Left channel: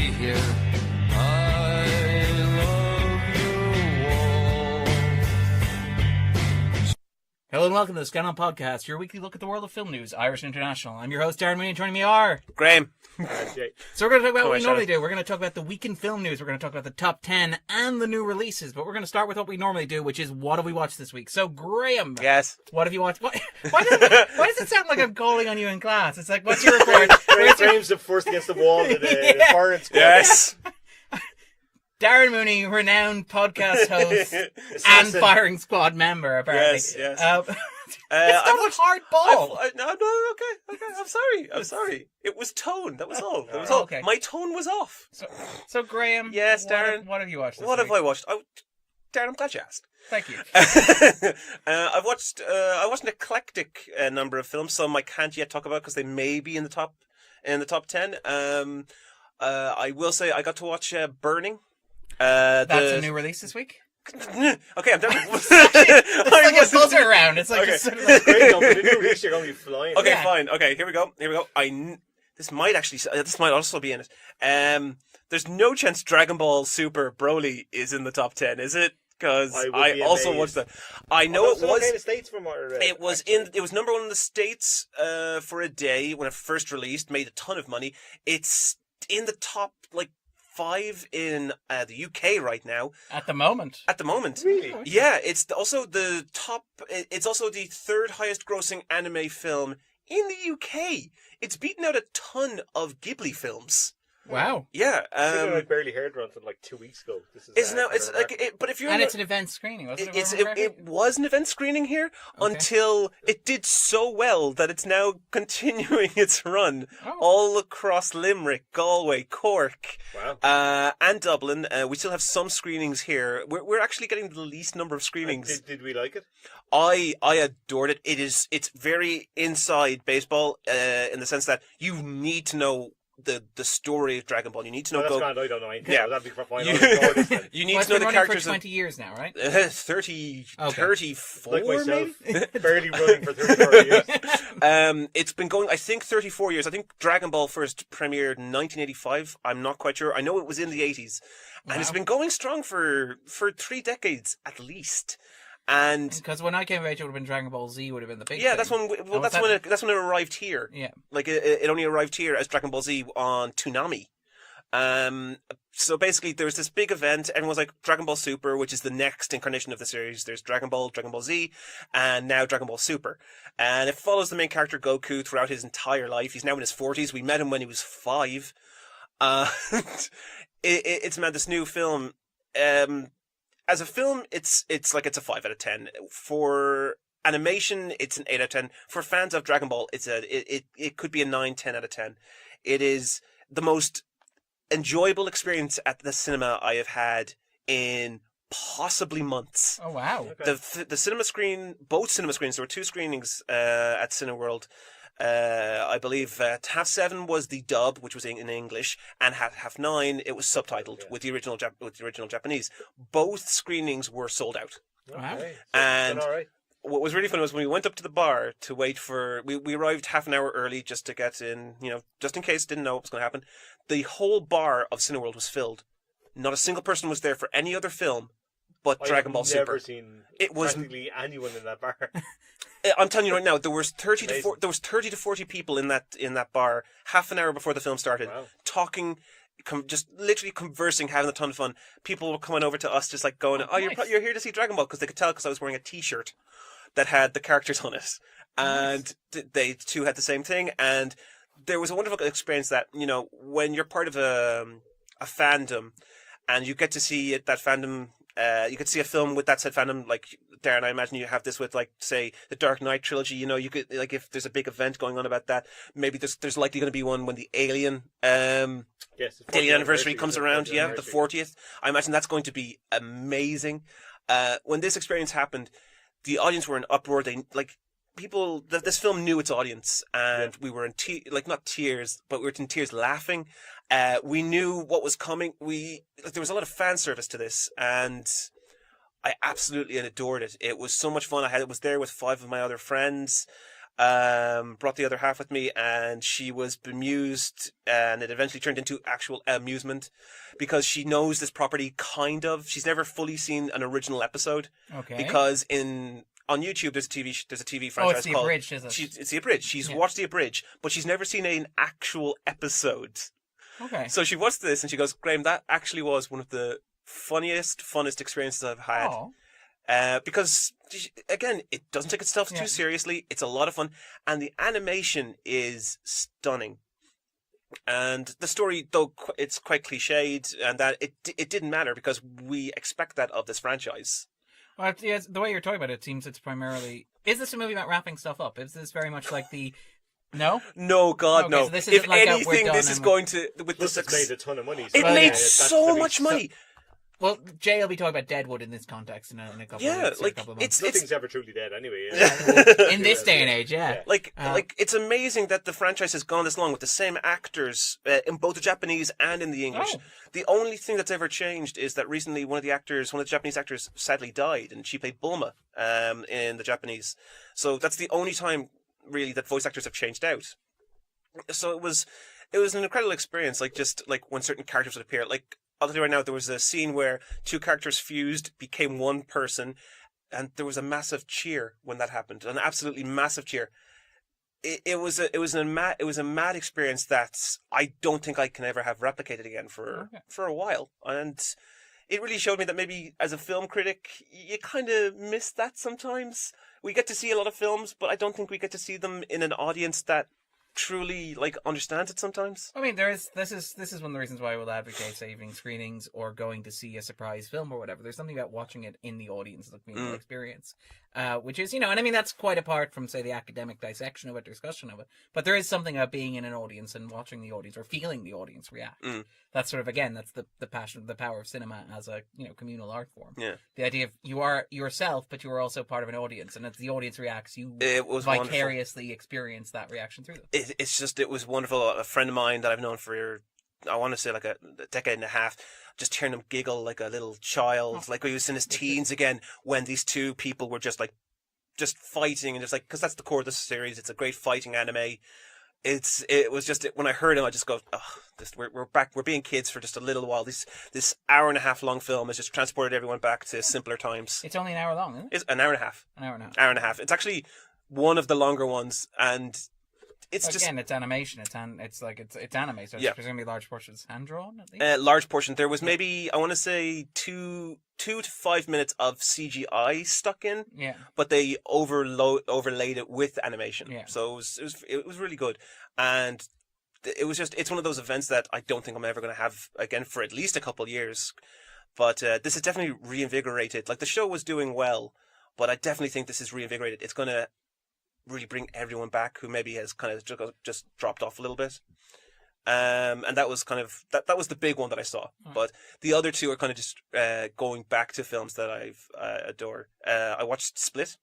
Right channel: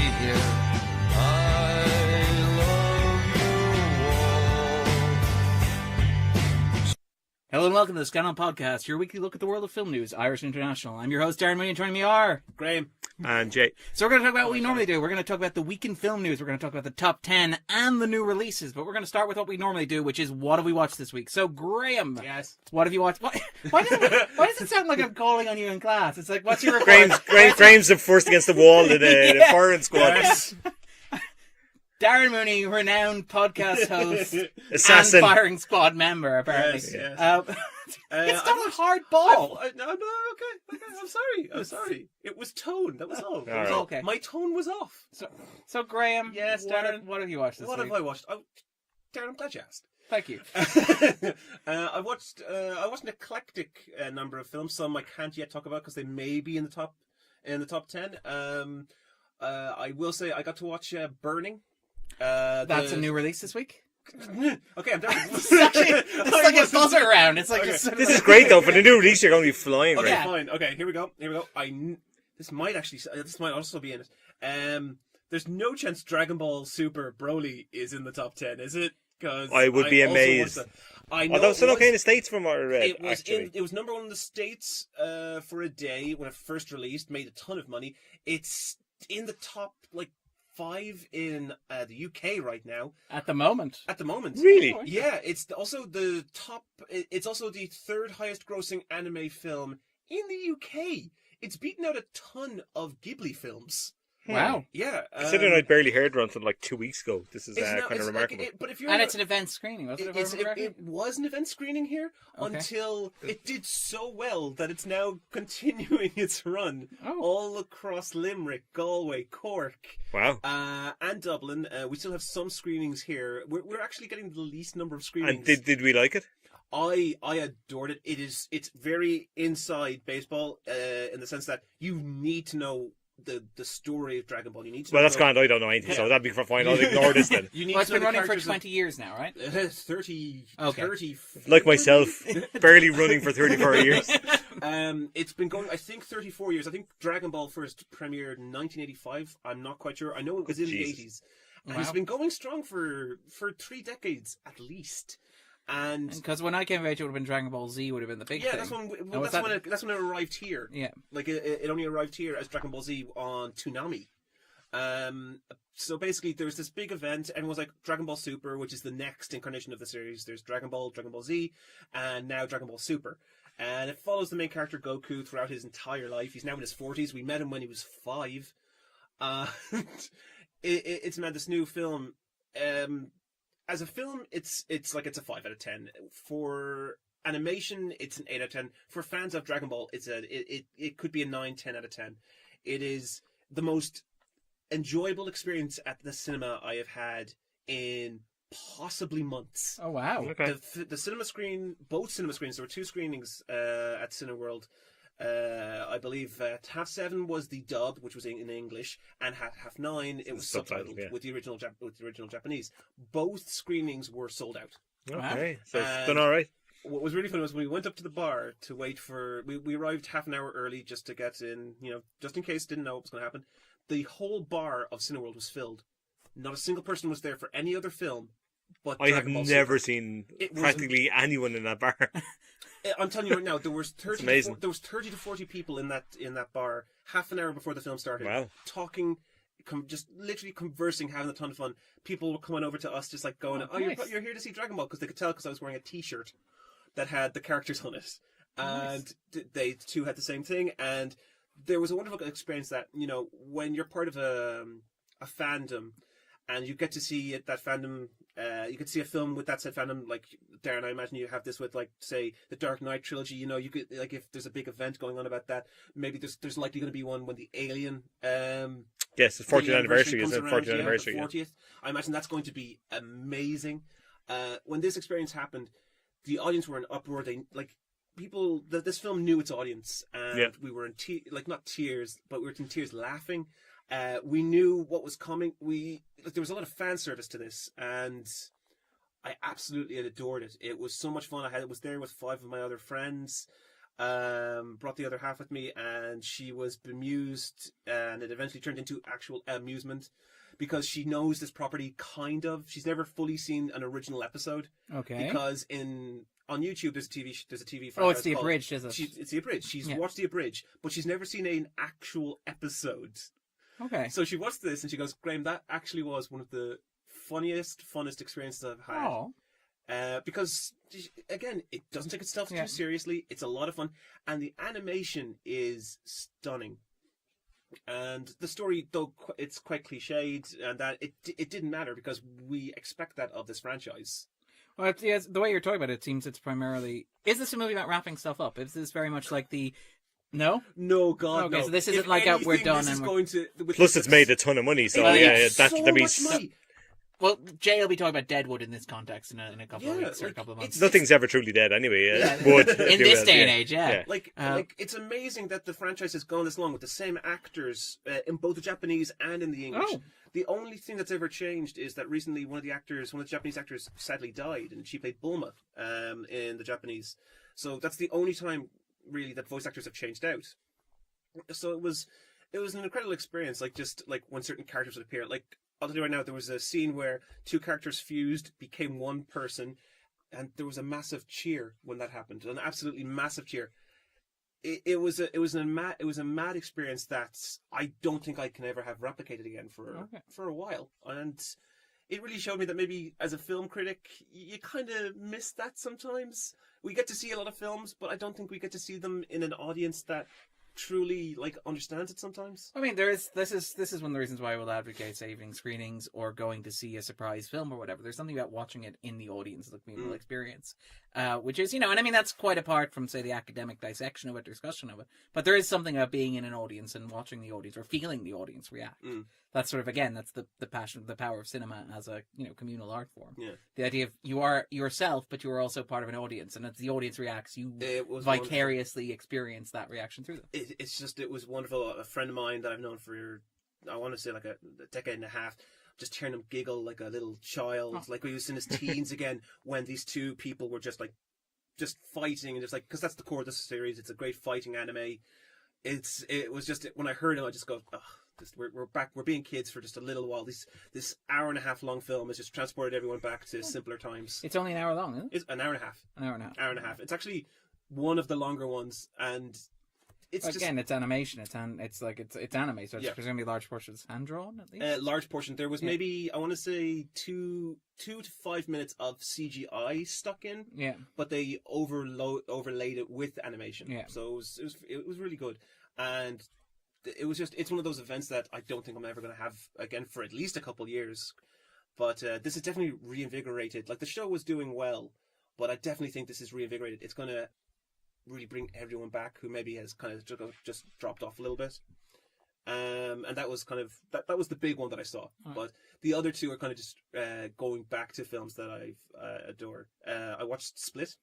here. I love you all. Hello and welcome to the Scannain Podcast, your weekly look at the world of film news, Irish and international. I'm your host, Darren Mooney, and joining me are... Graham. And Jay. So we're going to talk about what we normally do. We're going to talk about the week in film news. We're going to talk about the top 10 and the new releases. But we're going to start with what we normally do, which is what have we watched this week? So, Graham. Yes. What have you watched? Why does it sound like I'm calling on you in class? It's like, what's your report? Graham frames them first against the wall in the foreign squad. Yes. Darren Mooney, renowned podcast host Assassin. and firing squad member, apparently. Yes. It's not a hard ball. No, okay. I'm sorry. It was tone. That was all. That was Oh, all. okay. My tone was off. So Graham. Yes, Darren. What have you watched this What week? have I watched? Oh, Darren, I'm glad you asked. Thank you. I watched an eclectic number of films. Some I can't yet talk about because they may be in the top 10. I will say I got to watch Burning. That's a new release this week? Okay, I'm done. It's like a buzzer round. It's like Okay. just sort of This is great though. For the new release, you're going to be flying. Okay, Yeah. fine. Okay, here we go. This might also be in it. There's no chance Dragon Ball Super Broly is in the top 10, is it? Because I would be also amazed. watched that. I know Although it it's still was. okay in the States from what I read. It was actually. It was number one in the States for a day when it first released. Made a ton of money. It's in the top 5 in the UK right now. at the moment. At the moment, Really? yeah. It's also the top. It's also the third highest grossing anime film in the UK. It's beaten out a ton of Ghibli films. Wow. Yeah, Considering I barely heard one until 2 weeks ago. This is it's now. kind of It's remarkable. but if you're And it's an event screening, wasn't it? it was an event screening here Okay. until it did so well that it's now continuing its run Oh. all across Limerick, Galway, Cork, Wow. and Dublin. We still have some screenings here. We're actually getting the least number of And screenings. did we like it? I adored it. It's very inside baseball in the sense that you need to know the story of Dragon Ball. You need to know. Well, that's grand. I don't know anything, Yeah. so that'd be fine. I'll ignore this then. You need Well, it's to know been the running for characters. 20 years now, right? 30, Okay. 34. Like myself, barely running for 34 years. It's been going, I think, 34 years. I think Dragon Ball first premiered in 1985. I'm not quite sure. I know it was in the 80s. And it's Wow. been going strong for 3 decades at least. And Because when I came of age, it would have been Dragon Ball Z would have been the big yeah, thing. that's when was that's when it arrived here. Yeah. Like it only arrived here as Dragon Ball Z on Toonami. So basically, there was this big event. Everyone was like Dragon Ball Super, which is the next incarnation of the series. There's Dragon Ball Z, and now Dragon Ball Super. And it follows the main character Goku throughout his entire life. He's now in his 40s. We met him when he was 5. It's mad. This new film. As a film, it's a 5 out of 10. For animation, it's an 8 out of 10. For fans of Dragon Ball, it could be a 9, 10 out of 10. It is the most enjoyable experience at the cinema I have had in possibly months. Oh, wow. Okay. The cinema screen, both cinema screens, there were 2 screenings at Cineworld. I believe half 7 was the dub, which was in English, and half 9 it was subtitled yeah. with the original Japanese. Both screenings were sold out. Okay. So And- done all right. What was really funny was when we went up to the bar to wait for... We arrived half an hour early just to get in, just in case, didn't know what was going to happen. The whole bar of Cineworld was filled. Not a single person was there for any other film but I have Dragon Ball never Super. seen It was- practically anyone in that bar. I'm telling you right now, there was 30 Amazing. to 40 people in that bar half an hour before the film started, Wow. talking, just literally conversing, having a ton of fun. People were coming over to us, just like going, Oh, you're nice. you're here to see Dragon Ball, because they could tell because I was wearing a T-shirt that had the characters on it, and they too had the same thing. And there was a wonderful experience that when you're part of a fandom, and you get to see that fandom. You could see a film with that said fandom, like Darren. I imagine you have this with, like, say, the Dark Knight trilogy. You could, like, if there's a big event going on about that, maybe there's likely going to be one when the Alien Yes, the the 40th anniversary comes isn't it? around. 40th Yeah, the anniversary, 40th. I imagine that's going to be amazing. When this experience happened, the audience were in uproar. This film knew its audience, and we were in not tears, but we were in tears laughing. We knew what was coming. There was a lot of fan service to this, and I absolutely adored it. It was so much fun. I was there with 5 of my other friends. brought the other half with me, and she was bemused, and it eventually turned into actual amusement because she knows this property kind of. She's never fully seen an original episode. Okay. Because on YouTube there's a TV franchise Oh, it's the called abridged, is it? It's the abridged. She's watched the abridged, but she's never seen an actual episode. Okay. So she watched this and she goes, "Graham, that actually was one of the funnest experiences I've had." Oh. Because again, it doesn't take itself too seriously. It's a lot of fun, and the animation is stunning. And the story, though it's quite cliched, and that it didn't matter because we expect that of this franchise. Well, yes, the way you're talking about it seems it's primarily. Is this a movie about wrapping stuff up? Is this very much like the? No. No, God, okay, no. So this isn't if like anything, we're done. This is going to. Plus, it's made a ton of money. So it made so much money. Well, Jay will be talking about Deadwood in this context in a couple of weeks or a couple of months. Nothing's ever truly dead anyway. In this day and age, yeah. Like it's amazing that the franchise has gone this long with the same actors in both the Japanese and in the English. Oh. The only thing that's ever changed is that recently one of the Japanese actors sadly died, and she played Bulma in the Japanese. So that's the only time really that voice actors have changed out. So it was an incredible experience. Like just like when certain characters would appear, like. I'll tell you right now, there was a scene where two characters fused, became one person, and there was a massive cheer when that happened. An absolutely massive cheer. It was a mad experience that I don't think I can ever have replicated again for a while. And it really showed me that maybe as a film critic, you kind of miss that sometimes. We get to see a lot of films, but I don't think we get to see them in an audience that truly understands it sometimes. I mean, this is one of the reasons why I will advocate say evening screenings or going to see a surprise film or whatever. There's something about watching it in the audience, the communal experience, which is and I mean that's quite apart from say the academic dissection of it, discussion of it. But there is something about being in an audience and watching the audience or feeling the audience react. That's sort of that's the passion, the power of cinema as a communal art form. Yeah, the idea of you are yourself, but you are also part of an audience, and as the audience reacts, you vicariously experience that reaction through them. It was wonderful. A friend of mine that I've known for, I want to say like a decade and a half, just hearing him giggle like a little child, like he was in his teens again, when these two people were just fighting, and just because that's the core of the series. It's a great fighting anime. It was just when I heard him, I just go, we're back. We're being kids for just a little while. This hour and a half long film has just transported everyone back to simpler times. It's only an hour long, isn't it? It's an hour and a half. Hour and a half. It's actually one of the longer ones, and it's it's animation. It's anime, so it's presumably large portions hand drawn at least. Large portion. There was maybe I want to say 2 to 5 minutes of CGI stuck in. Yeah. But they overlaid it with animation. Yeah. So it was really good, and it's one of those events that I don't think I'm ever going to have again for at least a couple of years. But this is definitely reinvigorated. Like the show was doing well, but I definitely think this is reinvigorated. It's going to really bring everyone back who maybe has kind of just dropped off a little bit. And that was kind of that was the big one that I saw. But the other two are kind of just going back to films that I've adore. I watched Split.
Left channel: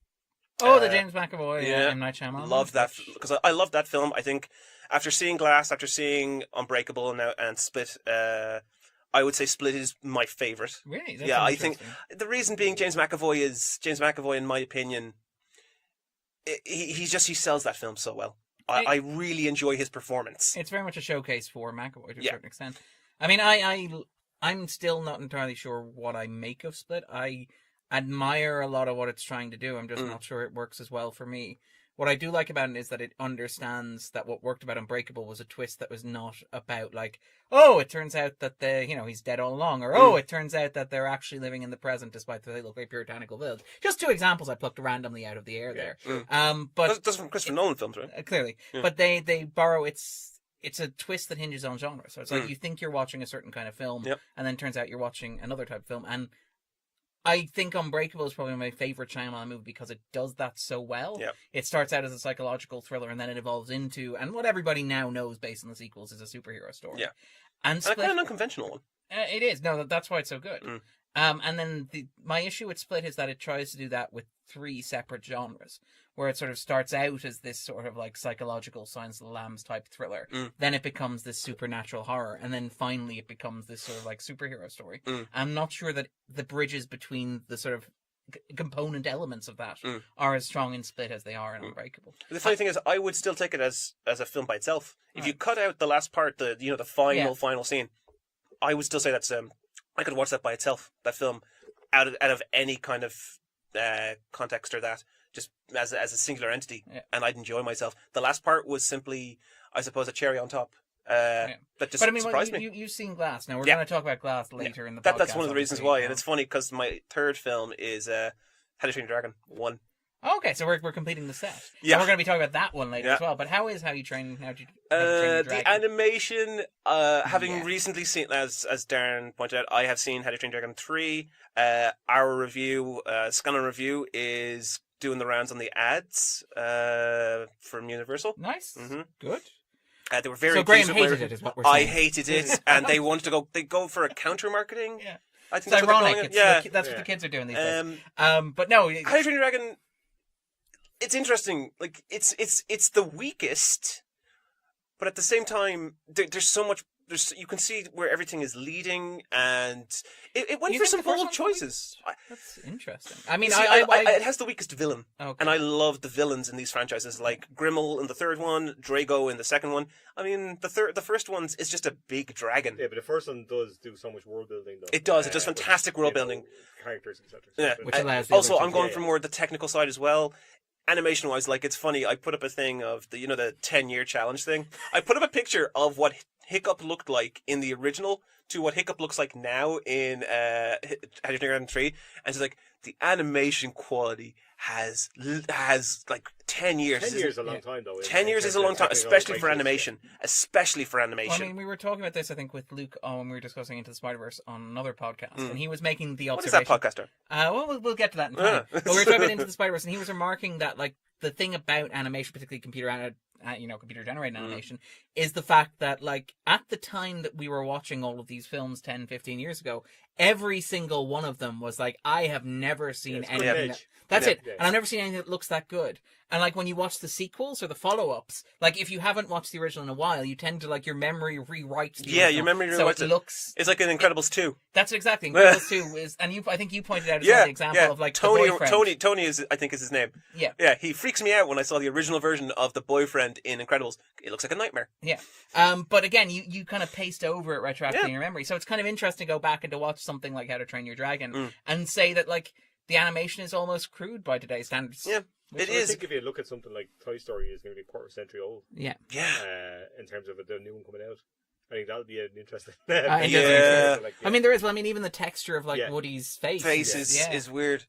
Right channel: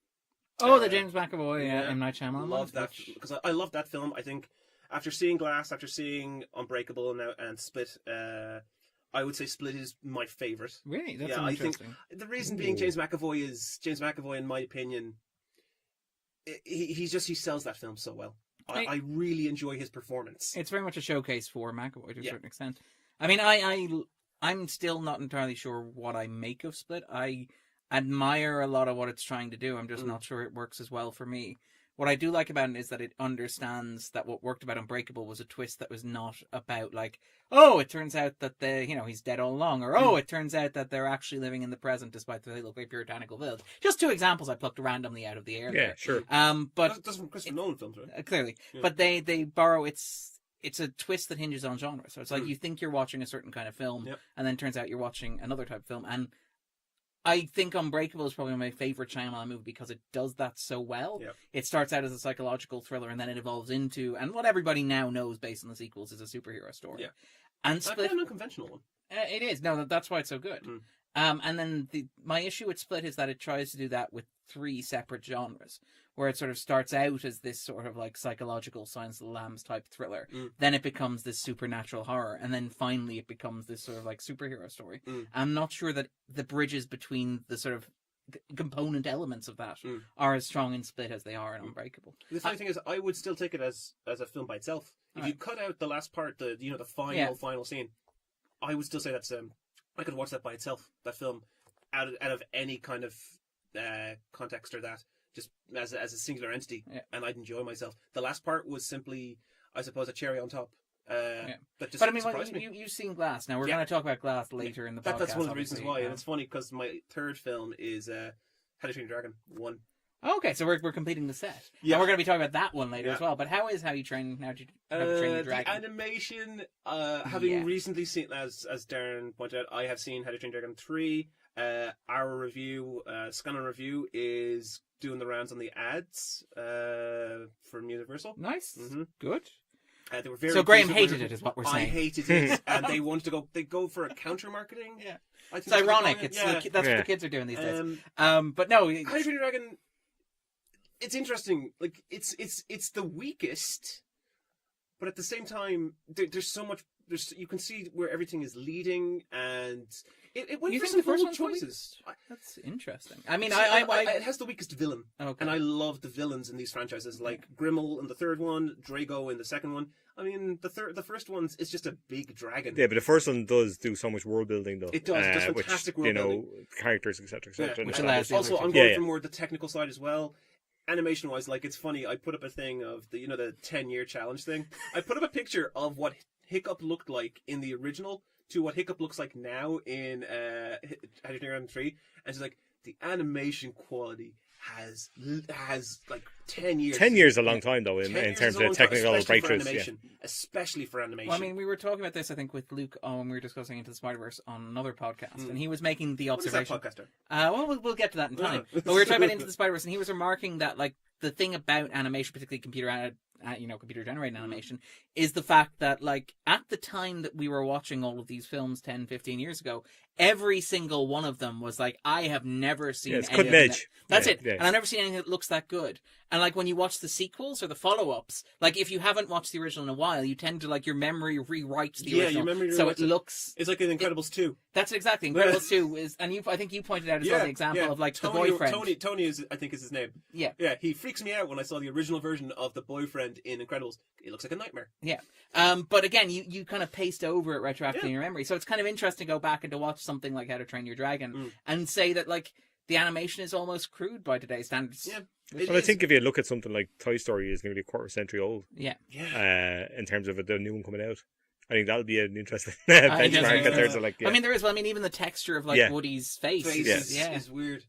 Oh, the James McAvoy, M. Night Shyamalan. Love that because I love that film. I think after seeing Glass, after seeing Unbreakable, and Split, I would say Split is my favorite. Really? That's I think the reason being James McAvoy, in my opinion, he sells that film so well. I really enjoy his performance. It's very much a showcase for McAvoy to a certain extent. I mean, I'm still not entirely sure what I make of Split. I admire a lot of what it's trying to do. I'm just not sure it works as well for me. What I do like about it is that it understands that what worked about Unbreakable was a twist that was not about it turns out that he's dead all along, or it turns out that they're actually living in the present despite that they look like puritanical village. Just two examples I plucked randomly out of the air there. Sure. But that's from Christopher Nolan films, right? Clearly. Yeah. But they borrow it's a twist that hinges on genre. So it's like you think you're watching a certain kind of film, and then it turns out you're watching another type of film. And I think Unbreakable is probably my favorite Shyamalan movie because it does that so well. Yeah. It starts out as a psychological thriller and then it evolves into, and what everybody now knows based on the sequels is a superhero story. Yeah. And Split, kind of an unconventional one. It is. No, that's why it's so good. And then my issue with Split is that it tries to do that with three separate genres, where it sort of starts out as this sort of psychological Silence of the Lambs type thriller. Then it becomes this supernatural horror, and then finally it becomes this sort of superhero story. I'm not sure that the bridges between the sort of component elements of that Mm. are as strong in Split as they are in Unbreakable. The funny thing is, I would still take it as a film by itself. If you Right. cut out the last part, the final Yeah. final scene, I would still say that's I could watch that by itself. That film, out of any kind of context or that, just as a singular entity, Yeah. and I'd enjoy myself. The last part was simply, I suppose, a cherry on top. That just But I mean, surprised me. you've seen Glass. Now we're Yeah. going to talk about Glass later in the That's podcast. one of the reasons obviously. why, and it's funny because my third film is How to Train Your Dragon 1. Okay, so we're completing the set. Yeah. And we're going to be talking about that one later Yeah. as well. But how you train Your The Dragon? animation, having Yeah. recently seen, as Darren pointed out, I have seen How to Train Your Dragon 3. Our review, Scannain Review, is doing the rounds on the ads from Universal. Nice. Mhm. Good. They were very. So Graham pleased with hated my- it, is what we're I saying. hated it, and they wanted to go. They go for a counter marketing. Yeah. I think It's that's what they're ironic. calling it. It's Yeah. that's what Yeah. the kids are doing these days. Um, But no, How to Train Your Dragon. It's interesting. Like it's the weakest, but at the same time, there's so much. You can see where everything is leading, and it went You for think some the first bold one's the choices. that's interesting. I mean, See, it has the weakest villain, okay. and I love the villains in these franchises, like Grimmel in the third one, Drago in the second one. I mean, the first one is just a big dragon. Yeah, but the first one does do so much world building, though. It does. It does which, fantastic world building. Characters, etc., Yeah. etc. Which And allows the also, other I'm two- going Yeah, for yeah. more the technical side as well. Animation wise, like it's funny. I put up a thing of the 10-year challenge thing. I put up a picture of what Hiccup looked like in the original to what Hiccup looks like now in How to Train Your Dragon 3, and she's like, the animation quality has like 10 years. 10 years is a long time, though. 10 years terms is a long of time, technical especially for breakthroughs, yeah. animation. Especially for animation. Well, I mean, we were talking about this, I think, with Luke when we were discussing Into the Spider-Verse on another podcast, and he was making the what is that observation. podcaster? Well, we'll get to that in time. Yeah. But we were talking about Into the Spider-Verse, and he was remarking that, like, the thing about animation, particularly computer-generated animation, is the fact that, like, at the time that we were watching all of these films 10, 15 years ago, every single one of them was like, I have never seen Yeah, it's anything. cutting edge. That's Yeah, it. yeah. And I've never seen anything that looks that good. And, like, when you watch the sequels or the follow-ups, like, if you haven't watched the original in a while, you tend to, like, your memory rewrites the Yeah, original. your memory so rewrites it it. looks... It's like in Incredibles 2. That's exactly. Incredibles 2 is... And I think you pointed out as well the example of, like, the boyfriend. Tony is, I think, is his name. Yeah. Yeah, he freaks me out when I saw the original version of the boyfriend in Incredibles. It looks like a nightmare. Yeah. But again, you kind of paste over it retroactively in your memory. So it's kind of interesting to go back and to watch something like How to Train Your Dragon and say that, like, the animation is almost crude by today's standards. Yeah. It I is. think if you look at something like Toy Story is going to be a quarter century old Yeah. Yeah. in terms of the new one coming out. I think that'll be an interesting think thing. that's in interesting. terms of, like, yeah. I mean, there is. Well, I mean, even the texture of, like, Yeah. Woody's face. Face yeah. is weird.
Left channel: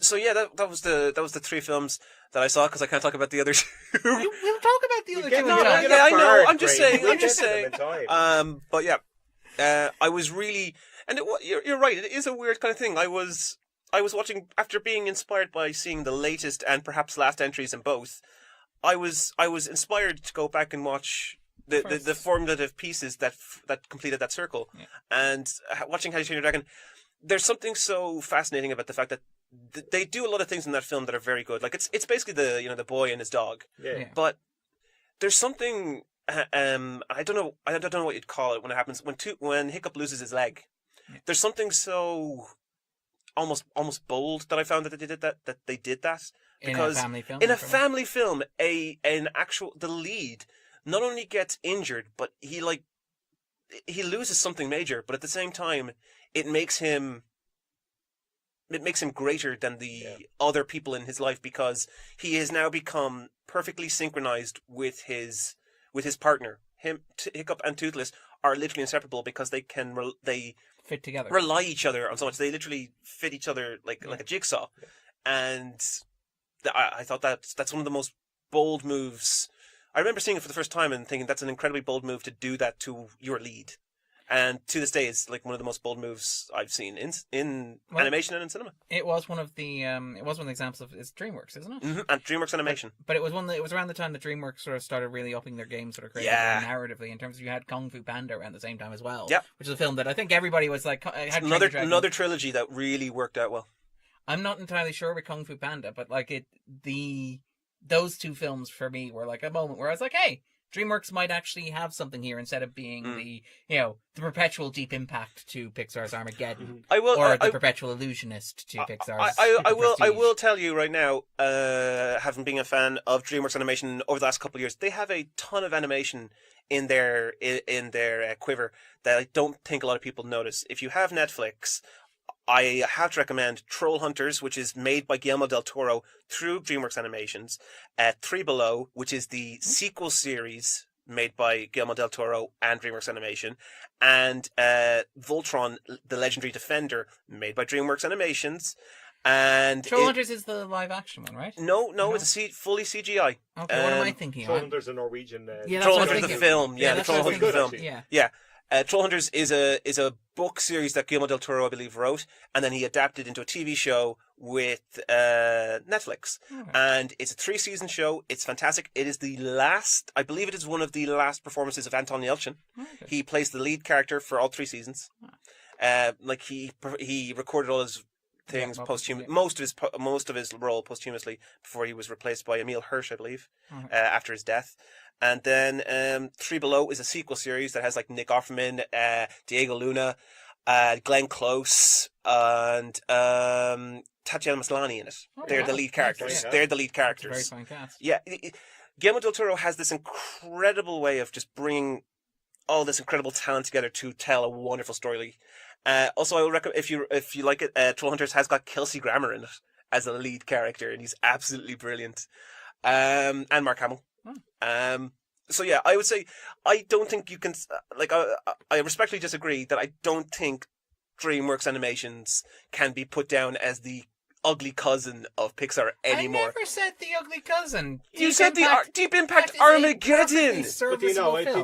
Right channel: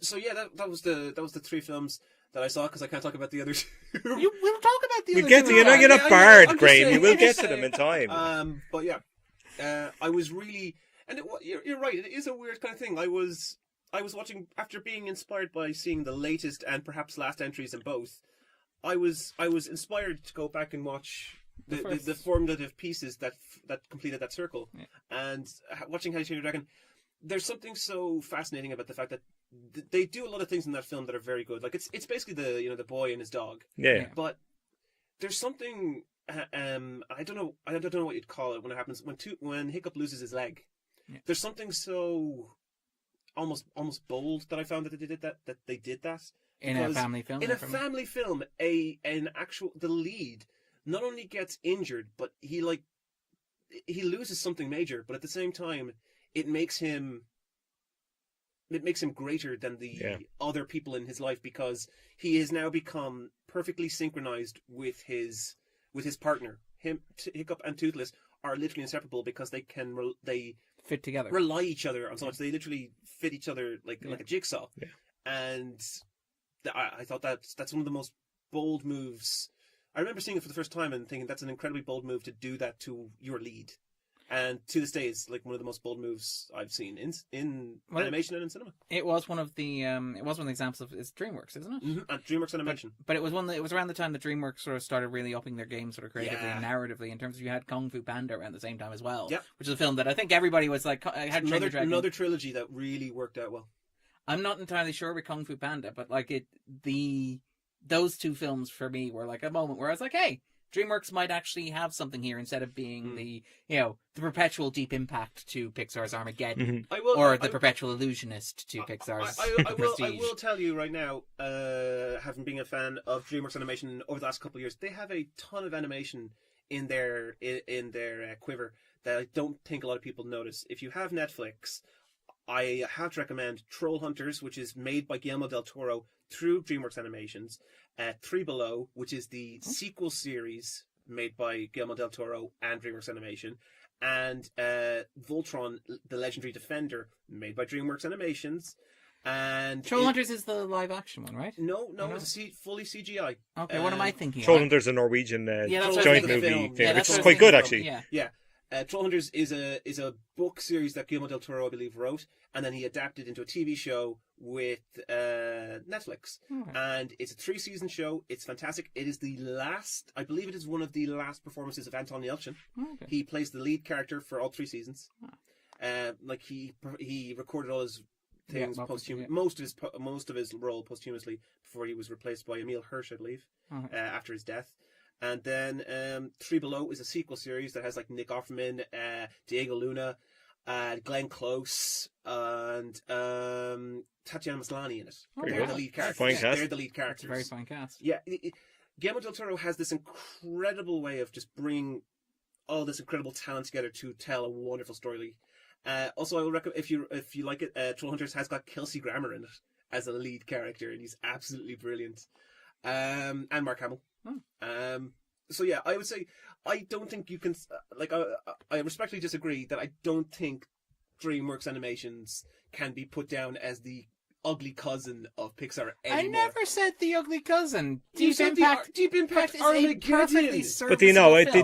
So yeah, that was the three films that I saw because I can't talk about the other two. We'll talk about the We other get two. to Yeah, you're not I know, barred, I'm just Graham. saying, We will I'm get just to them saying. in time. But yeah, I was really, and you're right. It is a weird kind of thing. I was watching after being inspired by seeing the latest and perhaps last entries in both. I was inspired to go back and watch the formative pieces that completed that circle, and watching How to Train Your Dragon. There's something so fascinating about the fact that they do a lot of things in that film that are very good. Like it's basically the boy and his dog. Yeah. But there's something I don't know what you'd call it when it happens when Hiccup loses his leg. Yeah. There's something so almost bold that I found that they did that In a family film. in a family film, the lead not only gets injured, but he loses something major, but at the same time it makes him greater than the other people in his life because he has now become perfectly synchronized with his partner. Hiccup and Toothless are literally inseparable because they fit together. rely each other on so much. They literally fit each other like a jigsaw. Yeah. And I thought that's one of the most bold moves. I remember seeing it for the first time and thinking that's an incredibly bold move to do that to your lead. And to this day, it's like one of the most bold moves I've seen in animation and in cinema. It was one of the examples of it's DreamWorks, isn't it? Mm-hmm. And DreamWorks Animation. But it was it was around the time that DreamWorks sort of started really upping their game sort of creatively and narratively in terms of you had Kung Fu Panda around the same time as well. Yeah. Which is a film that I think everybody was like had Another trilogy that really worked out well. I'm not entirely sure with Kung Fu Panda, but like those two films for me were like a moment where I was like, hey, DreamWorks might actually have something here instead of being the the perpetual Deep Impact to Pixar's Armageddon, or the perpetual illusionist to Pixar's. I will tell you right now, having been a fan of DreamWorks animation over the last couple of years, they have a ton of animation in their quiver that I don't think a lot of people notice. If you have Netflix, I have to recommend Troll Hunters, which is made by Guillermo del Toro through DreamWorks Animations. Three Below, which is the sequel series made by Guillermo del Toro and DreamWorks Animation. And Voltron, the Legendary Defender, made by DreamWorks Animations. And Troll Hunters is the live action one, right? No, it's fully CGI. Okay, what am I thinking? Troll Hunters, a Norwegian. Yeah, that's Troll what I Hunters, think. the film. Yeah, it's that's quite good actually. Yeah. Troll Hunters is a book series that Guillermo del Toro, I believe, wrote, and then he adapted into a TV show with Netflix. And it's a 3-season show. It's fantastic. It is I believe it is one of the last performances of Anton Yelchin. Okay. He plays the lead character for all 3 seasons. He recorded all his things most of his role posthumously before he was replaced by Emil Hirsch, I believe, after his death. And then Three Below is a sequel series that has like Nick Offerman, Diego Luna, Glenn Close, and Tatiana Maslany in it. They're the lead characters. They're the lead characters. Very fine cast. Yeah, Guillermo del Toro has this incredible way of just bringing all this incredible talent together to tell a wonderful story. Also, I would recommend, if you like it, Troll Hunters has got Kelsey Grammer in it as a lead character, and he's absolutely brilliant. And Mark Hamill. So yeah, I would say I don't think you can I respectfully disagree that I don't think DreamWorks Animations can be put down as the ugly cousin of Pixar anymore. I never said the ugly cousin. You said the Deep Impact Armageddon. But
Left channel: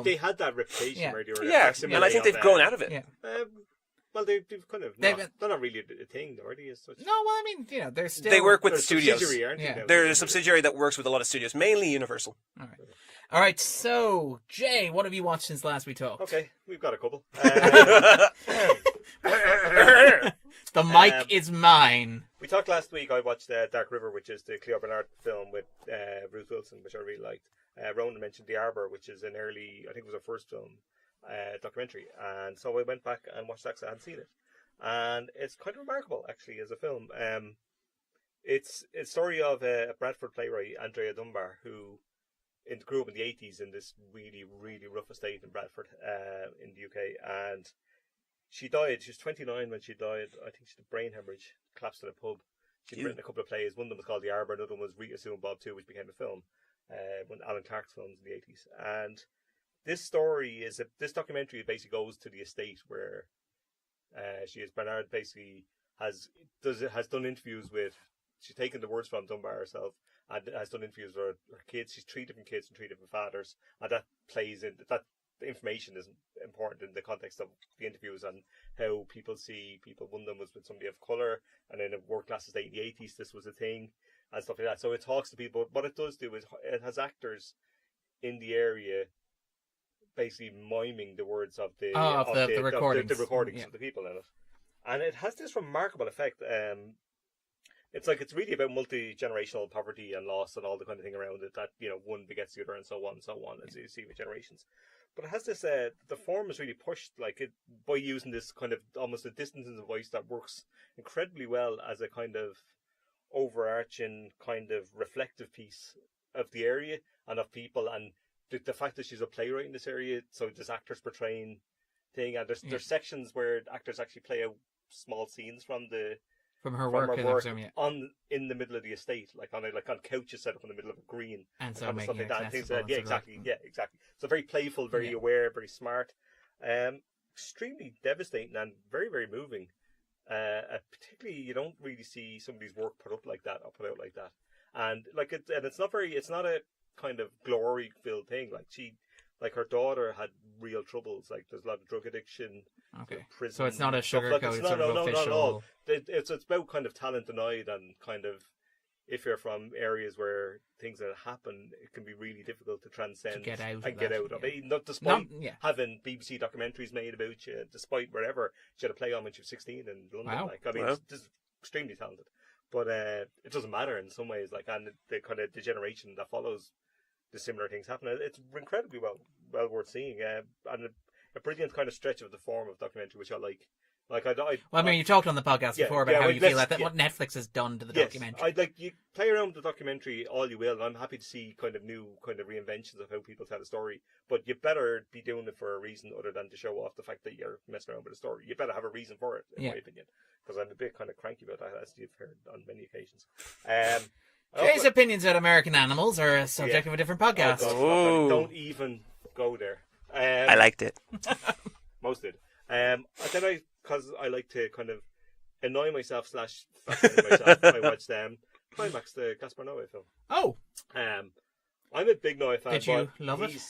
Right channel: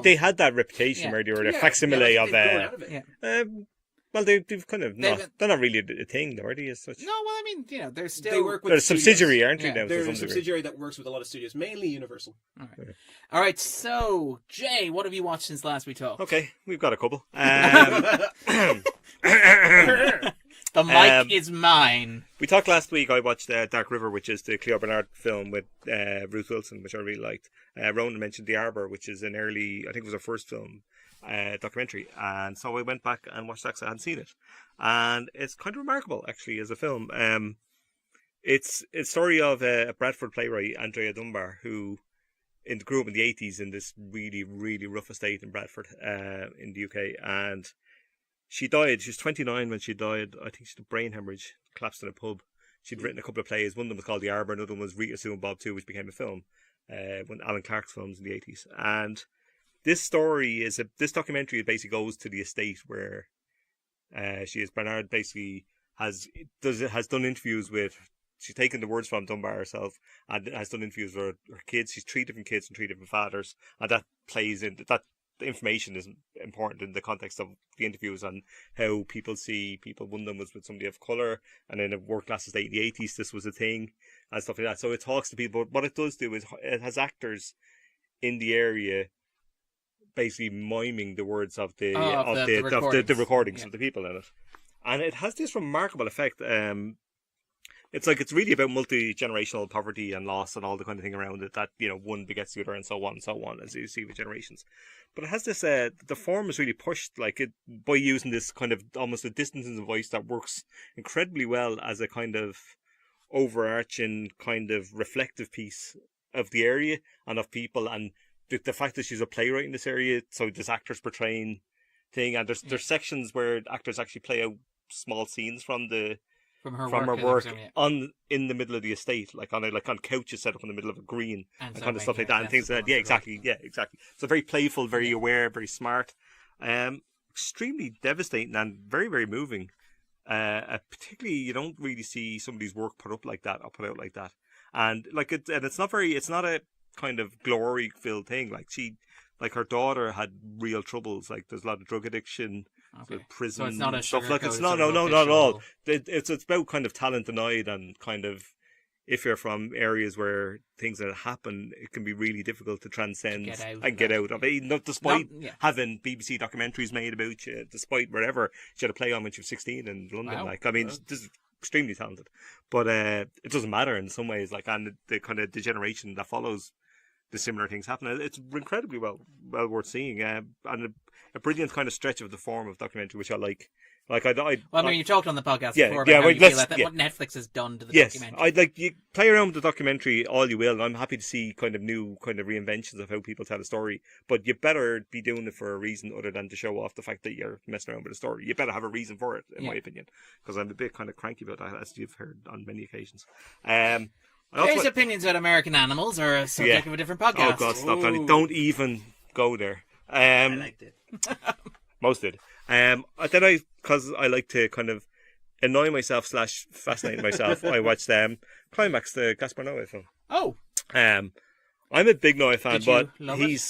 they had that reputation where they were a facsimile I think of. They've grown out of it. Yeah. Well, they've kind of they're not really a thing, though, are they? As such? No, well, I mean, they're still. They work with a studios. subsidiary, aren't they? Yeah. They're a subsidiary that works with a lot of studios, mainly Universal. All right. So, Jay, what have you watched since last we talked? Okay, we've got a couple. The mic is mine. We talked last week. I watched Dark River, which is the Cleo Bernard film with Bruce Wilson, which I really liked. Ronan mentioned The Arbor, which is an early, I think it was her first film. Documentary, and so I went back and watched that because I hadn't seen it, and it's kind of remarkable actually as a film. It's a story of a Bradford playwright, Andrea Dunbar, who grew up in the 80s in this really, really rough estate in Bradford in the UK, and she died. She was 29 when she died. I think she had a brain hemorrhage, collapsed in a pub. She'd written a couple of plays. One of them was called The Arbor, another one was Rita Sue and Bob 2, which became a film, one of Alan Clark's films in the 80s, and this documentary basically goes to the estate where Bernard basically has done interviews with. She's taken the words from Dunbar herself and has done interviews with her kids. She's 3 different kids and 3 different fathers, and that plays in that. The information is important in the context of the interviews on how people see people. One of them was with somebody of colour, and in a working class estate in the 80s, this was a thing and stuff like that. So it talks to people. But what it does do is it has actors in the area basically miming the words of the recordings of the people in it, and it has this remarkable effect. It's really about multi-generational poverty and loss and all the kind of thing around it, that one begets the other and so on, as you see with generations. But it has this the form is really pushed by using this kind of almost a distancing voice that works incredibly well as a kind of overarching kind of reflective piece of the area and of people, and the fact that she's a playwright in this area, so there's actors portraying thing, and there's sections where actors actually play out small scenes from her work in the middle of the estate, on couches set up in the middle of a green and kind of stuff like that, and things like that. Exactly. So very playful, very aware, very smart, extremely devastating and very, very moving. Particularly, you don't really see somebody's work put out like that, and it's not a kind of glory filled thing. Her daughter had real troubles. There's a lot of drug addiction, prison. So it's not a sugar not at all. It's about kind of talent denied, and kind of if you're from areas where things that happen, it can be really difficult to transcend get out of it. Despite having BBC documentaries made about you, despite wherever she had a play on when she was 16 in London. This is extremely talented, but it doesn't matter in some ways. And the kind of the generation that follows the similar things happen. It's incredibly well worth seeing, and a brilliant kind of stretch of the form of documentary, which I like. Well, I mean, you talked on the podcast before about how you feel that what Netflix has done to the documentary. You play around with the documentary all you will, and I'm happy to see kind of new kind of reinventions of how people tell a story. But you better be doing it for a reason other than to show off the fact that you're messing around with a story. You better have a reason for it, in my opinion, because I'm a bit kind of cranky about that, as you've heard on many occasions. Jay's opinions about American animals are a subject of a different podcast. Oh God, stop that! Don't even go there. I liked it. Most did. Because I like to kind of annoy myself / fascinate myself. I watched Climax, the Gaspar Noé film. Oh. I'm a big Noé fan, Did you love it?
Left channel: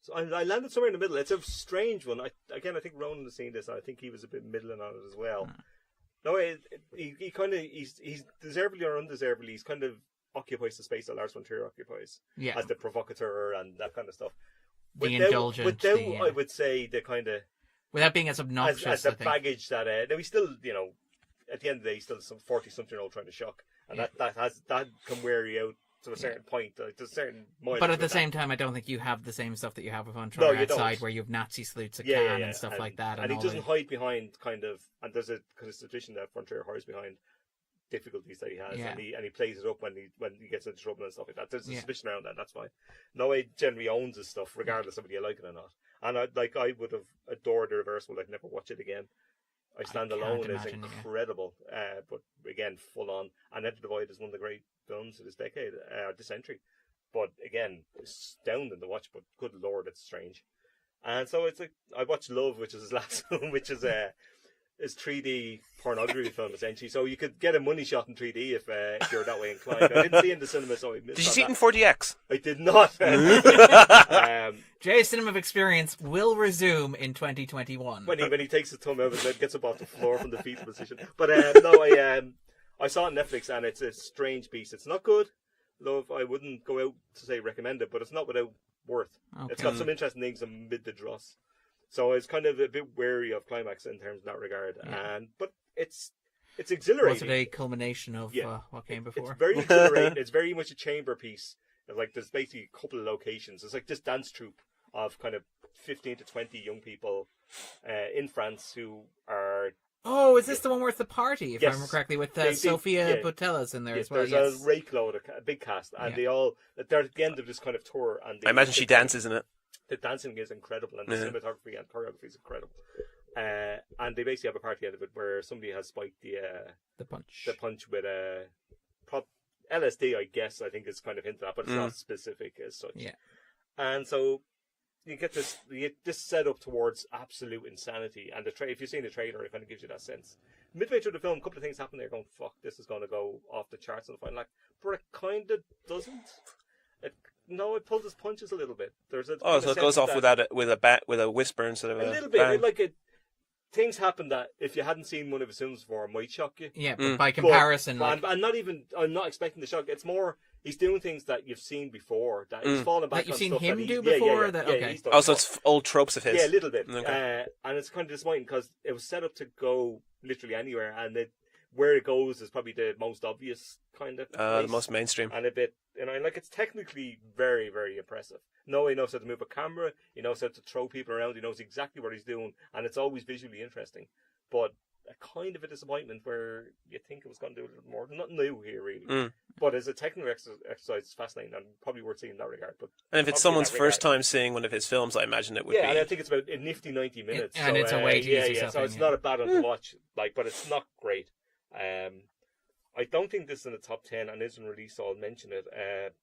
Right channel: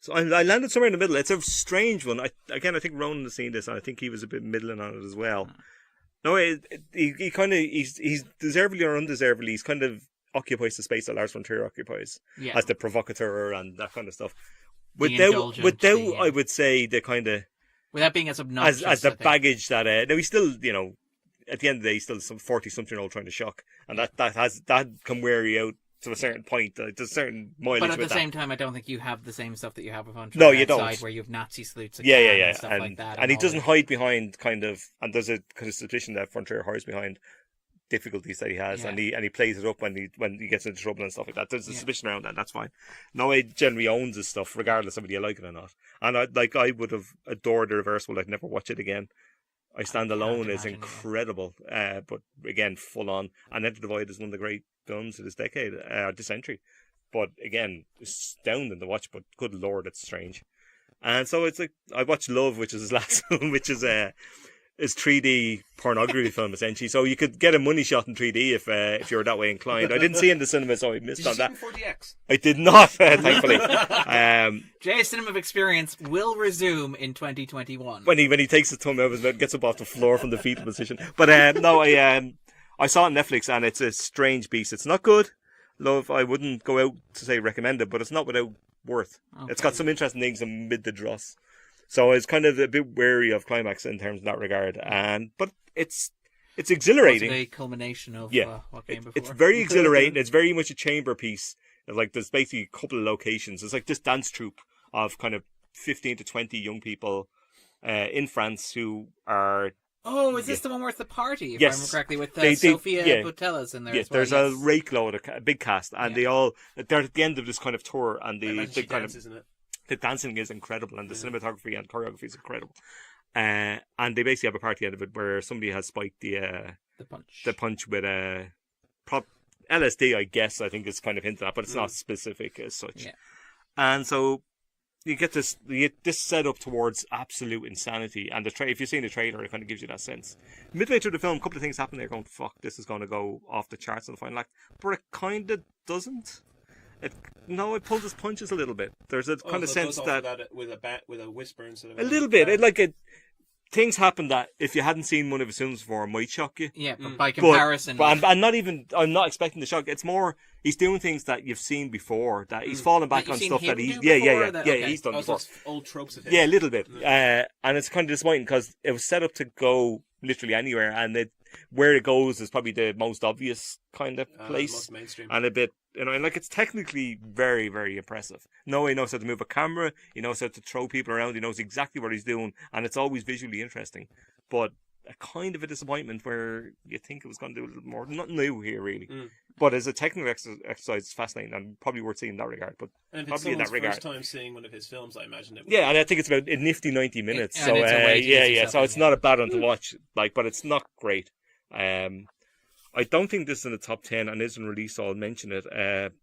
So I landed somewhere in the middle. It's a strange one. I think Ronan has seen this, and I think he was a bit middling on it as well. No, he kind of he's deservedly or undeservedly, he's kind of occupies the space that Lars von Trier occupies as the provocateur and that kind of stuff. Without I would say the kind of without being as obnoxious as the baggage that now he's still, you know, at the end of the day he's still some 40-something-year-old trying to shock, and that can wear you out to a certain point. There's a certain mileage. But at the same time, I don't think you have the same stuff that you have with Von No, you outside, don't. where you have Nazi salutes and stuff like that. And he doesn't hide behind kind of, and there's a kind of suspicion that Von Trier hides behind difficulties that he has, and he plays it up when he gets into trouble and stuff like that. There's a suspicion around that, and that's fine. Noé generally owns his stuff, regardless of whether you like it or not. And I would have adored the Reversible. I'd never watch it again. I Stand Alone is incredible, but again, full on. And Enter the Void is one of the great films of this decade, this century. But again, astounding to watch, but good lord, it's strange. And so it's like, I watched Love, which is his last film, which is 3D pornography film, essentially. So you could get a money shot in 3D if you were that way inclined. I didn't see it in the cinema, so I missed Did you see it in 4DX? I did not, thankfully. Jay's cinema experience will resume in 2021. When he takes his thumb out and gets up off the floor from the fetal position. But I saw it on Netflix, and it's a strange beast. It's not good. Love, I wouldn't go out to say recommend it, but it's not without worth. Okay. It's got some interesting things amid the dross. So I was kind of a bit wary of Climax in terms of that regard. But it's exhilarating. Was it a culmination of what came before? It's very exhilarating. It's very much a chamber piece. Like, there's basically a couple of locations. It's like this dance troupe of kind of 15 to 20 young people in France who are... Oh, is this the one where it's the party, if I remember correctly, with Sophia Botella's in there as well? There's a rake load, a big cast, and they're at the end of this kind of tour. And I imagine she dances in it. The dancing is incredible, and the cinematography and choreography is incredible. And they basically have a party out of it where somebody has spiked the punch with LSD, I guess. I think it's kind of hinted at, but it's not specific as such. Yeah. And so you get this set up towards absolute insanity, and if you've seen the trailer, it kind of gives you that sense. Midway through the film, a couple of things happen. They're going, "Fuck, this is going to go off the charts in the final act," but it kind of doesn't. It pulls its punches a little bit. There's a kind of sense it goes off with a whisper instead of a little bit. Things happen that if you hadn't seen one of his films before might shock you. Yeah, but by comparison, I'm not expecting the shock. It's more he's doing things that you've seen before. That he's falling back on stuff that he's he's done. So it's old tropes of his. Yeah, a little bit. Okay. And it's kind of disappointing because it was set up to go literally anywhere, and where it goes is probably the most obvious kind of place, most mainstream, and a bit, and like it's technically very, very impressive. Noé knows how to move a camera, he knows how to throw people around, he knows exactly what he's doing, and it's always visually interesting. But a kind of a disappointment where you think it was going to do a little more. Nothing new here, really. But as a technical exercise, it's fascinating and probably worth seeing in that regard. But and if it's someone's first time seeing one of his films, I imagine it would. Yeah, and I think it's about a nifty 90 minutes. And it's a way to so it's not a bad one to watch. But it's not great. I don't think this is in the top 10 and isn't released, so I'll mention it.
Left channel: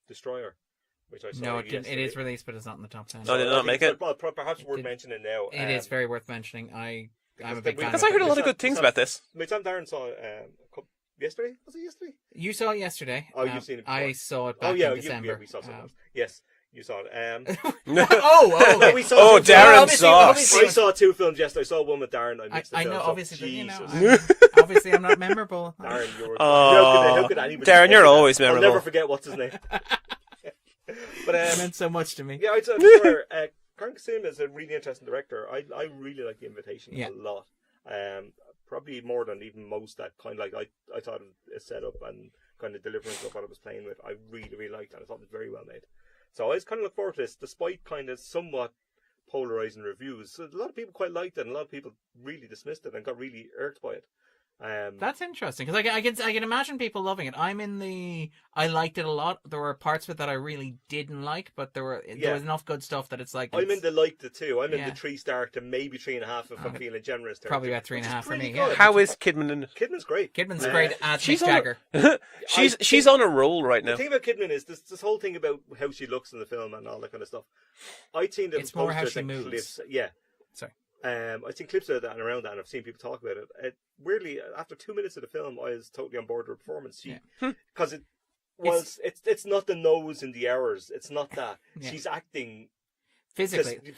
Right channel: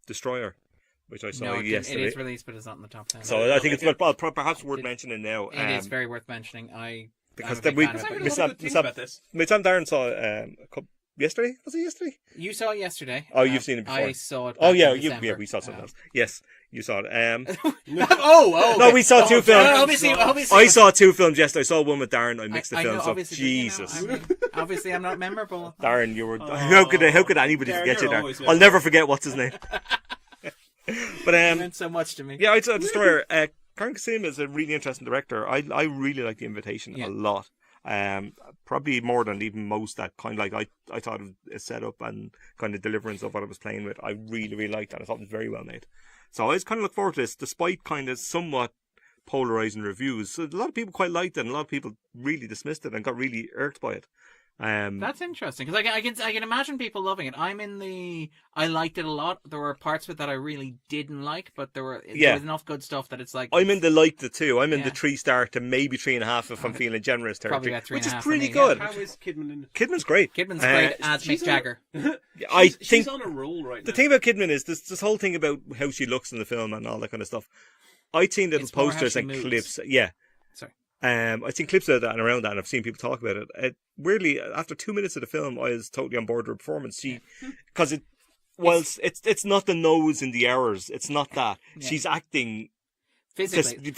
Destroyer, which I saw yesterday. It is released, but it's not in the top 10. So I think it's perhaps worth mentioning now. It is very worth mentioning. Because I heard a lot of good things about this. My son Darren saw yesterday. Was it yesterday? You saw it yesterday. Oh, you've seen it before. I saw it back in December. We saw something else. Yes, you saw it. No, we saw two films. I saw two films yesterday. I saw one with Darren. I mixed the films up. Obviously, Jesus. Obviously, I'm not memorable. Darren, you were... How could anybody... Darren, you're always memorable. I'll never forget what's his name. But it meant so much to me. Yeah, I swear, Karan Kassim is a really interesting director. I really like The Invitation a lot. probably more than even most that kind of like I thought of a setup and kind of deliverance of what I was playing with. I really, really liked that. I thought it was very well made. So I was kind of look forward to this, despite kind of somewhat polarizing reviews. So a lot of people quite liked it, and a lot of people really dismissed it and got really irked by it. That's interesting, because I can imagine people loving it. I liked it a lot. There were parts of it that I really didn't like, but there was enough good stuff that it's like I'm in the liked it too. I'm in the 3-star to maybe 3.5 if I'm feeling generous. Probably about 3.5. Which is for pretty me, good. How is Kidman in it? Kidman's great. Kidman's great as Mick Jagger. She's on a roll right now. The thing about Kidman is this whole thing about how she looks in the film and all that kind of stuff. I'd seen little posters and clips. Yeah. Sorry. I've seen clips of that and around that, and I've seen people talk about it. Weirdly, after 2 minutes of the film, I was totally on board with her performance. Because it's not the nose in the hours. It's not that. Yeah. She's acting physically.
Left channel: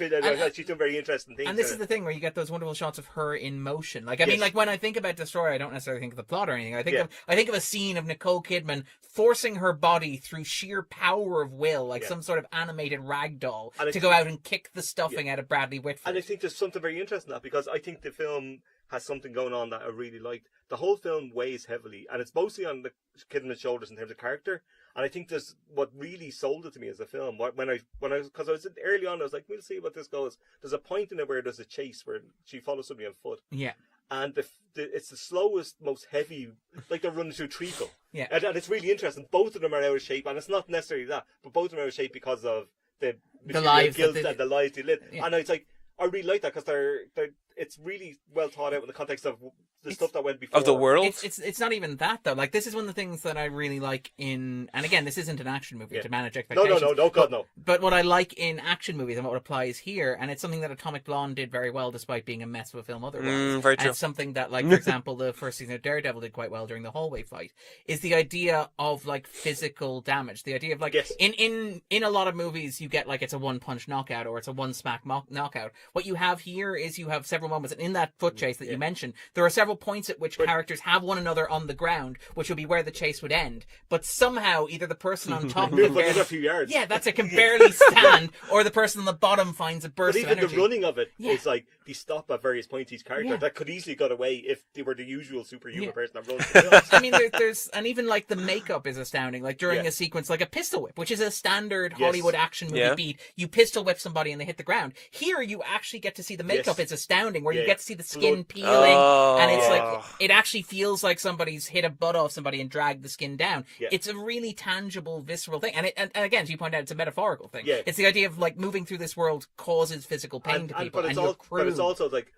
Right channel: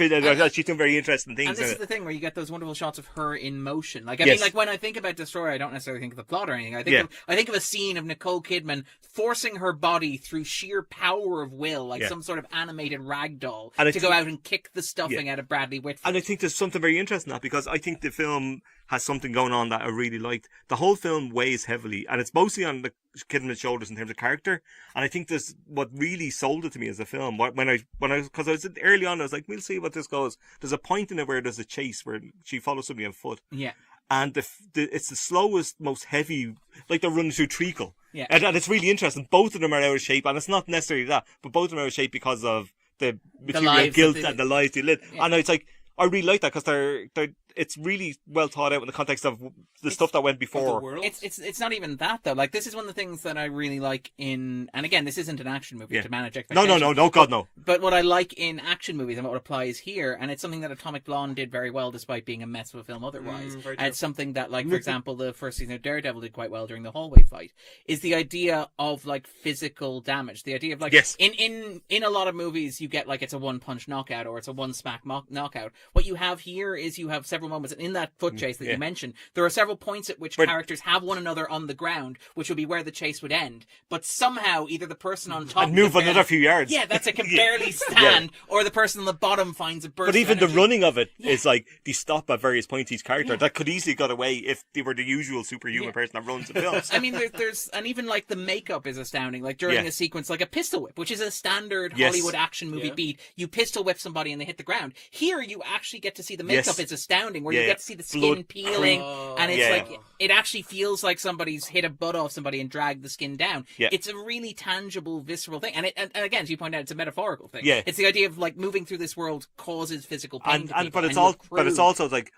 She's doing very interesting things. And this is the thing where you get those wonderful shots of her in motion. Like I mean, like when I think about Destroyer, I don't necessarily think of the plot or anything. I think of a scene of Nicole Kidman forcing her body through sheer power of will, like some sort of animated rag doll, to go out and kick the stuffing out of Bradley Whitford. And I think there's something very interesting in that, because I think the film has something going on that I really liked. The whole film weighs heavily, and it's mostly on the Kidman's shoulders in terms of character. And I think this what really sold it to me as a film. Because I was early on, I was like, we'll see what this goes. There's a point in it where there's a chase where she follows somebody on foot. Yeah. And it's the slowest, most heavy, like they're running through treacle. Yeah. And it's really interesting. Both of them are out of shape, and it's not necessarily that, but both of them are out of shape because of the material guilt and the lives they live. Yeah. And it's like, I really like that, because it's really well thought out in the context of the stuff that went before. Of the world? It's not even that, though. Like, this is one of the things that I really like in... And again, this isn't an action movie to manage expectations. No, God, no. But what I like in action movies and what applies here, and it's something that Atomic Blonde did very well, despite being a mess of a film otherwise. Very true. And it's something that, like, for example, the first season of Daredevil did quite well during the hallway fight, is the idea of, like, physical damage. The idea of, like... Yes. In a lot of movies, you get, like, it's a one-punch knockout or it's a one-smack knockout. What you have here is you have several moments, and in that foot chase that you mentioned, there are several points at which characters have one another on the ground, which would be where the chase would end. But somehow, either the person on top move another few yards. Yeah, that's it, can barely stand, or the person on the bottom finds a burst. But even of energy. the running of it is like they stop at various points. Each character that could easily got away if they were the usual superhuman person that runs the films. I mean, there's and even like the makeup is astounding. Like during a sequence, like a pistol whip, which is a standard Hollywood action movie beat. You pistol whip somebody and they hit the ground. Here, you actually get to see the makeup is astounding, where you get to see the skin peeling, and it's like it actually feels like somebody's hit a butt off somebody and dragged the skin down. It's a really tangible, visceral thing, and again, as you point out, it's a metaphorical thing. It's the idea of like moving through this world causes physical pain to people, but it's also like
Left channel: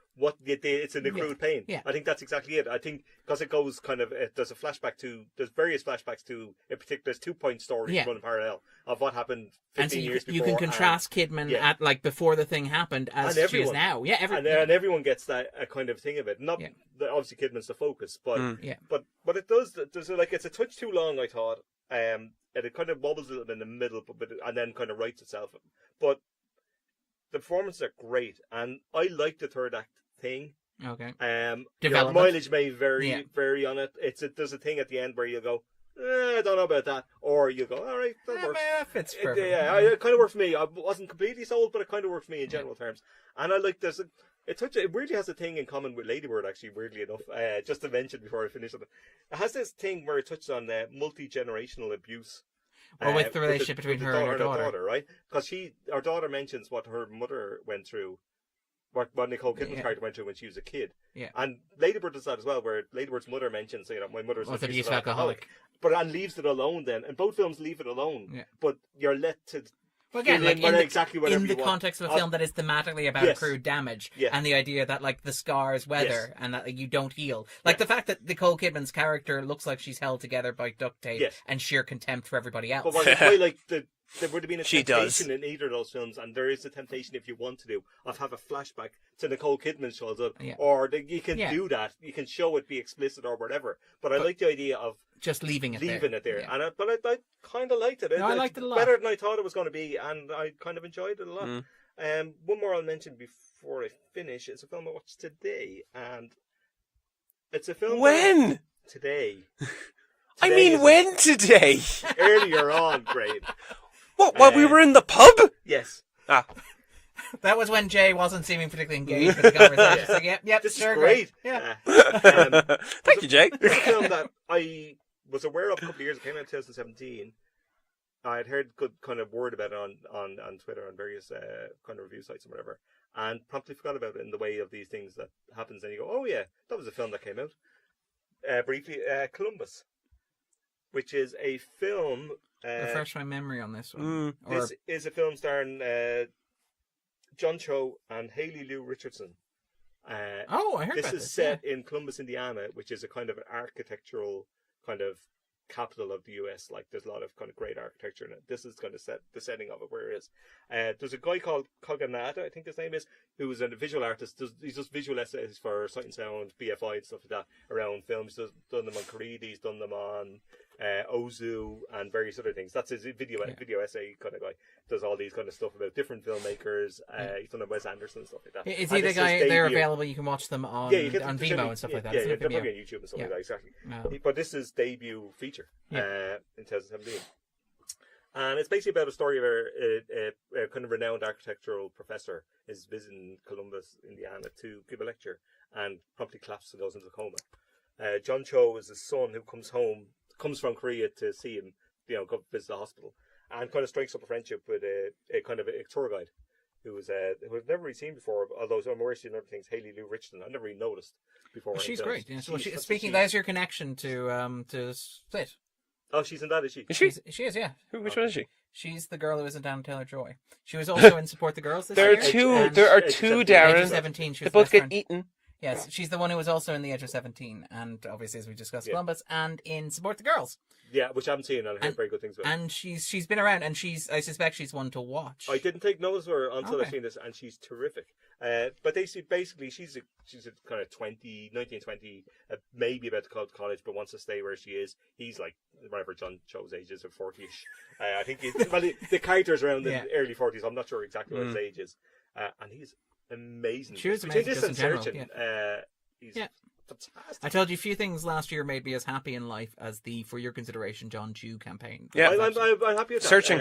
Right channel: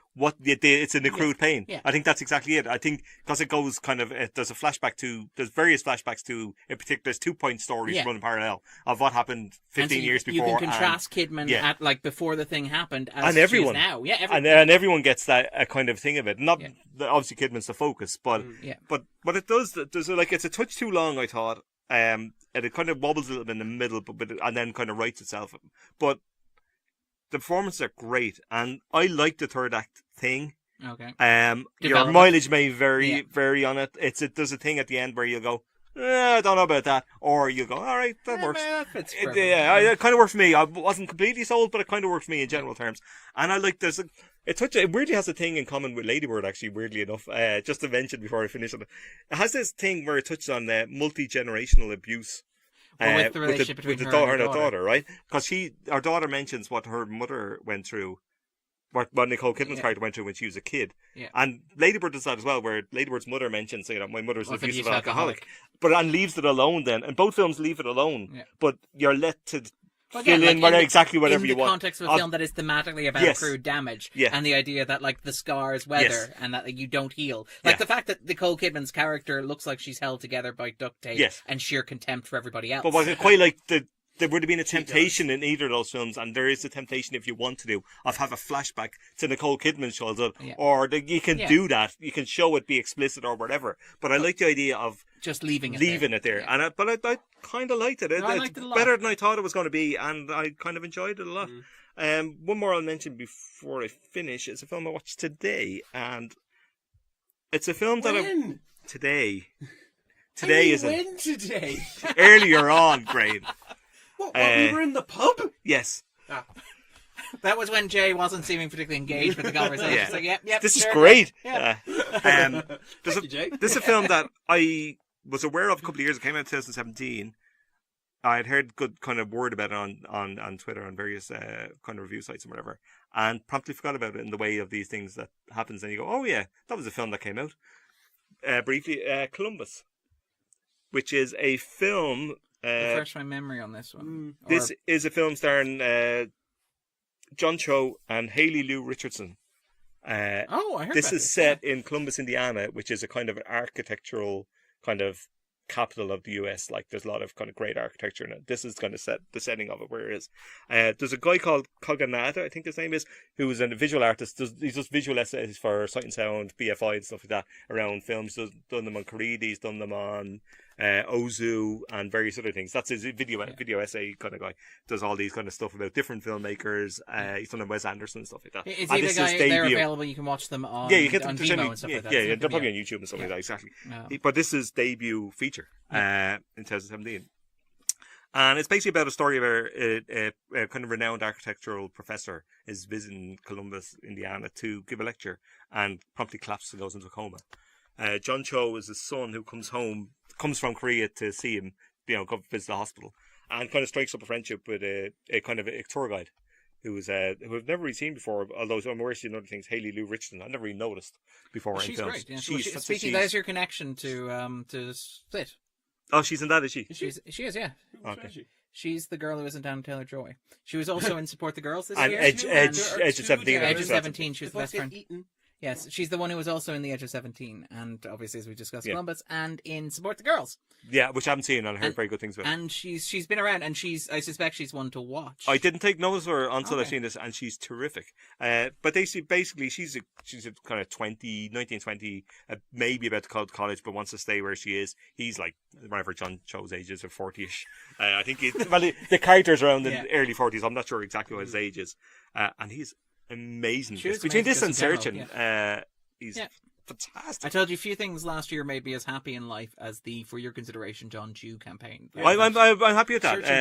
it's an accrued pain. Yeah. I think that's exactly it. I think because it goes kind of there's various flashbacks to in particular. There's 2-point stories running parallel of what happened 15 years before. You can contrast Kidman at like before the thing happened as she is now. Yeah, and everyone gets that kind of thing of it. Not obviously Kidman's the focus, but what it does, it's a touch too long, I thought. And it kind of wobbles a little bit in the middle, but and then kind of rights itself. But the performances are great, and I like the third act thing. Okay. Your mileage may vary on it. There's a thing at the end where you go, I don't know about that, or you go, all right, that works. That fits it kind of worked for me. I wasn't completely sold, but it kind of worked for me in general terms. And I like this. It weirdly has a thing in common with Lady Bird, actually, weirdly enough. Just to mention before I finish it, it has this thing where it touches on multi-generational abuse. Or with the relationship between her and her daughter, right? Because her daughter mentions what her mother went through, what Nicole Kidman's character went through when she was a kid. Yeah. And Lady Bird does that as well, where Lady Bird's mother mentions, my mother's an abusive alcoholic. And leaves it alone then. And both films leave it alone. Yeah. But you're let to... Well, again, like exactly whatever in the context of a film that is thematically about accrued damage, and the idea that like the scars weather and that like, you don't heal, like the fact that Nicole Kidman's character looks like she's held together by duct tape and sheer contempt for everybody else. But what I quite like there would have been a temptation in either of those films, and there is a temptation if you want to have a flashback to Nicole Kidman's childhood, or you can do that. You can show it, be explicit or whatever. But I like the idea of just leaving it there. And I kind of liked it. I liked it a lot. Better than I thought it was going to be, and I kind of enjoyed it a lot. One more I'll mention before I finish is a film I watched today, and it's a film today. I mean, when today? Earlier on, Graham. What, while we were in the pub? Yes. That was when Jay wasn't seeming particularly engaged with the conversation. It's like, yep, This is sure, great. Yeah. Thank you, Jake. This is a film that I was aware of a couple of years. It came out in 2017. I had heard good kind of word about it on Twitter, on various kind of review sites and whatever, and promptly forgot about it in the way of these things that happens. And you go, oh yeah, that was a film that came out. Briefly, Columbus, which is a film. Refresh my memory on this one. This is a film starring John Cho and Haley Lou Richardson. I heard this about is set in Columbus, Indiana, which is a kind of architectural kind of capital of the US. Like, there's a lot of kind of great architecture in it. This is kind of the setting of it where it is. There's a guy called Koganada, I think his name is, who is a visual artist. He does visual essays for Sight and Sound, BFI and stuff like that around films. He's done them on Creed, he's done them on Ozu and various other things. That's his video essay kind of guy. Does all these kind of stuff about different filmmakers. He's done Wes Anderson and stuff like that. Is he the guy? They're available. You can watch them on on Vimeo and stuff like that. Yeah, they're probably on YouTube and stuff like that. Exactly. But this is debut feature in 2017. And it's basically about a story where a kind of renowned architectural professor is visiting Columbus, Indiana, to give a lecture and promptly collapses and goes into a coma. John Cho is his son who comes from Korea to see him, go visit the hospital, and kind of strikes up a friendship with a kind of a tour guide who I've never really seen before. Although I'm aware she's other things, Haley Lou Richardson. I've never really noticed before. Well, she's films. great. Yeah, there's your connection to Split. Oh, she's in that, is she? She is, yeah. Which one is she? She's the girl who isn't Anna Taylor-Joy. She was also in Support the Girls this year. There are two Darren. Age of 17. She was They the both best get friend. eaten. Yes, she's the one who was also in The Edge of 17, and obviously, as we discussed, Columbus, and in Support the Girls. Yeah, which I haven't seen, and I heard very good things about. And she's been around, and I suspect she's one to watch. I didn't take notice of her until I've seen this, and she's terrific. But basically, she's a kind of 19, 20, maybe about to go to college, but wants to stay where she is. He's like whatever John Cho's age is, or 40ish. I think the character's around the early 40s. I'm not sure exactly what his age is, and he's amazing. Between this and Searching, he's fantastic. I told you a few things last year made me as happy in life as the For Your Consideration John Chu campaign. Yeah, I'm happy with that. Searching.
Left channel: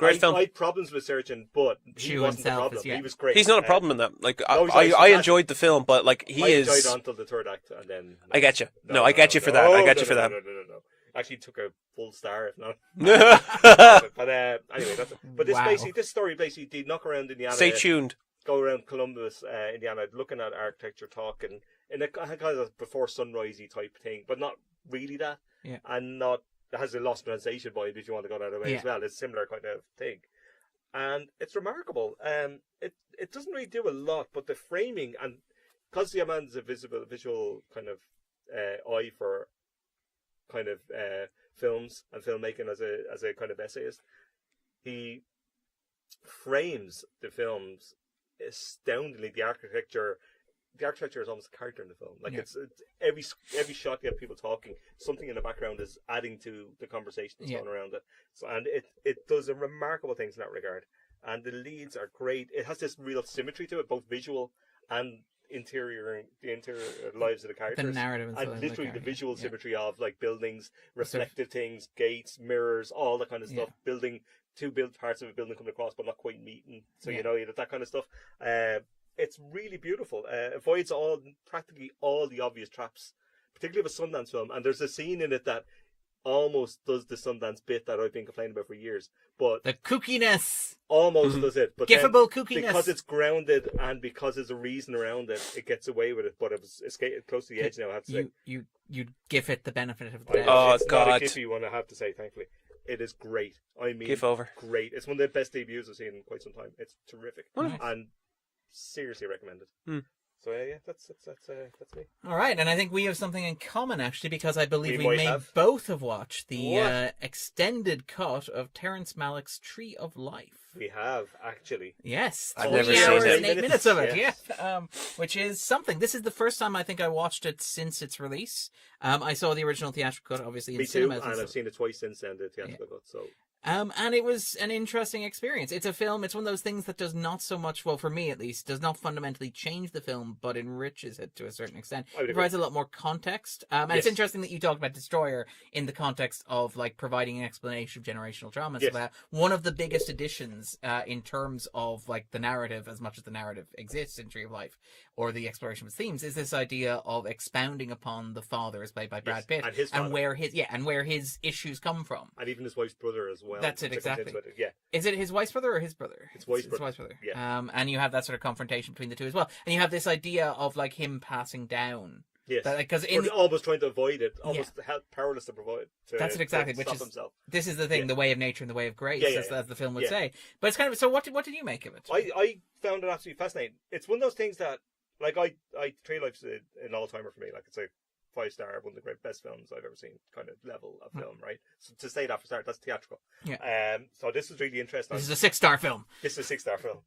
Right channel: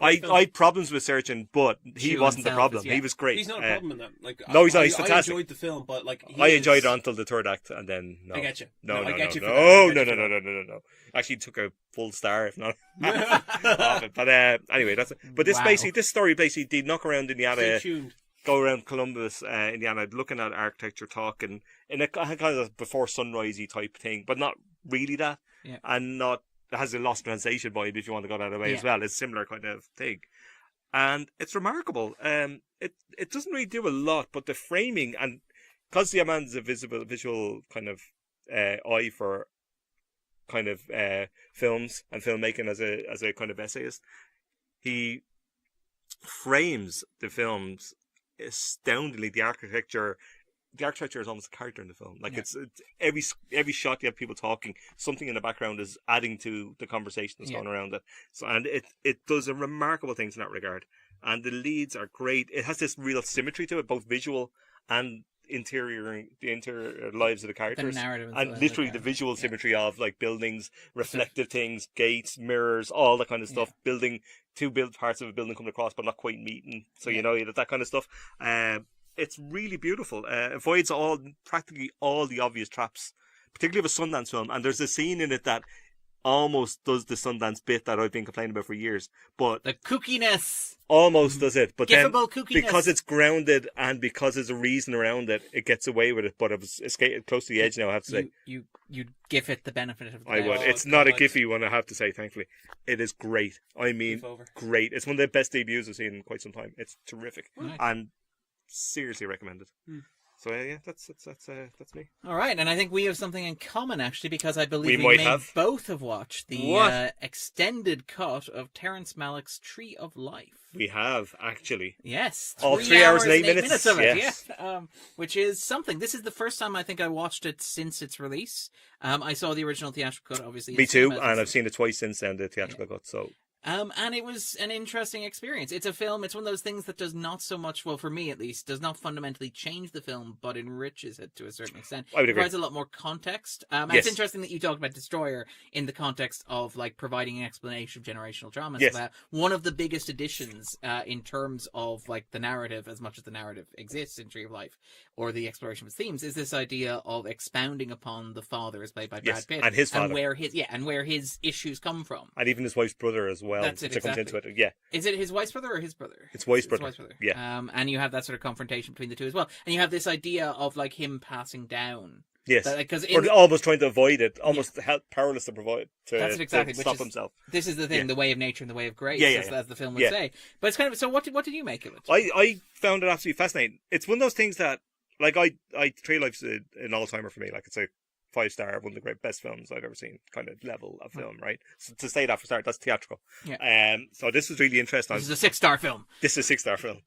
I had problems with Searching, but he Chu wasn't the himself problem. is, He was great. He's not a problem in that. Like, no, I enjoyed the film, but like I enjoyed it until the third act, and then I get you. I get you for that. I get you for that. No. Actually, took a full star, if not. But anyway, that's it. But this story basically did knock around Indiana. Stay tuned. Go around Columbus, Indiana, looking at architecture, talking in a kind of before sunrisey type thing, but not really that, and not it has a Lost Translation vibe if you want to go that way as well. It's a similar kind of thing, and it's remarkable. It doesn't really do a lot, but the framing, and because the man's a visual kind of eye for kind of films and filmmaking as a kind of essayist, he frames the films astoundingly. The architecture is almost a character in the film. Like it's every shot you have people talking, something in the background is adding to the conversation that's going around it. So, and it does a remarkable things in that regard. And the leads are great. It has this real symmetry to it, both visual and the interior lives of the characters, the narrative, and literally the visual symmetry of like buildings, reflective things, gates, mirrors, all that kind of stuff. Two parts of a building coming across but not quite meeting, so that kind of stuff. It's really beautiful. Avoids practically all the obvious traps, particularly of a Sundance film. And there's a scene in it that almost does the Sundance bit that I've been complaining about for years, but the kookiness almost does it. But Giffable kookiness, because it's grounded and because there's a reason around it, it gets away with it. But it was close to the edge now, I have to say. You give it the benefit of the doubt. It's not a Giffy one, I have to say. Thankfully, it is great. I mean, great. It's one of the best debuts I've seen in quite some time. It's terrific, and seriously recommended. So that's me. All right, and I think we have something in common actually, because I believe we may both have watched the extended cut of Terrence Malick's Tree of Life. We have actually. Yes, 3 hours and 8 minutes of it. Yes. Which is something. This is the first time I think I watched it since its release. I saw the original theatrical cut, obviously. Me too, and I've seen it twice since then, the theatrical cut. So. And it was an interesting experience. It's a film, it's one of those things that does not so much, well, for me at least, does not fundamentally change the film, but enriches it to a certain extent. I would It agree. provides a lot more context. And Yes. it's interesting that you talked about Destroyer in the context of like providing an explanation of generational trauma. Yes. So that one of the biggest additions in terms of like the narrative, as much as the narrative exists in Tree of Life, or the exploration of its themes, is this idea of expounding upon the father, as played by Brad Yes, Pitt, and his father. where his issues come from. And even his wife's brother as well. That's it, that comes exactly. into it. Yeah. Is it his wife's brother or his brother? It's wife's His brother. wife's brother. Yeah. And you have that sort of confrontation between the two as well. And you have this idea of like him passing down. Yes. Because Or almost trying to avoid it, almost powerless to provide to, That's it exactly, to which stop is himself. this is the thing, Yeah. the way of nature and the way of grace, Yeah, yeah, as the film would yeah. say. But it's kind of, so what did you make of it? I found it absolutely fascinating. It's one of those things that, like, Tree of Life's an all-timer for me. Like, it's a 5-star, one of the great best films I've ever seen, kind of level of film, right? So to say that for start, that's theatrical. Yeah. So this was really interesting. This is a 6-star film. This is a 6-star film.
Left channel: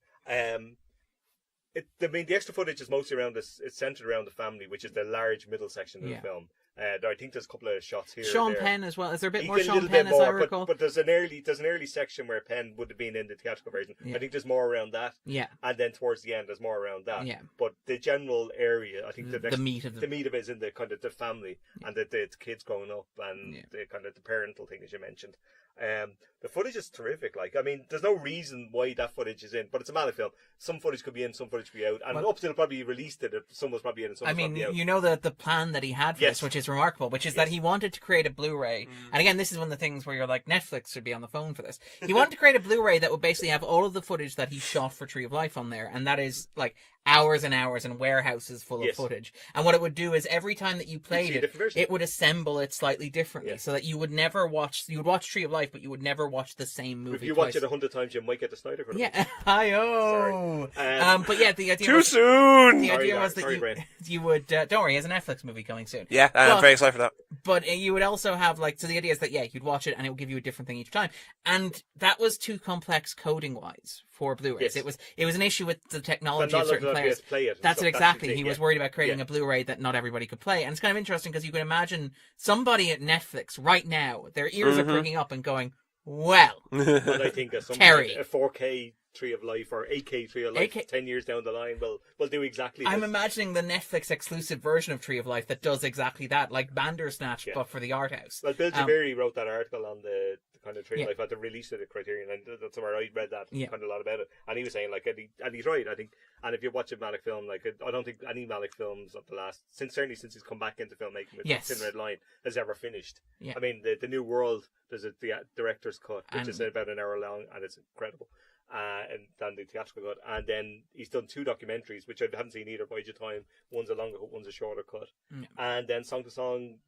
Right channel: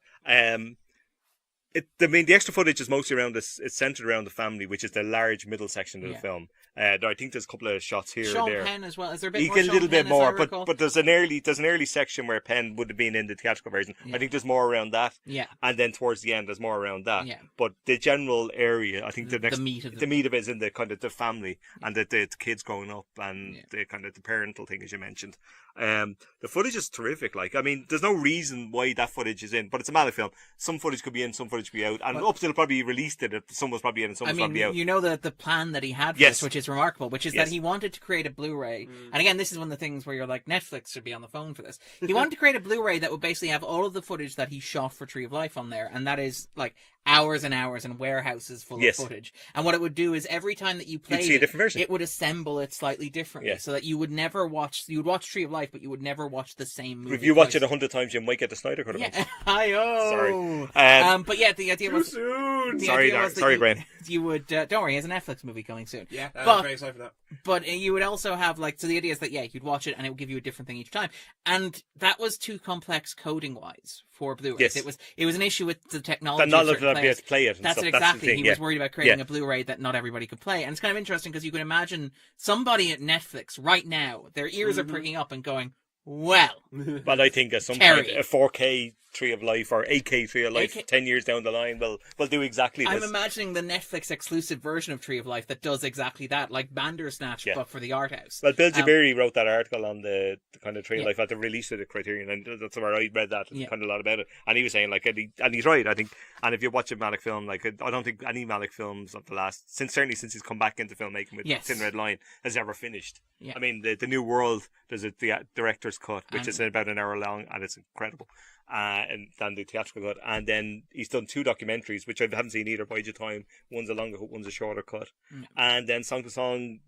The extra footage is mostly around this. It's centered around the family, which is the large middle section of the film. I think there's a couple of shots here. Sean and there. Penn as well. Is there a bit You more get a Sean little Penn bit as I more, recall? but there's an early section where Penn would have been in the theatrical version. Yeah. I think there's more around that. Yeah. And then towards the end, there's more around that. Yeah. But the general area, I think the meat of the meat of it is in the kind of the family and the kids growing up and the kind of the parental thing, as you mentioned. The footage is terrific. Like, I mean, there's no reason why that footage is in, but it's a Malick film. Some footage could be in, some footage could be out, and up till probably released it, some was probably in, and some was probably out. You know the plan that he had for this, which is remarkable, which is that he wanted to create a Blu-ray. And again, this is one of the things where you're like, Netflix should be on the phone for this. He wanted to create a Blu-ray that would basically have all of the footage that he shot for Tree of Life on there, and that is like hours and hours and warehouses full of footage. And what it would do is every time that you played it would assemble it slightly differently, so that you would watch Tree of Life, but you would never watch the same movie. If you watch it 100 times, you might get the Snyder Cut. Yeah, hi-oh. But yeah, the idea too was, soon. The idea was that you would don't worry, he has a Netflix movie coming soon. Yeah, I'm very excited for that. But you would also have like, so the idea is that you'd watch it and it would give you a different thing each time, and that was too complex coding wise for Blu-rays. Yes. It was an issue with the technology not of certain letting players. play it. That's stuff. it exactly. That's the thing, He was worried about creating a Blu-ray that not everybody could play, and it's kind of interesting because you can imagine somebody at Netflix right now, their ears are pricking up and going, well, but I think at some Terry. point a 4K Tree of Life or 8K Tree of Life 10 years down the line will do exactly this. I'm imagining the Netflix exclusive version of Tree of Life that does exactly that, like Bandersnatch, but for the art house. Well, Bill Jabiri wrote that article on the kind of Tree of Life at the release of the Criterion, and that's where I read that kind of a lot about it. And he was saying, like, and he's right, I think. And if you watch a Malick film, like, I don't think any Malick films of the last, certainly since he's come back into filmmaking with Thin Red Line, has ever finished. Yeah. I mean, the New World, there's the director's cut, which is about an hour long, and it's incredible. And then the theatrical cut, and then he's done 2 documentaries, which I haven't seen either. Bide Your Time, one's a longer cut, one's a shorter cut, and then Song to Song,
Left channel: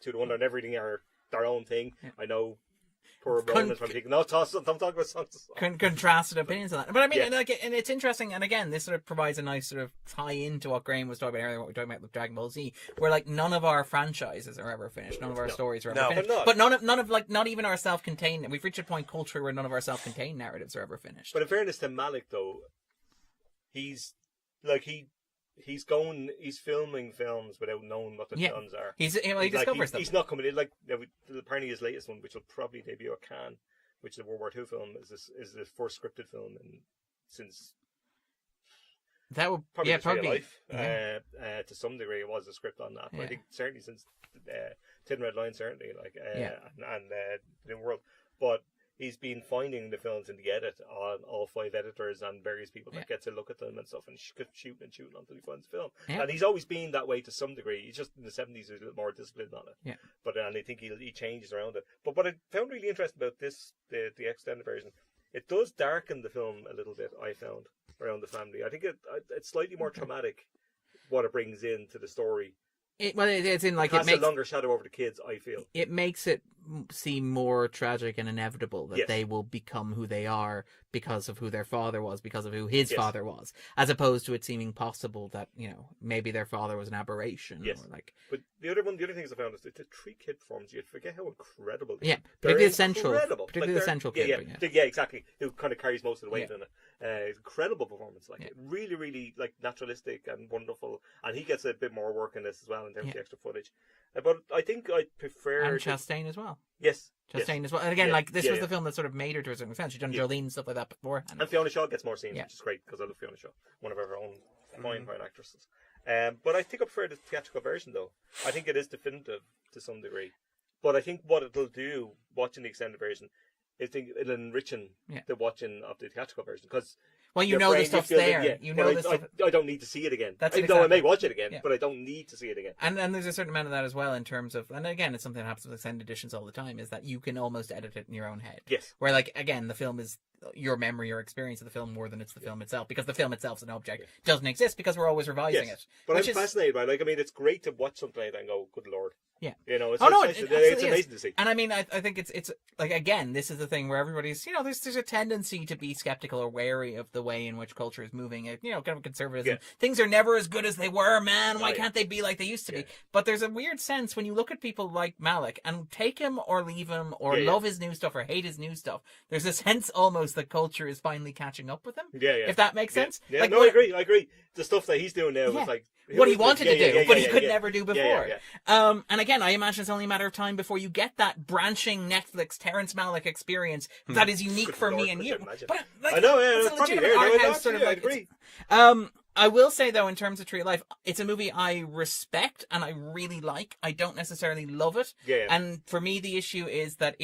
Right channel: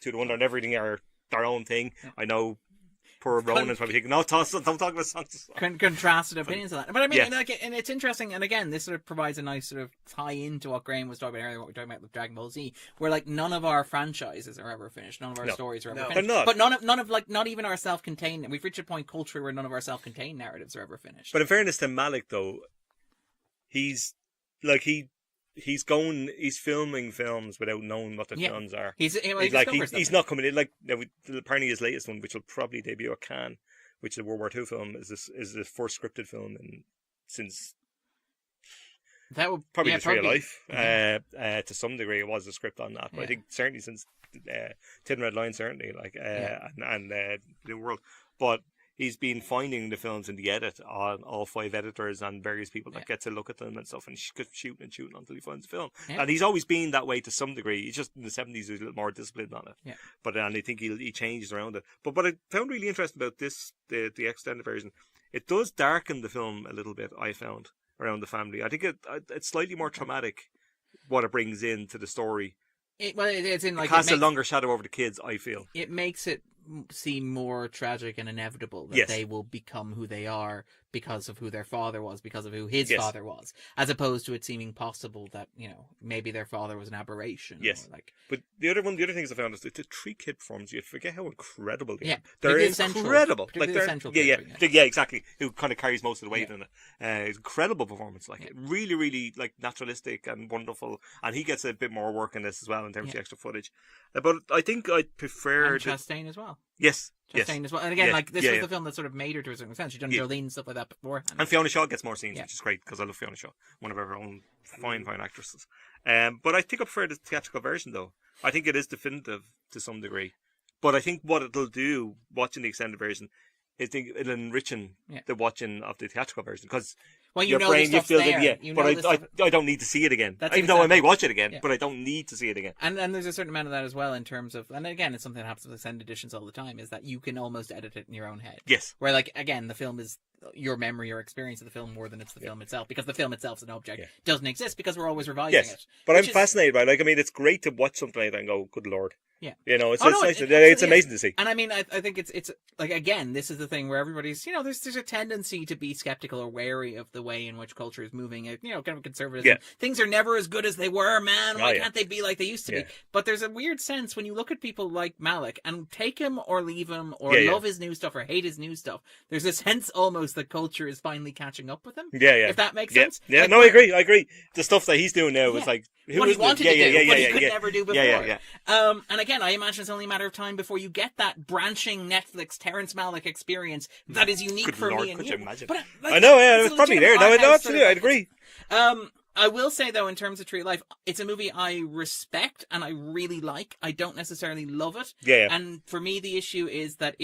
To the Wonder, and everything are their own thing. I know poor Ronan's probably thinking, no, don't talk about Song to Song. Contrasted opinions on that, but I mean, and it's interesting, and again, this sort of provides a nice sort of tie into what Graham was talking about earlier, what we were talking about with Dragonball Z, where like none of our franchises are ever finished, none of our stories are ever finished, but none of like not even our self-contained. We've reached a point culturally where none of our self-contained narratives are ever finished. But in fairness to Malick, though, he's filming films without knowing what the films are. He's not coming in like apparently his latest one, which will probably debut at Cannes, which is a World War II film, is the first scripted film since that would probably Tree of Life. To some degree, it was a script on that. But I think certainly since Thin Red Line, certainly and the world, but. He's been finding the films in the edit on all 5 editors and various people that get to look at them and stuff and shooting until he finds the film. And he's always been that way to some degree. He's just in the 70s he was a little more disciplined on it. But and I think he changed around it. But what I found really interesting about this, the extended version, it does darken the film a little bit, I found, around the family. I think it's slightly more traumatic what it brings into the story. It's in like it casts a longer shadow over the kids, I feel. It makes it seem more tragic and inevitable that they will become who they are because of who their father was, because of who his father was, as opposed to it seeming possible that, maybe their father was an aberration. Yes. Or like... But the other things I found is the 3 kid performances. You forget how incredible they are. They're incredible. Particularly the central kid. Yeah, exactly. Who kind of carries most of the weight in it. It's an incredible performance. Really, really naturalistic and wonderful. And he gets a bit more work in this as well in terms of the extra footage. But I think I prefer... And Chastain as well. Yes. Chastain as well. And again, Yeah, like, this yeah, was yeah. the film that sort of made her to a certain extent. She'd done Jolene and stuff like that before. And Fiona Shaw gets more scenes, Yeah. which is great, because I love Fiona Shaw, one of her own fine actresses. But I think I prefer the theatrical version, though. I think it is definitive to some degree. But I think what it'll do, watching the extended version, is it'll enrichen the watching of the theatrical version. Because well, you know the stuff's there. You know the stuff. I don't need to see it again. That's Even though I may exactly. watch it again, but I don't need to see it again. And there's a certain amount of that as well in terms of, and again, it's something that happens with extended editions all the time, is that you can almost edit it in your own head. Yes. Where, like, again, the film is your memory or experience of the film more than it's the film itself, because the film itself is an object. Doesn't exist because we're always revising it. But I'm fascinated by it. Like, I mean, it's great to watch something like that and go, good Lord. Yeah. You know, it's it's amazing to see. And I mean, I think it's like, again, this is the thing where everybody's, you know, there's a tendency to be skeptical or wary of the way in which culture is moving. You know, kind of conservatism. Yeah. Things are never as good as they were, man. Why can't they be like they used to be? But there's a weird sense when you look at people like Malick and take him or leave him or love his new stuff or hate his new stuff. There's a sense almost that culture is finally catching up with him. Yeah. If that makes sense. Yeah, like, no, I agree. The stuff that he's doing now is like what he wanted to do, but he could yeah. never do before. Yeah. And again, I imagine it's only a matter of time before you get that branching Netflix Terrence Malick experience that is unique Good for Lord, me and could you. you imagine? But like, I know, it's it's a probably legitimate there. No, art house absolutely, I'd agree. I will say though, in terms of Tree of Life, it's a movie I respect and I really like. I don't necessarily love it. Yeah. And for me, the issue is that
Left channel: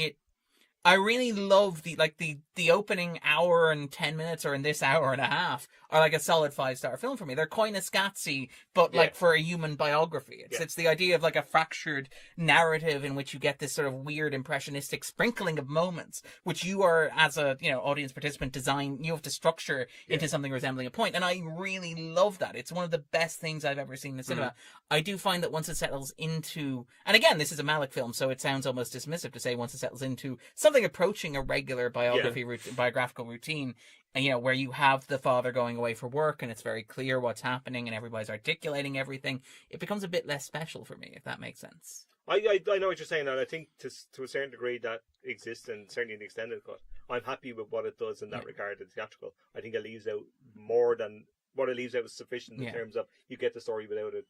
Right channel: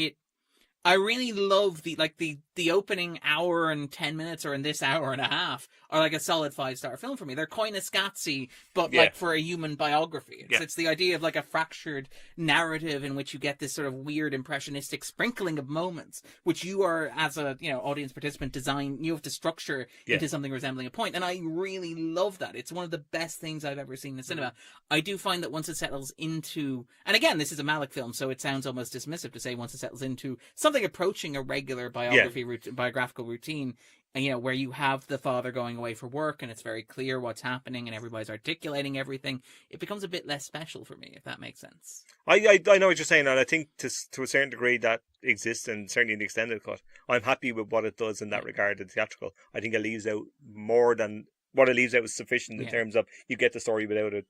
I really love the opening hour and 10 minutes, or in this hour and a half, are like a solid 5-star film for me. They're kind of Scotsy, but like for a human biography. It's the idea of like a fractured narrative in which you get this sort of weird impressionistic sprinkling of moments, which you are, as a audience participant, you have to structure into something resembling a point. And I really love that. It's one of the best things I've ever seen in the cinema. I do find that once it settles into, and again, this is a Malick film, so it sounds almost dismissive to say once it settles into something approaching a regular biographical routine, and where you have the father going away for work and it's very clear what's happening and everybody's articulating everything, it becomes a bit less special for me, if that makes sense. I know what you're saying, and I think to a certain degree that exists, and certainly in the extended cut. I'm happy with what it does in that regard, the theatrical. I think it leaves out more than what it leaves out is sufficient in terms of you get the story without it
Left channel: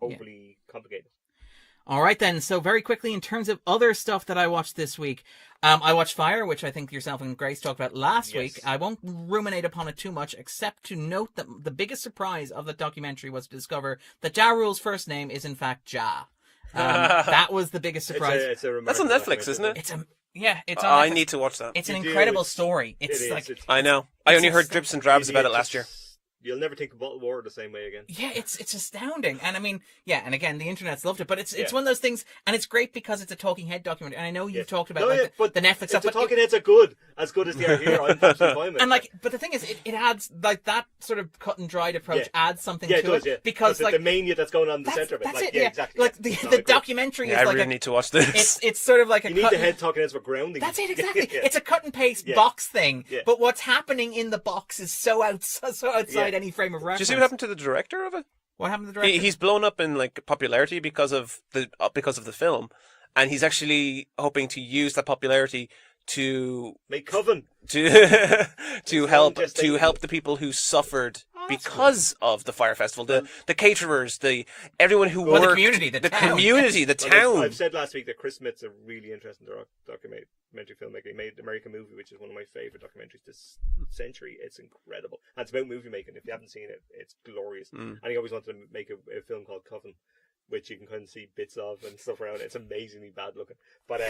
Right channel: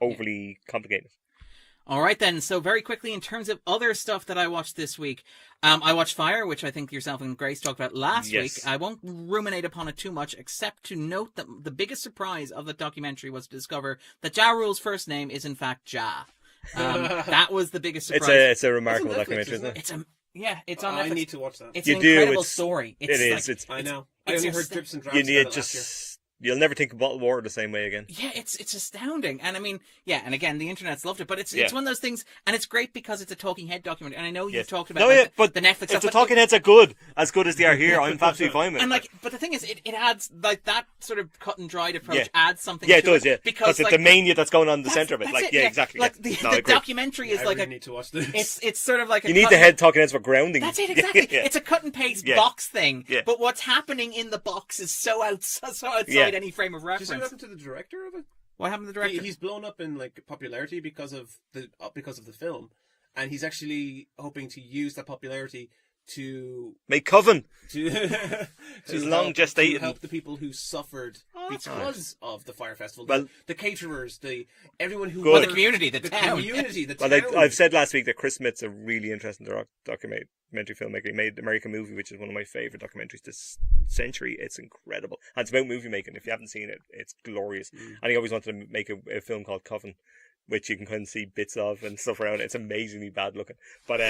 overly complicated. All right, then. So very quickly, in terms of other stuff that I watched this week, I watched Fire, which I think yourself and Grace talked about last week. I won't ruminate upon it too much, except to note that the biggest surprise of the documentary was to discover that Ja Rule's first name is in fact Ja. That was the biggest surprise. It's a remarkable That's on Netflix, isn't it? It's on Netflix. I need to watch that. It's an incredible story. I know. I only heard drips and drabs about it last year. You'll never think of bottled water the same way again. Yeah, it's astounding. And I mean, and again, the internet's loved it, but it's one of those things, and it's great because it's a talking head documentary. And I know you've talked about but the Netflix stuff. The talking heads are good, as good as they are here. I'm absolutely fine with it. But the thing is, it adds, like, that sort of cut and dried approach adds something to it. Does, it. Because the mania that's going on in the centre of it. Like, exactly. Like, the documentary is like I really need to watch this. It's sort of like you need the head talking heads for grounding. That's it, exactly. It's a cut and paste box thing, but what's happening in the box is so outside any frame of reference. Did you see what happened to the director of it? What happened to the director? He's blown up in like popularity because of the film, and he's actually hoping to use that popularity to make coven to help the people who suffered because of the Fire Festival, the caterers, everyone who worked, the community, the town. I've said last week that Chris Smith's a really interesting documentary filmmaker. He made American Movie, which is one of my favourite documentaries this century. It's incredible, and it's about movie making. If you haven't seen it, it's glorious. And he always wanted to make a film called Coven, which you can kind of see bits of and stuff around it. It's amazingly bad looking, but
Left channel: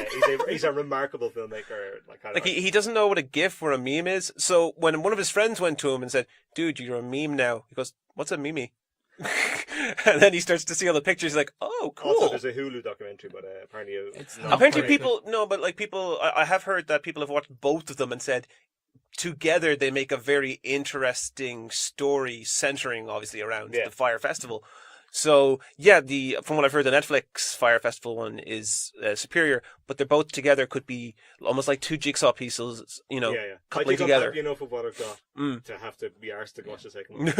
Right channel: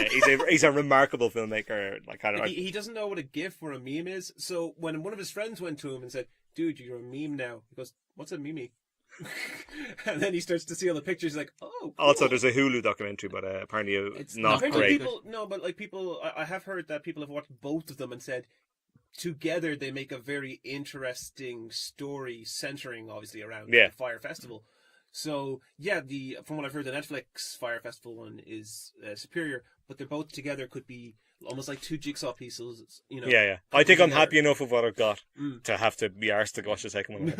he's a remarkable filmmaker. He doesn't know what a GIF or a meme is. So when one of his friends went to him and said, "Dude, you're a meme now," he goes, "What's a meme?" And then he starts to see all the pictures. He's like, "Oh, cool." Also, there's a Hulu documentary, but apparently it's not. Apparently, great. people. I have heard that people have watched both of them and said together they make a very interesting story centering, obviously, around the Fire Festival. So from what I've heard, the Netflix Fire Festival one is superior, but they're both together could be almost like two jigsaw pieces. I think I'm happy enough with what I've got to have to be arsed to watch the second one.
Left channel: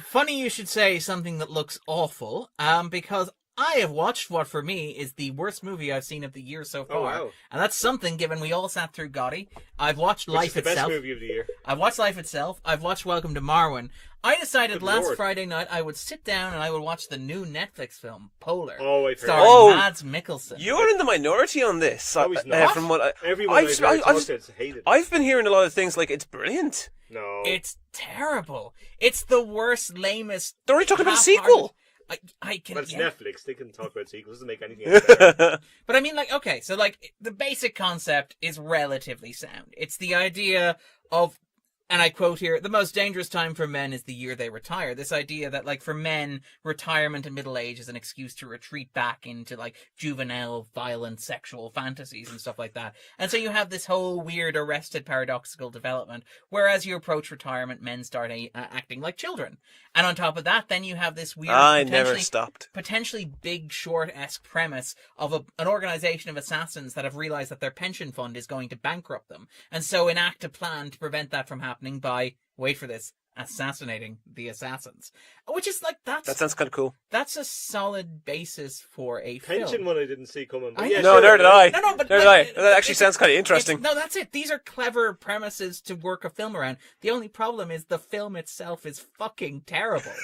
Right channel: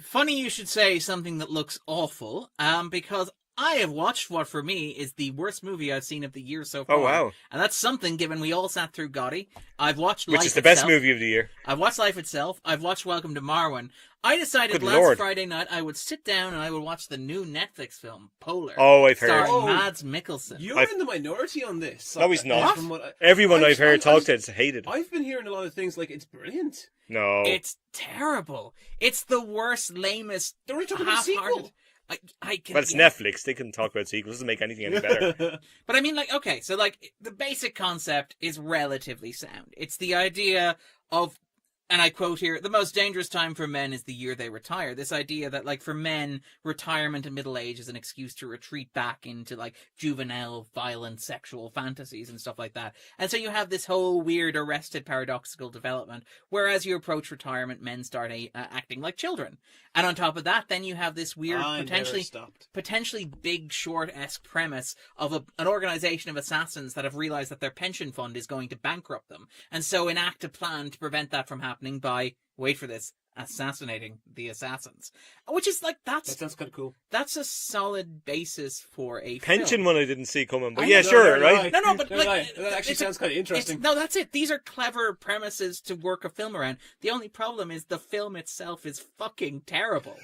Funny you should say something that looks awful, because I have watched what for me is the worst movie I've seen of the year so far. Oh, wow. And that's something given we all sat through Gotti. I've watched Which Life is the Itself. best movie of the year. I've watched Life Itself. I've watched Welcome to Marwen. I decided Good last Lord. Friday night I would sit down and I would watch the new Netflix film, Polar. Oh, I've heard. Starring Oh. Mads Mikkelsen. You're in the minority on this. No, he's not. From what Everyone I've heard talk to it's hated. I've been hearing a lot of things like it's brilliant. No. It's terrible. It's the worst, lamest. They're already talking about a half-hearted- sequel. I can. Well, it's yeah. Netflix. They can talk about sequels. Doesn't make anything any better. But I mean, like, okay, so like the basic concept is relatively sound. It's the idea of, and I quote here, the most dangerous time for men is the year they retire. This idea that, like, for men, retirement and middle age is an excuse to retreat back into, like, juvenile, violent, sexual fantasies and stuff like that. And so you have this whole weird, arrested, paradoxical development, where as you approach retirement, men start acting like children. And on top of that, then you have this weird, I never stopped. potentially Big Short-esque premise of an organization of assassins that have realized that their pension fund is going to bankrupt them, and so enact a plan to prevent that from happening by, wait for this, assassinating the assassins. Which is like, That sounds kind of cool. that's a solid basis for a Pension film. one I didn't see coming. But I yeah, know. No, sure. neither did I. right? No, but Neither like, did I. That actually it's- sounds kind of it's- interesting. No, that's it. These are clever premises to work a film around. The only problem is the film itself is fucking terrible.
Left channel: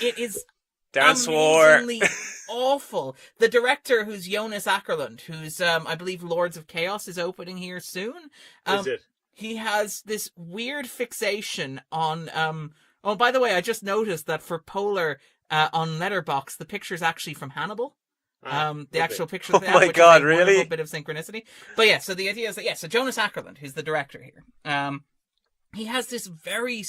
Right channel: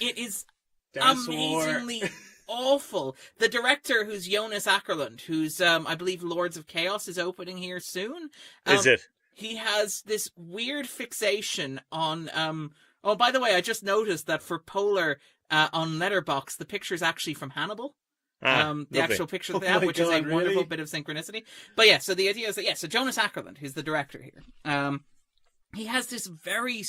It is Dan swore. amazingly awful. The director, who's Jonas Ackerlund, who's I believe Lords of Chaos is opening here soon. Is it? He has this weird fixation on oh, by the way, I just noticed that for Polar on Letterboxd, the picture is actually from Hannibal. The Lovely. actual picture Oh they have, my which God, is a really? wonderful bit of synchronicity. But yeah, so the idea is that, yeah, so Jonas Ackerlund, who's the director here, he has this very,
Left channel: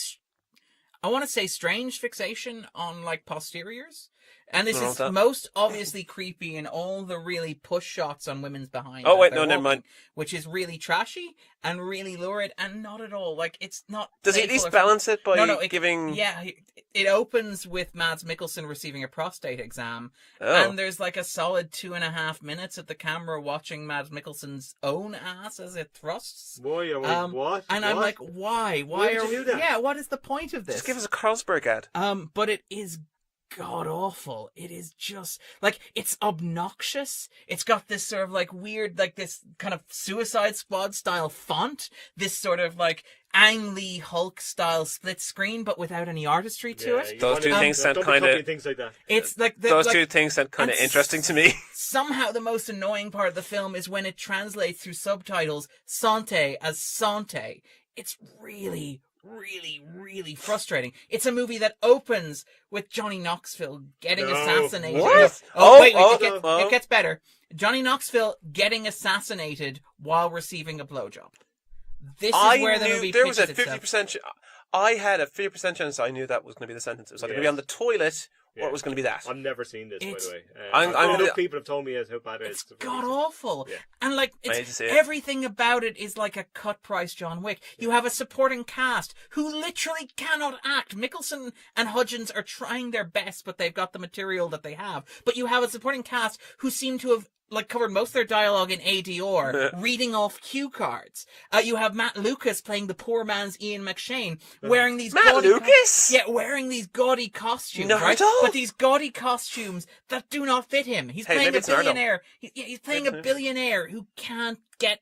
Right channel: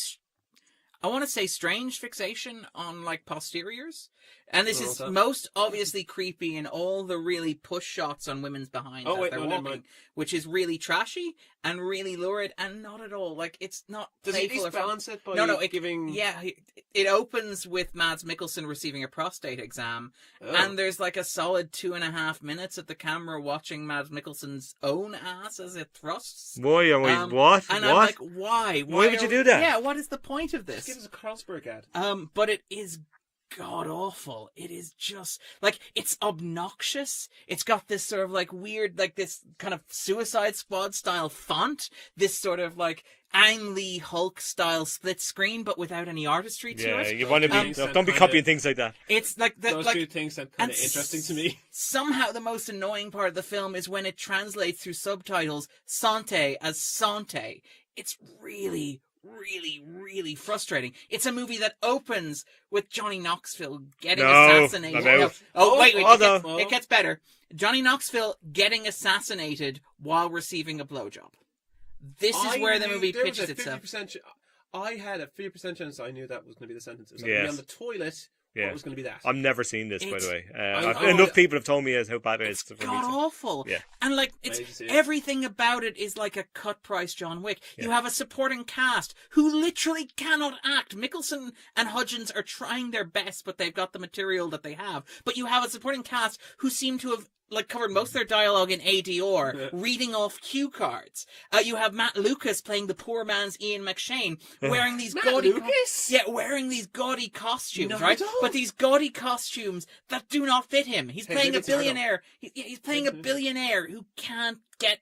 I want to say, strange fixation on, like, posteriors. And this Oh, is that- most obviously creepy in all the really push shots on women's behind. Oh, as wait, they're no, never walking, mind. Which is really trashy and really lurid and not at all. Like, it's not. Does it at playful least or fun. balance it by giving... Yeah, it opens with Mads Mikkelsen receiving a prostate exam, Oh. and there's like a solid 2.5 minutes of the camera watching Mads Mikkelsen's own ass as it thrusts. Why? What? And what? I'm like, why? Why would you do that? Yeah, what is the point of this? Just give us a Carlsberg ad. But it is god awful. It is just like, it's obnoxious. It's got this sort of like weird, like this kind of Suicide Squad style font, this sort of like Ang Lee Hulk style split screen, but without any artistry to Yeah, it. you want to two be- things sound don't be kinda- copying things like that. It's like the, Those like, two things sound kind of and interesting to me. Somehow the most annoying part of the film is when it translates through subtitles Sante as Sante. It's really, really, really frustrating. It's a movie that opens with Johnny Knoxville getting No. assassinated. What? Oh, wait, Oh, it gets better. Johnny Knoxville getting assassinated while receiving a blowjob. This is where the movie there was pitches a itself. 50%. I had a 50% chance I knew that was going to be the sentence. It was going to be Yes. on the toilet, or Yeah. it was going to be that. I've never seen this, by It's- the way. I'm- Enough people have told me how bad it is. It's for me to- god awful. Yeah. And like, I need to it's see it. everything about it is like a cut price John Wick. You have a supporting cast who literally cannot act. Mikkelsen and Hudgens are trying their best, but they've got the material that they have. But you have a supporting cast who seem to have like covered most of their dialogue in ADR, reading off cue cards. You have Matt Lucas playing the poor man's Ian McShane, wearing these Matt gaudy Lucas? yeah, wearing these gaudy costumes, Not right? at all. But these gaudy costumes that do not fit him. He's Hey, playing maybe a it's Nardo. billionaire. He's playing a Maybe. billionaire who can't get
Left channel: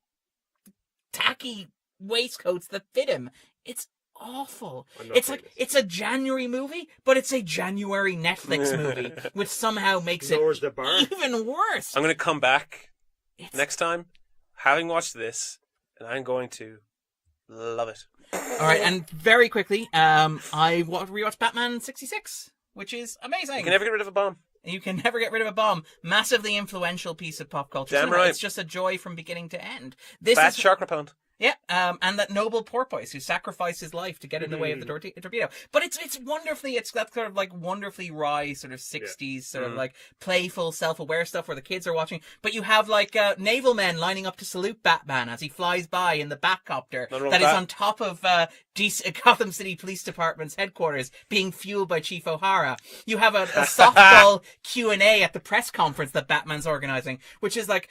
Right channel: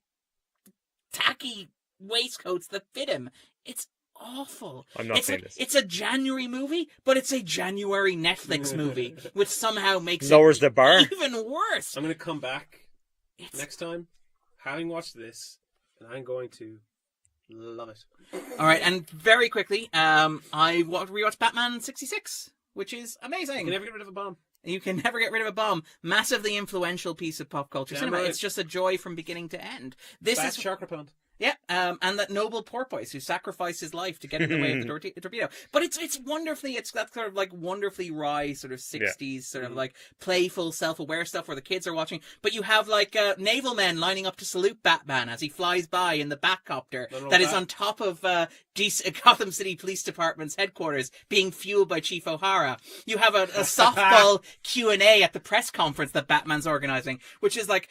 tacky waistcoats that fit him. It's awful. I'm not It's seeing like this. it's a January movie, but it's a January Netflix movie, which somehow makes Lowers it the bar. even worse. I'm going to come back It's- next time, having watched this, and I'm going to love it. All right, and very quickly, I rewatched Batman 66, which is amazing. You can never get rid of a bomb. You can never get rid of a bomb. Massively influential piece of pop culture Damn cinema. right. It's just a joy from beginning to end. This Fat is shark repellent. yeah, and that noble porpoise who sacrificed his life to get in the way of the torpedo. But it's wonderfully, it's that sort of like wonderfully wry sort of 60s sort of like playful, self-aware stuff where the kids are watching. But you have like naval men lining up to salute Batman as he flies by in the Batcopter Nothing wrong that with is that. on top of Gotham City Police Department's headquarters, being fueled by Chief O'Hara. You have a softball Q&A at the press conference that Batman's organizing, which is like,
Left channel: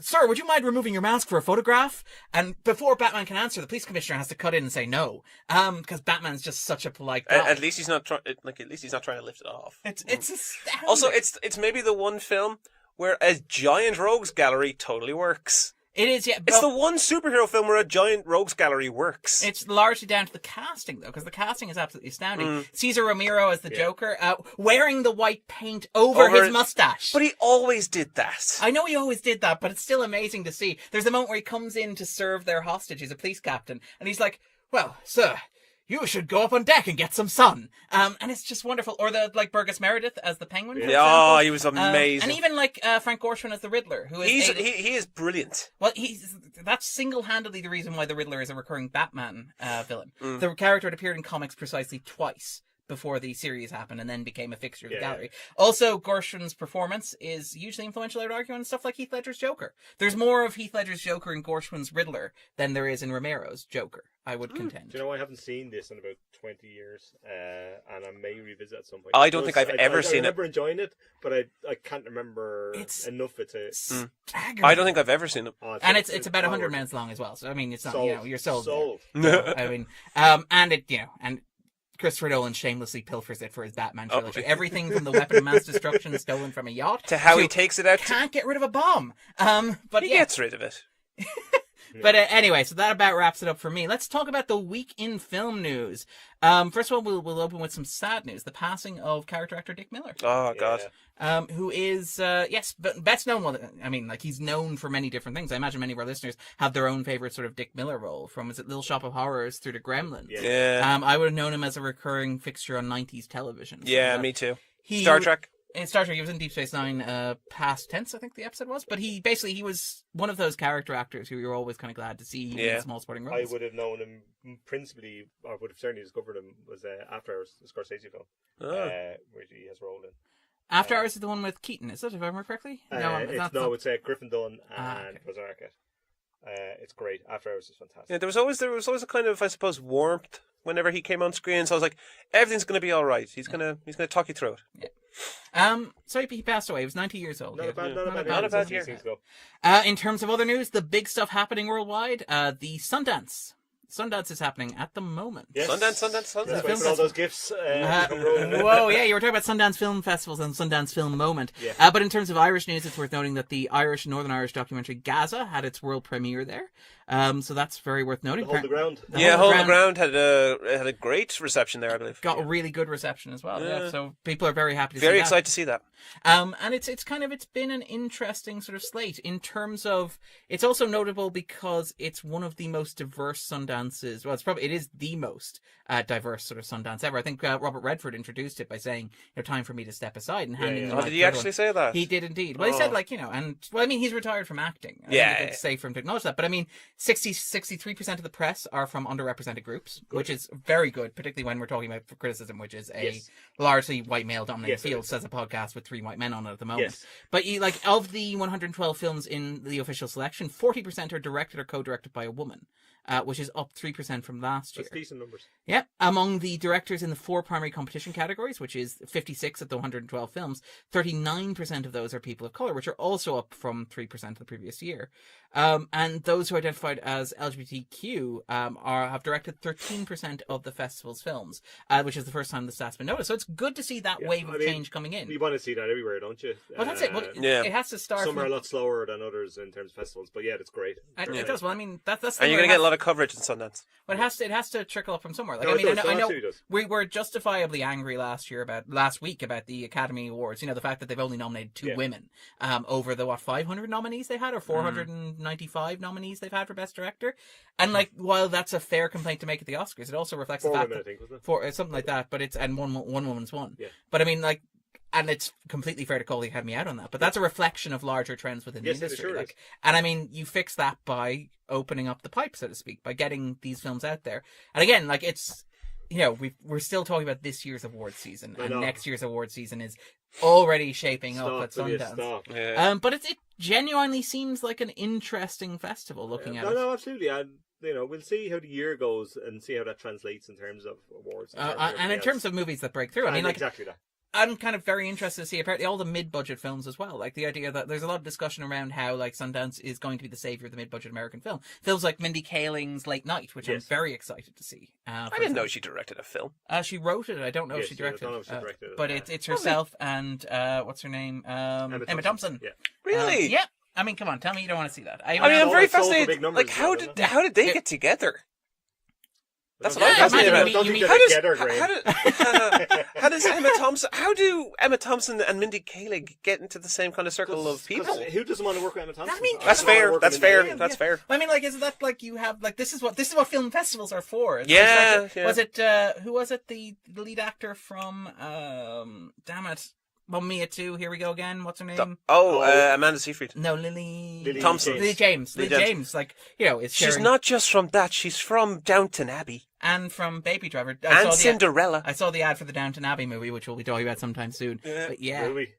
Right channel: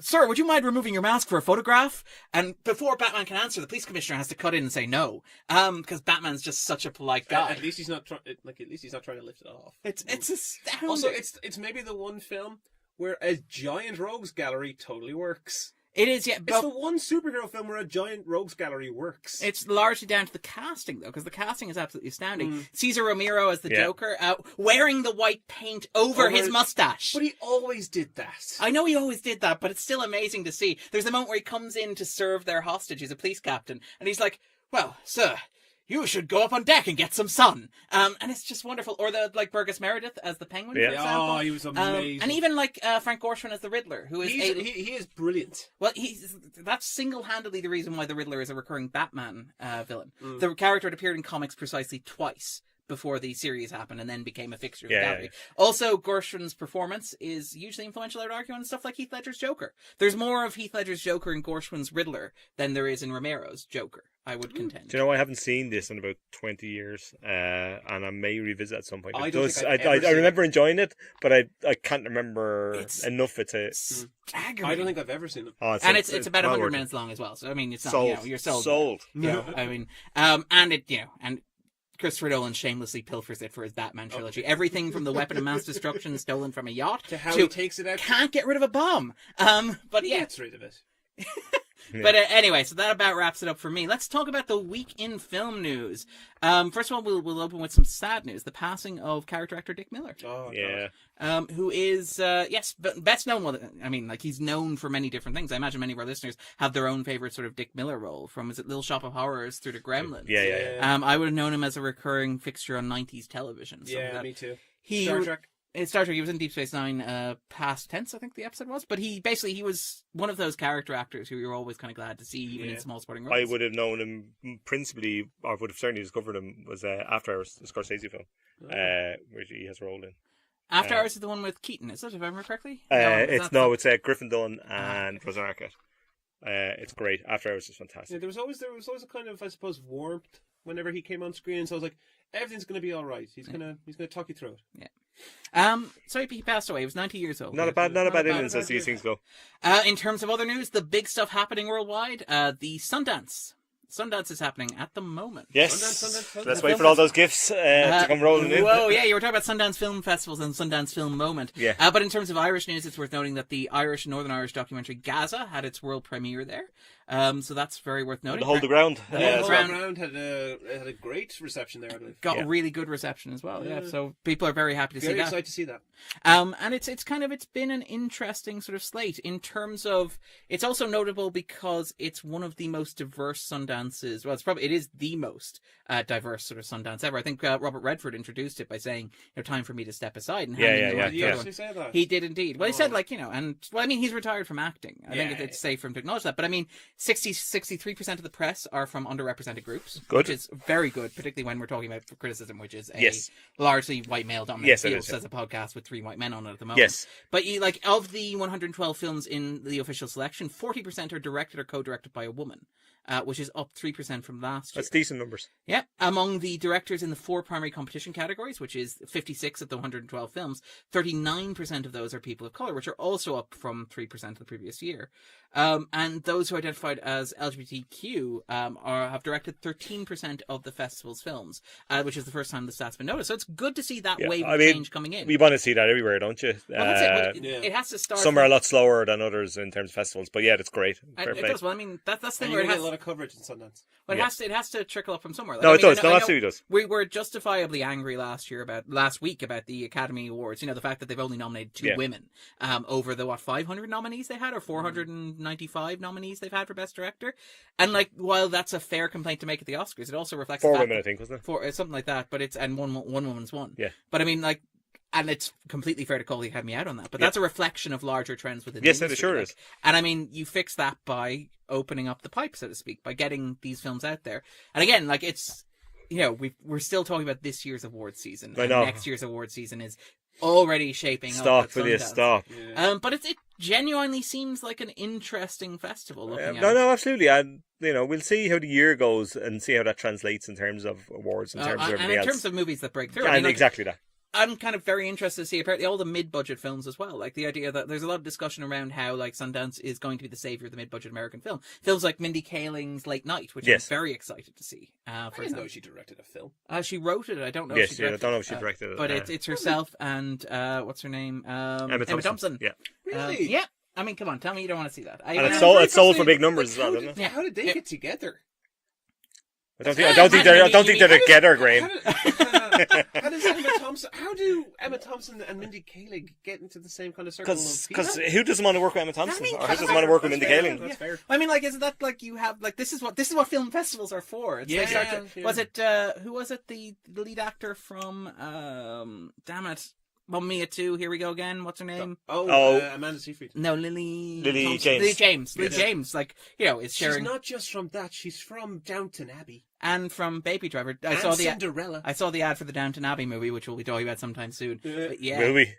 sir, would you mind removing your mask for a photograph? And before before Batman can answer, the police commissioner has to cut in and say no, because Batman's just such a polite guy. At least he's not trying to lift it off. It's astounding. Also, it's maybe the one film where a giant rogues gallery totally works. It is, yeah. It's the one superhero film where a giant rogues gallery works. It's largely down to the casting, though, because the casting is absolutely astounding. Cesar Romero as the Joker, wearing the white paint over his mustache. But he always did that. I know he always did that, but it's still amazing to see. There's the moment where he comes in to serve their hostage. He's a police captain, and he's like, "Well, sir, you should go up on deck and get some sun." And it's just wonderful. Or Burgess Meredith as the Penguin, for example. Oh, he was amazing. And even Frank Gorshin as the Riddler, who is he is brilliant. Well, that's single-handedly the reason why the Riddler is a recurring Batman villain. The character had appeared in comics precisely twice before the series happened and then became a fixture of the gallery. Also, Gorshin's performance is hugely influential, I would argue, on stuff like Heath Ledger's Joker. There's more of Heath Ledger's Joker in Gorshin's Riddler than there is in Romero's Joker, I would contend. Do you know, I haven't seen this in about 20 years, and I may revisit at some point. I don't think I've ever seen it. I remember enjoying it, but I can't remember enough of it. Staggering. I don't think I've ever seen it. Oh, it's about 100 minutes long as well, so I mean, it's not, sold. you're sold. Sold. I mean, and Christopher Nolan shamelessly pilfers it for his Batman trilogy. Everything from the weapon of mass destruction stolen from a yacht to how he takes it out. Can't get rid of a bomb. But he gets rid of it. But anyway, so that about wraps it up for me. Let's talk about the week in film news. First of all, we'll open with some sad news: the passing of character actor Dick Miller. Oh God. Who is best known. Well, I mean, he's known for many different things. I imagine many of our listeners have their own favorite sort of Dick Miller role, from Little Shop of Horrors through to Gremlins. I would have known him as a recurring fixture on 90s television. So me too. Star Trek. In Star Trek, he was in Deep Space Nine, past tense, I think the episode was. But he was one of those character actors who you're always kind of glad to see in small sporting roles. I would have known him principally, or would have certainly discovered him, was After Hours, the Scorsese film, which he has a role in. After Hours is the one with Keaton, is it, if I remember correctly? It's Griffin Dunne and Rosa Arquette. It's great. After Hours is fantastic. Yeah, there was always a kind of, I suppose, warmth whenever he came on screen. So I was like, everything's going to be all right. He's gonna talk you through it. Yeah. So he passed away. He was 90 years old. Not a bad illness as these things go. In terms of other news, the big stuff happening worldwide, the Sundance. Sundance is happening at the moment. Yes. Sundance. Let's wait for all those gifts to come rolling in. Whoa, yeah, you were talking about Sundance Film Festivals and Sundance Film Moment. Yeah. But in terms of Irish news, it's worth noting that the Northern Irish documentary Gaza had its world premiere there. So that's very worth noting. Hold the Ground. Hold the Ground had a great reception there, I believe. Got a really good reception as well. Yeah. So people are very happy to see that. Very excited to see that. And it's been an interesting sort of slate in terms of, it's also notable because it's one of the most diverse Sundances. Well, it is the most diverse sort of Sundance ever. I think Robert Redford introduced it by saying, "Time for me to step aside." And Did he actually say that? He did indeed. Well, he said he's retired from acting. I think it's safe for him to acknowledge that. But I mean, 63% of the press are from underrepresented groups, which is very good, particularly when we're talking about criticism, which is a largely white male dominated field. Says a podcast with 3 white men on it at the moment. Yes. But of the 112 films in the official selection, 40% are directed or co-directed by a woman. Which is up 3% from last year. That's decent numbers. Yeah. Among the directors in the 4 primary competition categories, which is 56 of the 112 films, 39% of those are people of colour, which are also up from 3% the previous year. And those who identified as LGBTQ have directed 13% of the festival's films, which is the first time the stat's been noticed. So it's good to see that wave of change coming in. We want to see that everywhere, don't you? Well, that's it. It has to start. Some are a lot slower than others in terms of festivals, but it's great. It does. Well, I mean, that's the thing. And you're going to get a lot of coverage in Sundance. But it has to trickle up from somewhere. It does. It does. We were justifiably angry last week about the Academy Awards. The fact that they've only nominated 2 women over the 500 nominees they had, or 495 nominees they've had for Best Director. And while that's a fair complaint to make at the Oscars, it also reflects 4 the fact women, I think, wasn't it? For something like that. But one woman's won. Yeah. But I mean, and it's completely fair to call the Academy out on that. But that's a reflection of larger trends within the industry. Yes, it sure is. And I mean, you fix that by opening up the pipe, so to speak, by getting these films out there. And again, it's, we're still talking about this year's award season. And next year's award season is already shaping up at Sundance. Stop. Yeah. But it genuinely seems like an interesting festival looking at it. No, absolutely. And, we'll see how the year goes and see how that translates in terms of awards. In terms of terms of movies that break through. Exactly that. I'm kind of very interested to see apparently all the mid-budget films as well. Like the idea that there's a lot of discussion around how like Sundance is going to be the savior of the mid-budget American film. Films like Mindy Kaling's Late Night, which I'm very excited to see. I didn't know she directed a film. She wrote it. I don't know if she directed it. I don't know if she directed it. But it's herself and what's her name? Emma Thompson. Yeah. Really? Yeah. I mean, come on, tell me you don't want to see that. It's sold for big numbers. Like, how did they get together? I don't think they're together, Graham. How do Emma Thompson and Mindy Kaling get into the same kind of circle of people? Because who doesn't want to work with Emma Thompson? I mean, that's fair. That's fair. I mean, like, isn't that like you have like this is what film festivals are for? It's Was it who was it? The lead actor from damn it. Mamma Mia 2, here we go again. What's her name? Amanda Seyfried. No, Lily Thompson. Lily James. Lily James. Like, you know, it's sharing. She's not just from that. She's from Downton Abbey. And from Baby Driver. Cinderella. I saw the ad for the Downton Abbey movie, which we'll be talking about sometime soon. Yeah. But yeah. Will we?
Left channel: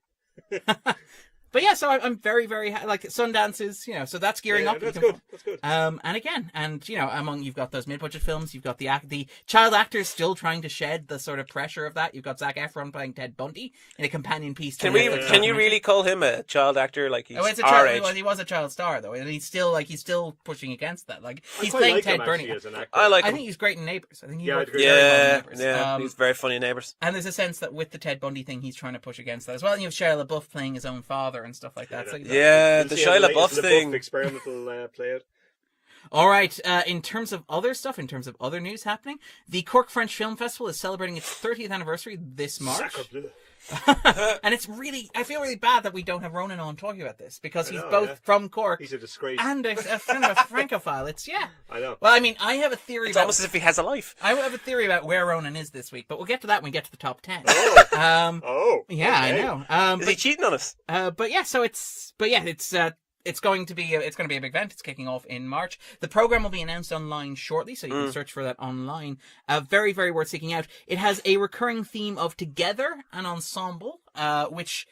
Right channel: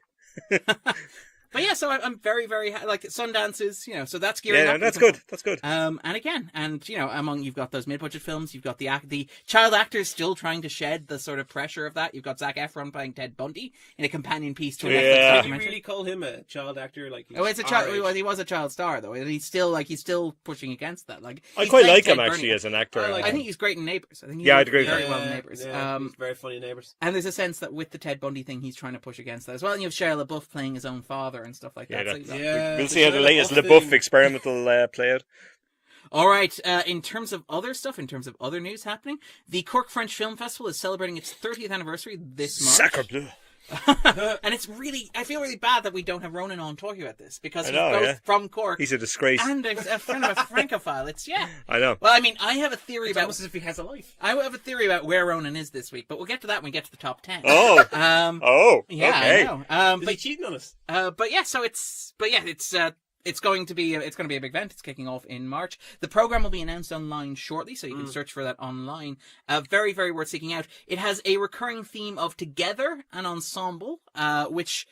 But yeah, so I'm very, very like Sundance is, you know, so that's gearing up. That's good. That's good. And you know, you've got those mid-budget films, you've got the child actors still trying to shed the sort of pressure of that. You've got Zac Efron playing Ted Bundy in a companion piece to. Can you really call him a child actor? Like he's it's a child. Well, he was a child star though, and he's still pushing against that. Like I quite like him actually as an actor. I think he's great in Neighbours. I think I agree. Very well in Neighbours. Yeah, he's very funny in Neighbours. And there's a sense that with the Ted Bundy thing, he's trying to push against that as well. And you have Shia LaBeouf playing his own father and stuff like that. You'll see how the latest LaBeouf experiment will play out. All right, in terms of other stuff, in terms of other news happening, the Cork French Film Festival is celebrating its 30th anniversary this March. Sacre bleu. And it's really, I feel really bad that we don't have Ronan on talking about this because he's from Cork. He's a disgrace. And a kind of a francophile. I know. Well, I mean, I have a theory about. Almost as if he has a life. I have a theory about where Ronan is this week, but we'll get to that when we get to the top 10. Oh. Yeah, okay. I know. Is he cheating on us? It's going to be a big event. It's kicking off in March. The program will be announced online shortly, so you can search for that online. Very, very worth seeking out. It has a recurring theme of together and ensemble, which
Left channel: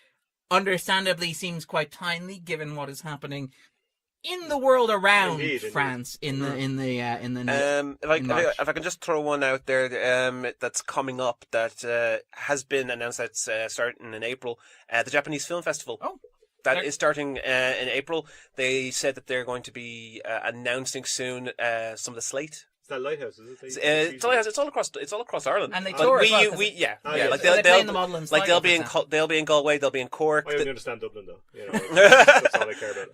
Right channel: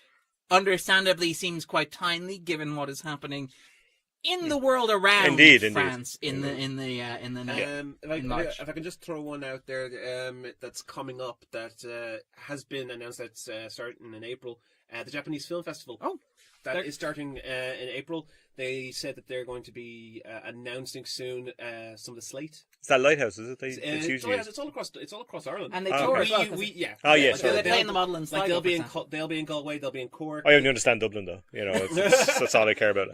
understandably seems quite timely given what is happening in the world around France in March. If I can just throw one out there that's coming up that has been announced that's starting in April, the Japanese Film Festival. Oh. That is starting in April. They said that they're going to be announcing soon some of the slate. Is that Lighthouse? Is it? It's Lighthouse. It's all across Ireland. And they tour as well. Like they play in the model and they'll be in Galway. They'll be in Cork. I only understand Dublin though. You know, that's all I care about.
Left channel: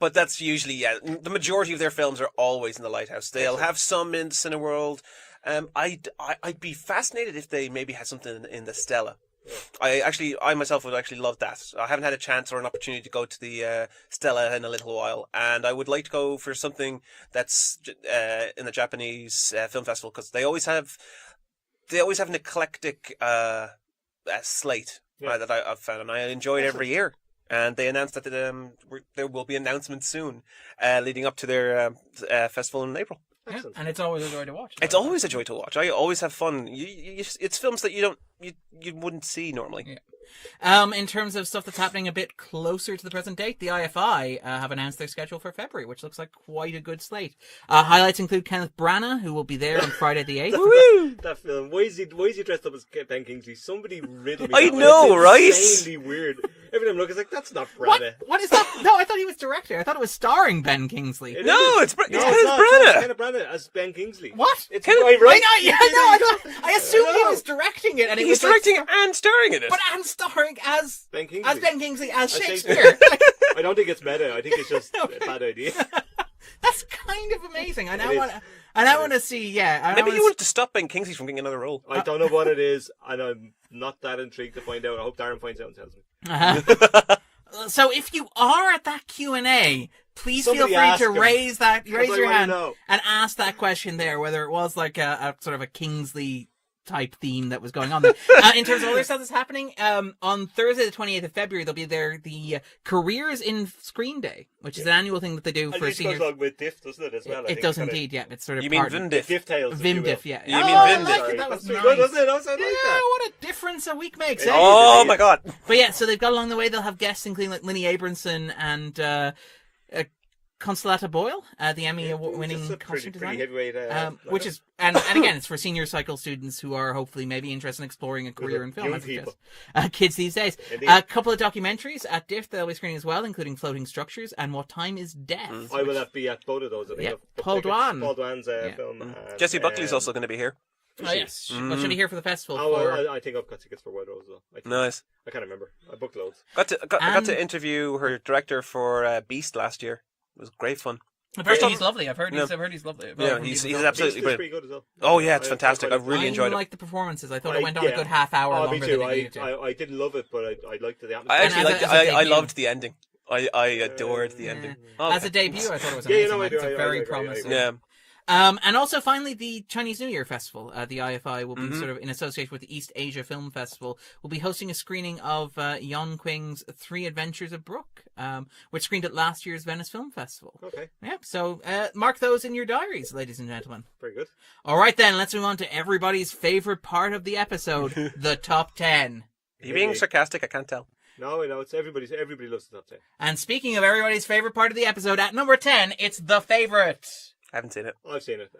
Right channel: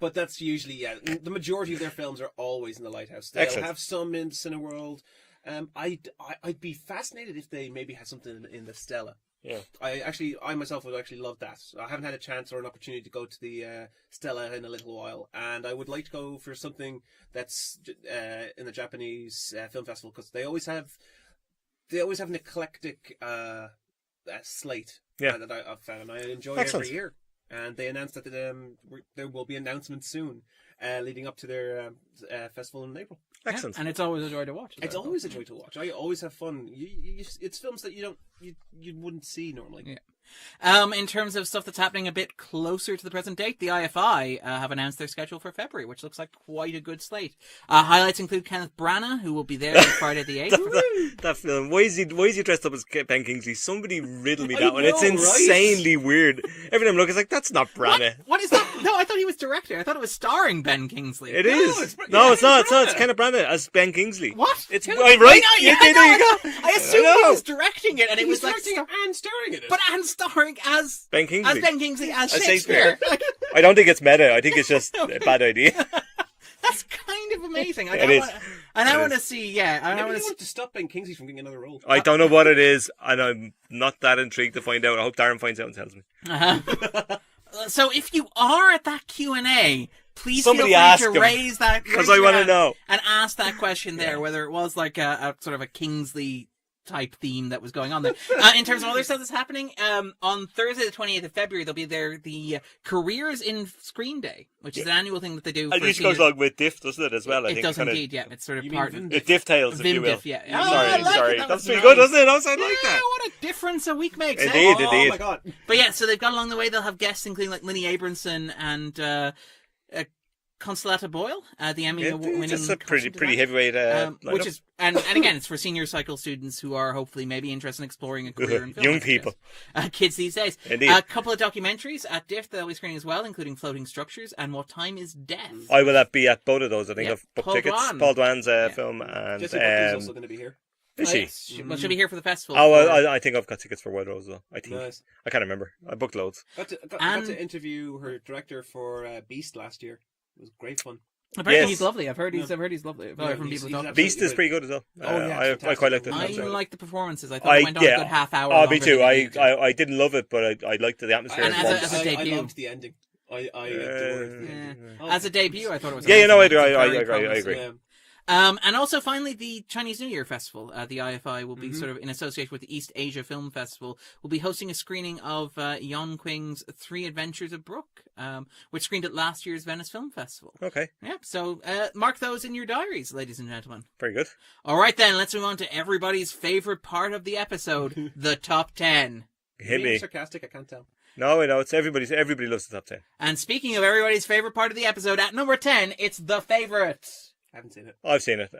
But that's usually the majority of their films are always in the Lighthouse. They'll have some in Cineworld. I'd be fascinated if they maybe had something in the Stella. Yeah. I myself would actually love that. I haven't had a chance or an opportunity to go to the Stella in a little while, and I would like to go for something that's in the Japanese film festival because they always have an eclectic slate that I've found, and I enjoy every year. And they announced that there will be announcements soon, leading up to their festival in April. Excellent, and it's always a joy to watch. It's always a joy to watch. I always have fun. It's films that you wouldn't see normally. Yeah. In terms of stuff that's happening a bit closer to the present date, the IFI have announced their schedule for February, which looks like quite a good slate. Highlights include Kenneth Branagh, who will be there on Friday the 8th. That film. Why is he dressed up as Ben Kingsley? Somebody riddle me that one. It's insanely weird. Every time I look, it's like, that's not Branagh. What is that? No, I thought he was director. I thought it was starring Ben Kingsley. It's not. It's Kenneth Branagh as Ben Kingsley. What? It's right. I assumed he was directing it, and it was directing and starring in it. But starring as Ben Kingsley as Shakespeare. I don't think it's meta. I think it's just a bad idea. That's kind of amazing. I want to see. Yeah, maybe you wanted to stop Ben Kingsley from getting another role. I don't know what it is, and I'm not that intrigued to find out. I hope Darren finds out and tells me. So if you are at that Q&A, please Somebody feel free to raise your hand know. And ask that question there, whether it was like a sort of a Kingsley type theme that was going on there. In terms of other stuff that's happening, on Thursday the 28th of February, they'll be there, the Careers in Screen Day, which is an annual thing that they do for seniors. It goes along with Diff, doesn't it, as well? It does indeed, yeah. It's sort of part of Vimdiff. Diff Tales, Vimdiff, yeah. I like it. That was pretty good, doesn't it? I like that. What a difference a week makes, Oh my god. But yeah, so they've got along the way, they'll have guests including like Linny Abramson and Consolata Boyle, the Emmy Yeah, Award-winning it's a pretty costume heavyweight. designer, which lineup. is and again, it's for senior cycle students who are hopefully maybe interested in exploring a career in film. Young I suggest. people. Kids these days. Indeed. A couple of documentaries at DIFF that they'll be screening as well, including Floating Structures and What Time Is Death. I will be at both of those. I think Yeah. I've booked Paul tickets. Dwan. Paul Dwan's film. And, Jesse Buckley's also going to be here. Is Oh, she? yes. Well, she'll be here for the festival. Oh, for- well, I think I've got tickets for White Rose though. I think. Nice. I can't remember. I booked loads. Got to And- interview her director for Beast last year. It was great fun. I've heard Yes. he's lovely. I've heard he's Yeah. lovely. I've Yeah, heard from he's- people he's talking. absolutely Beast is great. pretty good as well. Oh, yeah, it's fantastic. quite I've really I enjoyed it. liked the performances. I thought it went on a good half hour. Oh, longer me too. than it needed to. I didn't love it, but I liked the atmosphere. And as a I debut. loved the ending. I adored the ending. Oh, As a debut, I thought it was Yeah, you know, I amazing. do. It's I very agree, I promising. agree. Yeah. And also, finally, the Chinese New Year Festival, the IFI, will be Mm-hmm. sort of in association with the East Asia Film Festival, will be hosting a screening of Yon Qing's Three Adventures of Brooke, which screened at last year's Venice Film Festival. Okay, Yep, so mark those in your diaries, ladies and gentlemen. very good. All right, then, let's move on to everybody's favorite part of the episode, the top 10. You're being me. sarcastic, I can't tell. No, I know it's everybody loves the top 10. And speaking of everybody's favorite part of the episode, at number 10, it's the favorite. I haven't seen it. I've seen it,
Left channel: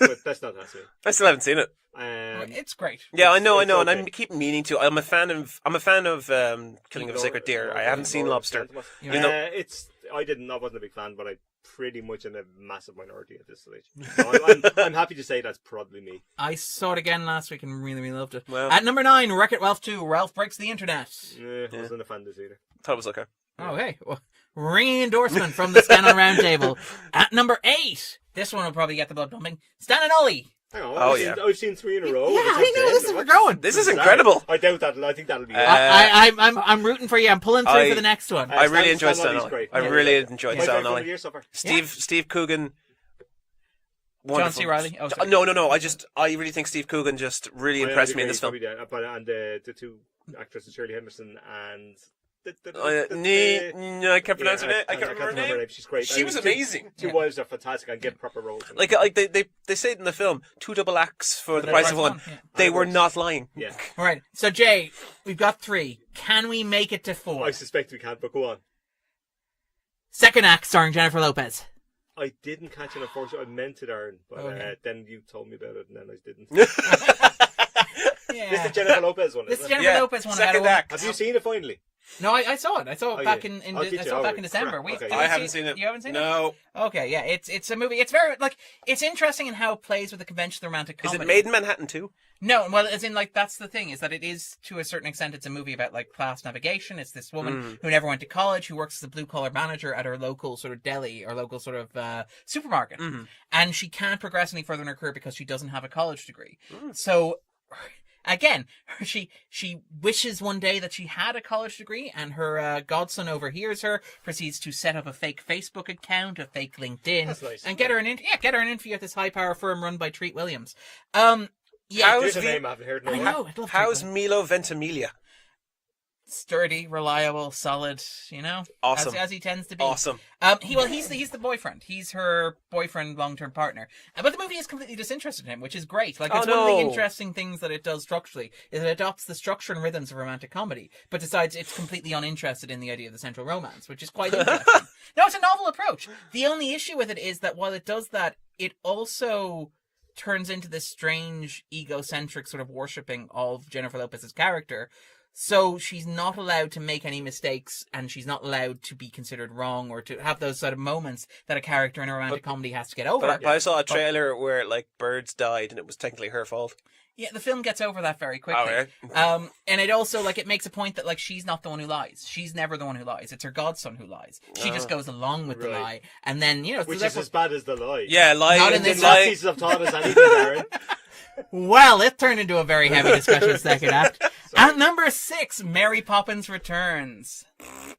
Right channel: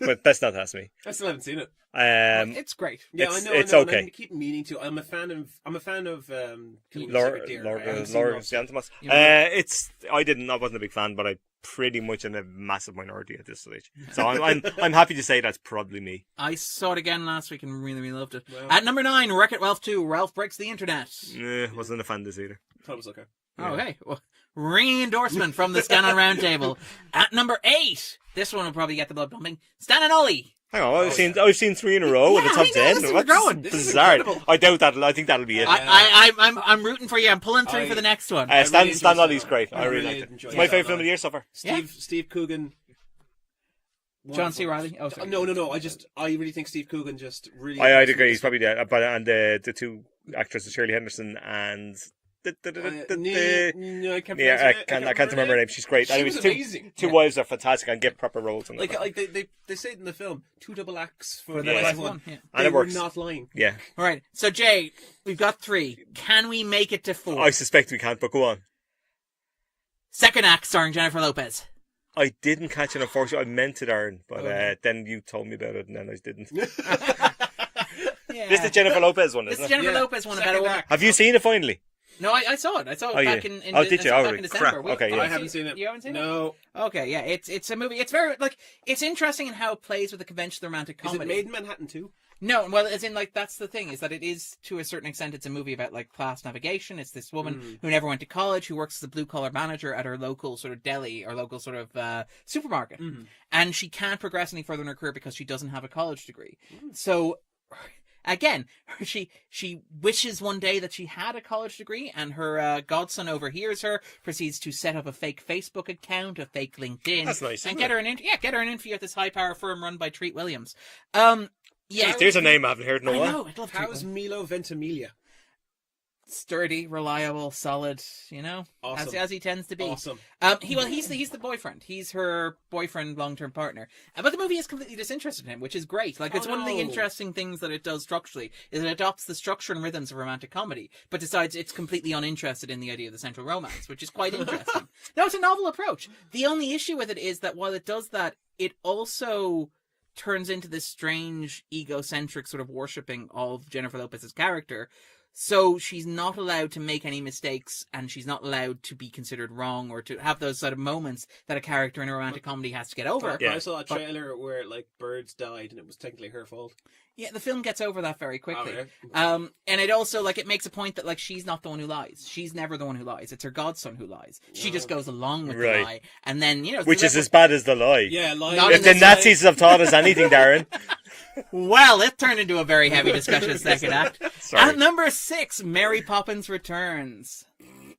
but best not to ask me. I still haven't seen it. It's great. Yeah, I know, it's and okay. I keep meaning to. I'm a fan of Killing of a Sacred Deer. I haven't seen Lobster. You know- I wasn't a big fan, but I'm pretty much in a massive minority at this stage. So I'm happy to say that's probably me. I saw it again last week and really, really loved it. Well- At number 9, Wreck-It Ralph 2, Ralph Breaks the Internet. Wasn't a fan of this either. Thought it was okay. Oh, hey. Well, ringing endorsement from the Scannain Roundtable. At number 8, this one will probably get the blood pumping, Stan and Ollie. Hang on, Oh, I've seen 3 in a row. Yeah, in the top I know, 10. this is What's growing. This is bizarre. incredible. I doubt that. I think that'll be it. I'm rooting for you. I'm pulling through I- for the next one. I really Stan enjoyed Stan Ollie's Ollie. great. I really enjoyed My Stan favourite film of Ollie. the year so far. Steve Coogan. John C. wonderful. Reilly? Oh, sorry. No. I really think Steve Coogan just really I'd impressed me. agree. in He's this film. probably there. But and the two actresses, Shirley Henderson and I can't pronounce her name. I can't remember her name. She's great. She And it was two- amazing. Two wives are fantastic and get proper roles. In Like they say it in the film, 2 double acts for the the price price of of one. one, yeah. They And it were works. not lying. Yeah, All right. So, Jay, we've got 3. Can we make it to 4? I suspect we can't, but go on. Second act starring Jennifer Lopez. I didn't catch it, unfortunately. I meant it, Aaron, but Okay. then you told me about it, and then I didn't. Yeah. This is the Jennifer Lopez one, This is isn't it? Jennifer Yeah, Lopez one. About a second woman. act. Have you seen it finally? No, I saw it. I saw it Oh, back yeah. in Oh, did I you? saw it Oh, back in December. crap. We- Okay, you yeah. I haven't seen it. You haven't seen it? No. Okay, yeah, it's a movie. It's very it's interesting in how it plays with the conventional romantic Is comedy. it made in Manhattan too? No, well, as in that's the thing is that it is to a certain extent it's a movie about class navigation. It's this woman who never went to college who works as a blue collar manager at her local sort of deli or local sort of supermarket, and she can't progress any further in her career because she doesn't have a college degree. So. Again, she wishes one day that she had a college degree, and her godson overhears her, proceeds to set up a fake Facebook account, a fake LinkedIn, That's nice, and isn't get it? her an interview at this high power firm run by Treat Williams. Yeah, There's a name I haven't heard in a I while. know. I'd love Treat How's Williams. Milo Ventimiglia? Sturdy, reliable, solid. Awesome. as he tends to be. Awesome. He's the boyfriend. He's her boyfriend, long-term partner. But the movie is completely disinterested in him, which is great. Like, it's one of the interesting things that it does structurally is it adopts the structure and rhythms of romantic comedy, but decides it's completely uninterested in the idea of the central romance, which is quite interesting. No, it's a novel approach. The only issue with it is that while it does that, it also turns into this strange, egocentric sort of worshipping of Jennifer Lopez's character. So she's not allowed to make any mistakes, and she's not allowed to be considered wrong or to have those sort of moments that a character in a romantic comedy has to get over. But I saw a trailer where birds died and it was technically her fault. Yeah, the film gets over that very quickly. Okay. And it also it makes a point that she's not the one who lies. She's never the one who lies. It's her godson who lies. She just goes along with the Right. lie, and then Which is as bad as the lie. Yeah, lying. Not If in the this Nazis have taught us anything, Darren. Well, it turned into a very heavy discussion second act. Sorry. At number 6, Mary Poppins Returns.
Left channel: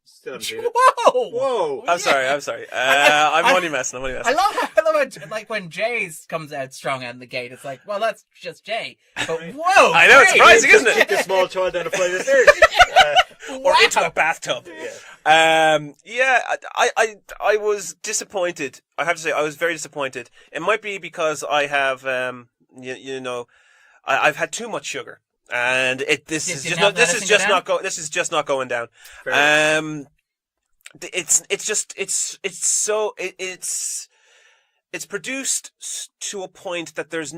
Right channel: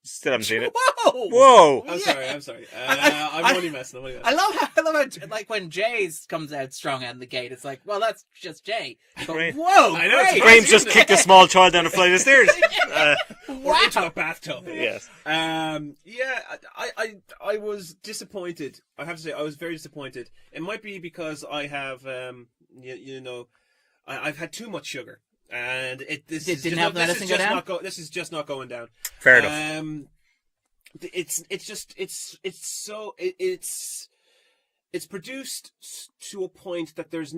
Still haven't seen it. Whoa! Whoa! I'm sorry. I'm only messing. I love how when Jay's comes out strong out of the gate, it's like, well, that's just Jay. But Right. whoa! I know, it's great. surprising, James just isn't it? kicked a small child down a flight of stairs. Or into a bathtub. Yeah. I was disappointed. I have to say, I was very disappointed. It might be because I have, I've had too much sugar, and this is just not going down. Fair enough. it's produced to a point that there's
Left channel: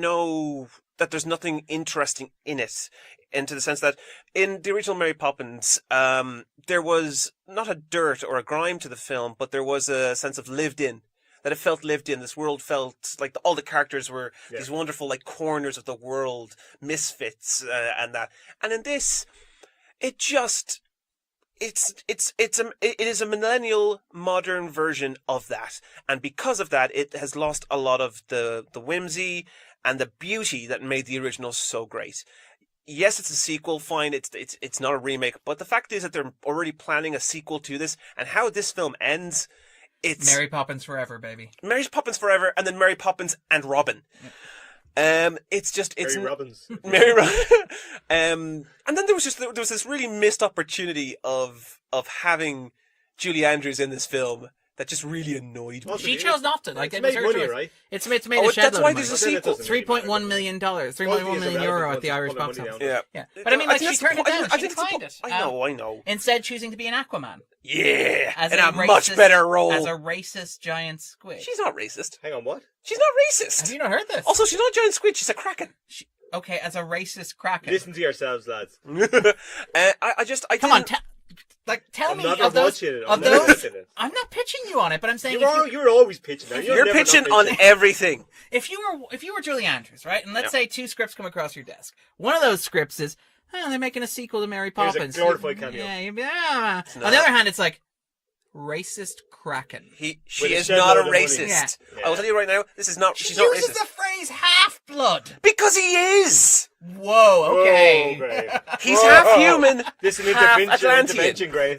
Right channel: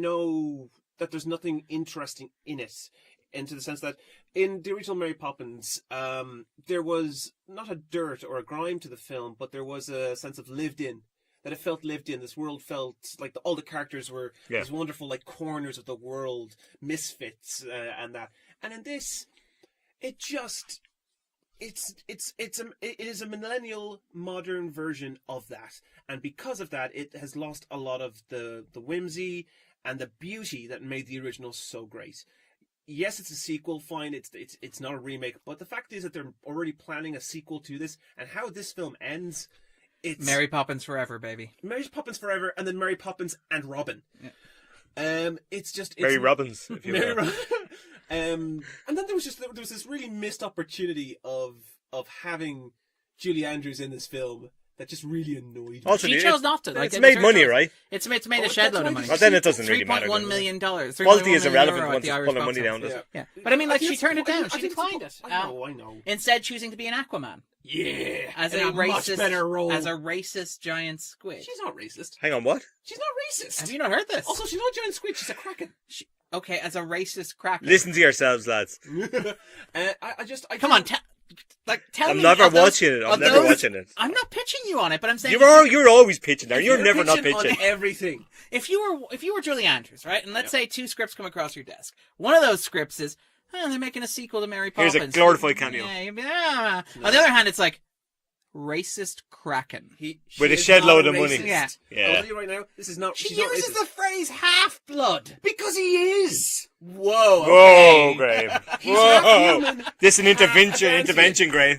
nothing interesting in it, into the sense that in the original Mary Poppins, there was not a dirt or a grime to the film, but there was a sense of lived in. That it felt lived in. This world felt like all the characters were these wonderful like corners of the world, misfits, and that. And in this, it is a millennial modern version of that, and because of that, it has lost a lot of the whimsy and the beauty that made the original so great. Yes, it's a sequel. Fine, it's not a remake, but the fact is that they're already planning a sequel to this, and how this film ends. It's Mary Poppins forever, baby. Mary Poppins forever, and then Mary Poppins and Robin. Yeah. It's Mary Robbins. Mary Robbins. And then there was this really missed opportunity of having Julie Andrews in this film that just really annoyed me. Also, She chose not to. Like, it's it was made her money, choice. right? It's made a Oh, shed that's load why of money. there's Well, then it doesn't really matter. $3.1 million. Quality $3.1 is million irrelevant euro at once the you Irish pull the box money office. down. Yeah. But I mean, I like, think she that's turned it the- down. I She think declined it's- it. I know. Instead, choosing to be an Aquaman. Yeah, As in a a much racist- better role. As a racist giant squid. She's not racist. Hang on, what? She's not racist. Have you not heard this? Also, she's not a giant squid. She's a kraken. Okay, as a racist kraken. Listen to yourselves, lads. Come on, tell I'm me never of those, watching it. of I'm never those- watching it. I'm not pitching you on it, but I'm saying You're always pitching there. You're You're never not pitching pitching. on everything. if you were Julie Andrews, right, and let's say two scripts come across your desk. One of those scripts is, they're making a sequel to Mary Here's Poppins. a glorified cameo. Yeah, you'd be, On the other hand, it's like racist kraken. She With a is shed not load a of money. racist. Yeah. I'll tell you right now, this is not. She She's not uses racist the phrase half-blood. because he is. Whoa, okay. Whoa, Graham. He's half human. This is an half intervention, Graham.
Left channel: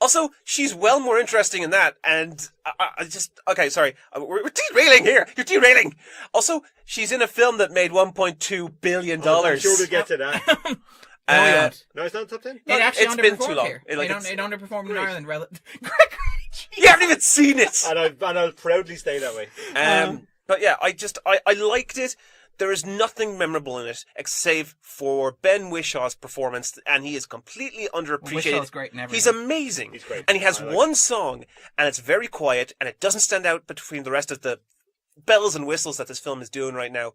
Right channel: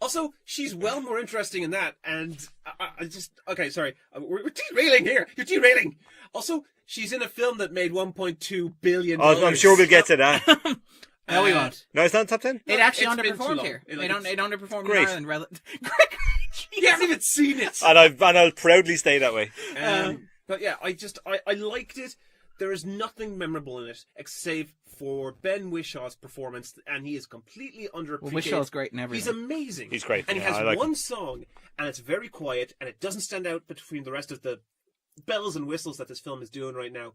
Also, she's well more interesting in that, and I just... Okay, sorry. We're derailing here. You're derailing. Also, she's in a film that made $1.2 billion. Oh, I'm sure we'll get to that. No, we won't. No, it's not top 10? It actually it's been too underperformed long. here. It underperformed in Great. Ireland. You haven't even seen it. And I'll proudly stay that way. But yeah, I liked it. There is nothing memorable in it, except for Ben Wishaw's performance, and he is completely underappreciated. Wishaw's great in He's everything. amazing. He's great. And he has I like one him. song, and it's very quiet, and it doesn't stand out between the rest of the bells and whistles that this film is doing right now.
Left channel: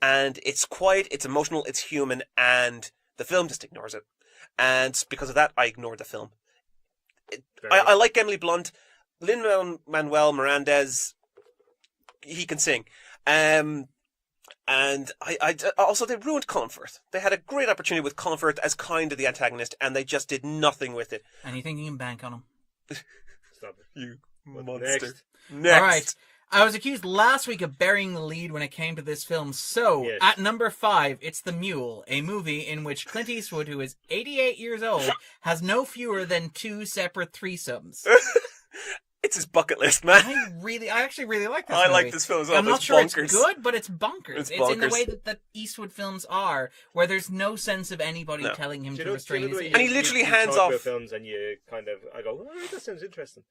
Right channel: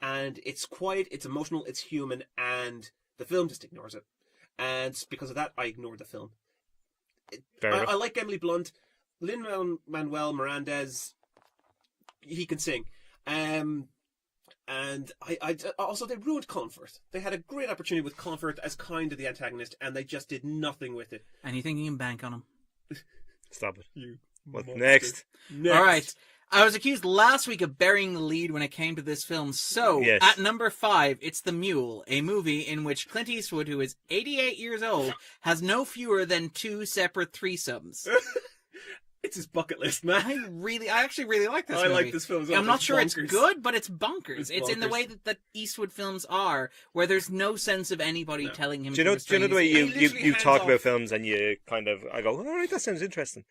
And it's quiet, it's emotional, it's human, and the film just ignores it. And because of that, I ignored the film. I like Emily Blunt. Lin-Manuel Mirandez, he can sing. And I also, they ruined Colin Firth. They had a great opportunity with Colin Firth as kind of the antagonist, and they just did nothing with it. And you think you can bank on him? Stop it. You What monster. next? All right. I was accused last week of burying the lead when it came to this film. So, Yes. at number 5, it's The Mule, a movie in which Clint Eastwood, who is 88 years old, has no fewer than 2 separate threesomes. It's his bucket list, man. I actually really like this movie. I like this film as well. I'm not It's sure bonkers. it's good, but it's bonkers. It's It's in the bonkers. way that Eastwood films are, where there's no sense of anybody No. telling him Do you to know restrain the way his And he literally you hands talk off. about films and you kind of, I go, all right, that sounds interesting.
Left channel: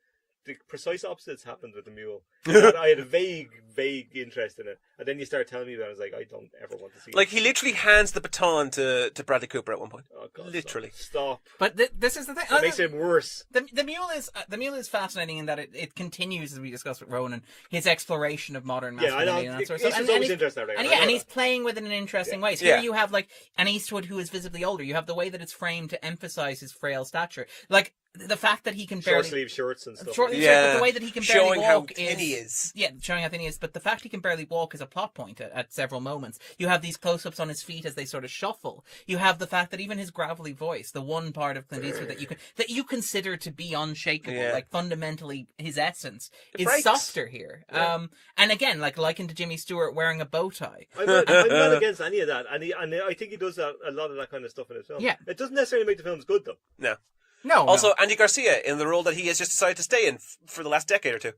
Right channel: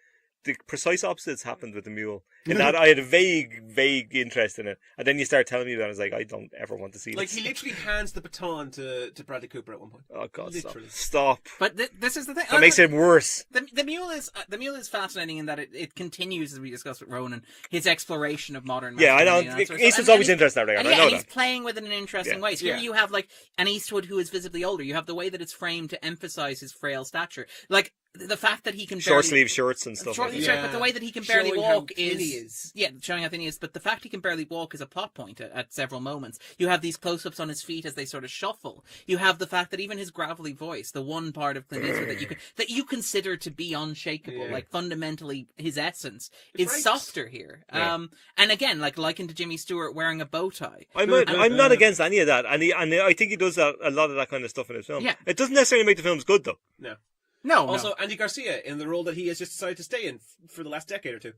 The precise opposites happened with The Mule. And I had a vague interest in it. And then you start telling me that, I was like, I don't ever want to see Like, it. he literally hands the baton to Bradley Cooper at one point. Oh, God, literally. Stop. But this is the thing. That makes it worse. The Mule is fascinating in that it continues, as we discussed with Ronan, his exploration of modern Yeah, I masculinity. know. and that sort of stuff. Eastwood's always interested in that. And he's playing with it in an interesting Yeah. way. So here Yeah. you have like an Eastwood who is visibly older. You have the way that it's framed to emphasize his frail stature. Like the fact that he can Short barely sleeve shirts and stuff. short like sleeve that. shirt, but the way that he can barely Showing how walk thin he is. yeah, showing how thin he is. But the fact he can barely walk is a plot point at several moments. You have these close-ups on his feet as they sort of shuffle. You have the fact that even his gravelly voice, the one part of Clint Eastwood that you consider to be unshakable, Yeah. like fundamentally his essence, It is breaks. softer here. Yeah. And again, like likened to Jimmy Stewart wearing a bow tie. I'm not against any of that, and I think he does a lot of that kind of stuff in his film. Yeah. It doesn't necessarily make the films good, though. No. No, Also, no. Andy Garcia in the role that he has just decided to stay in for the last decade or two.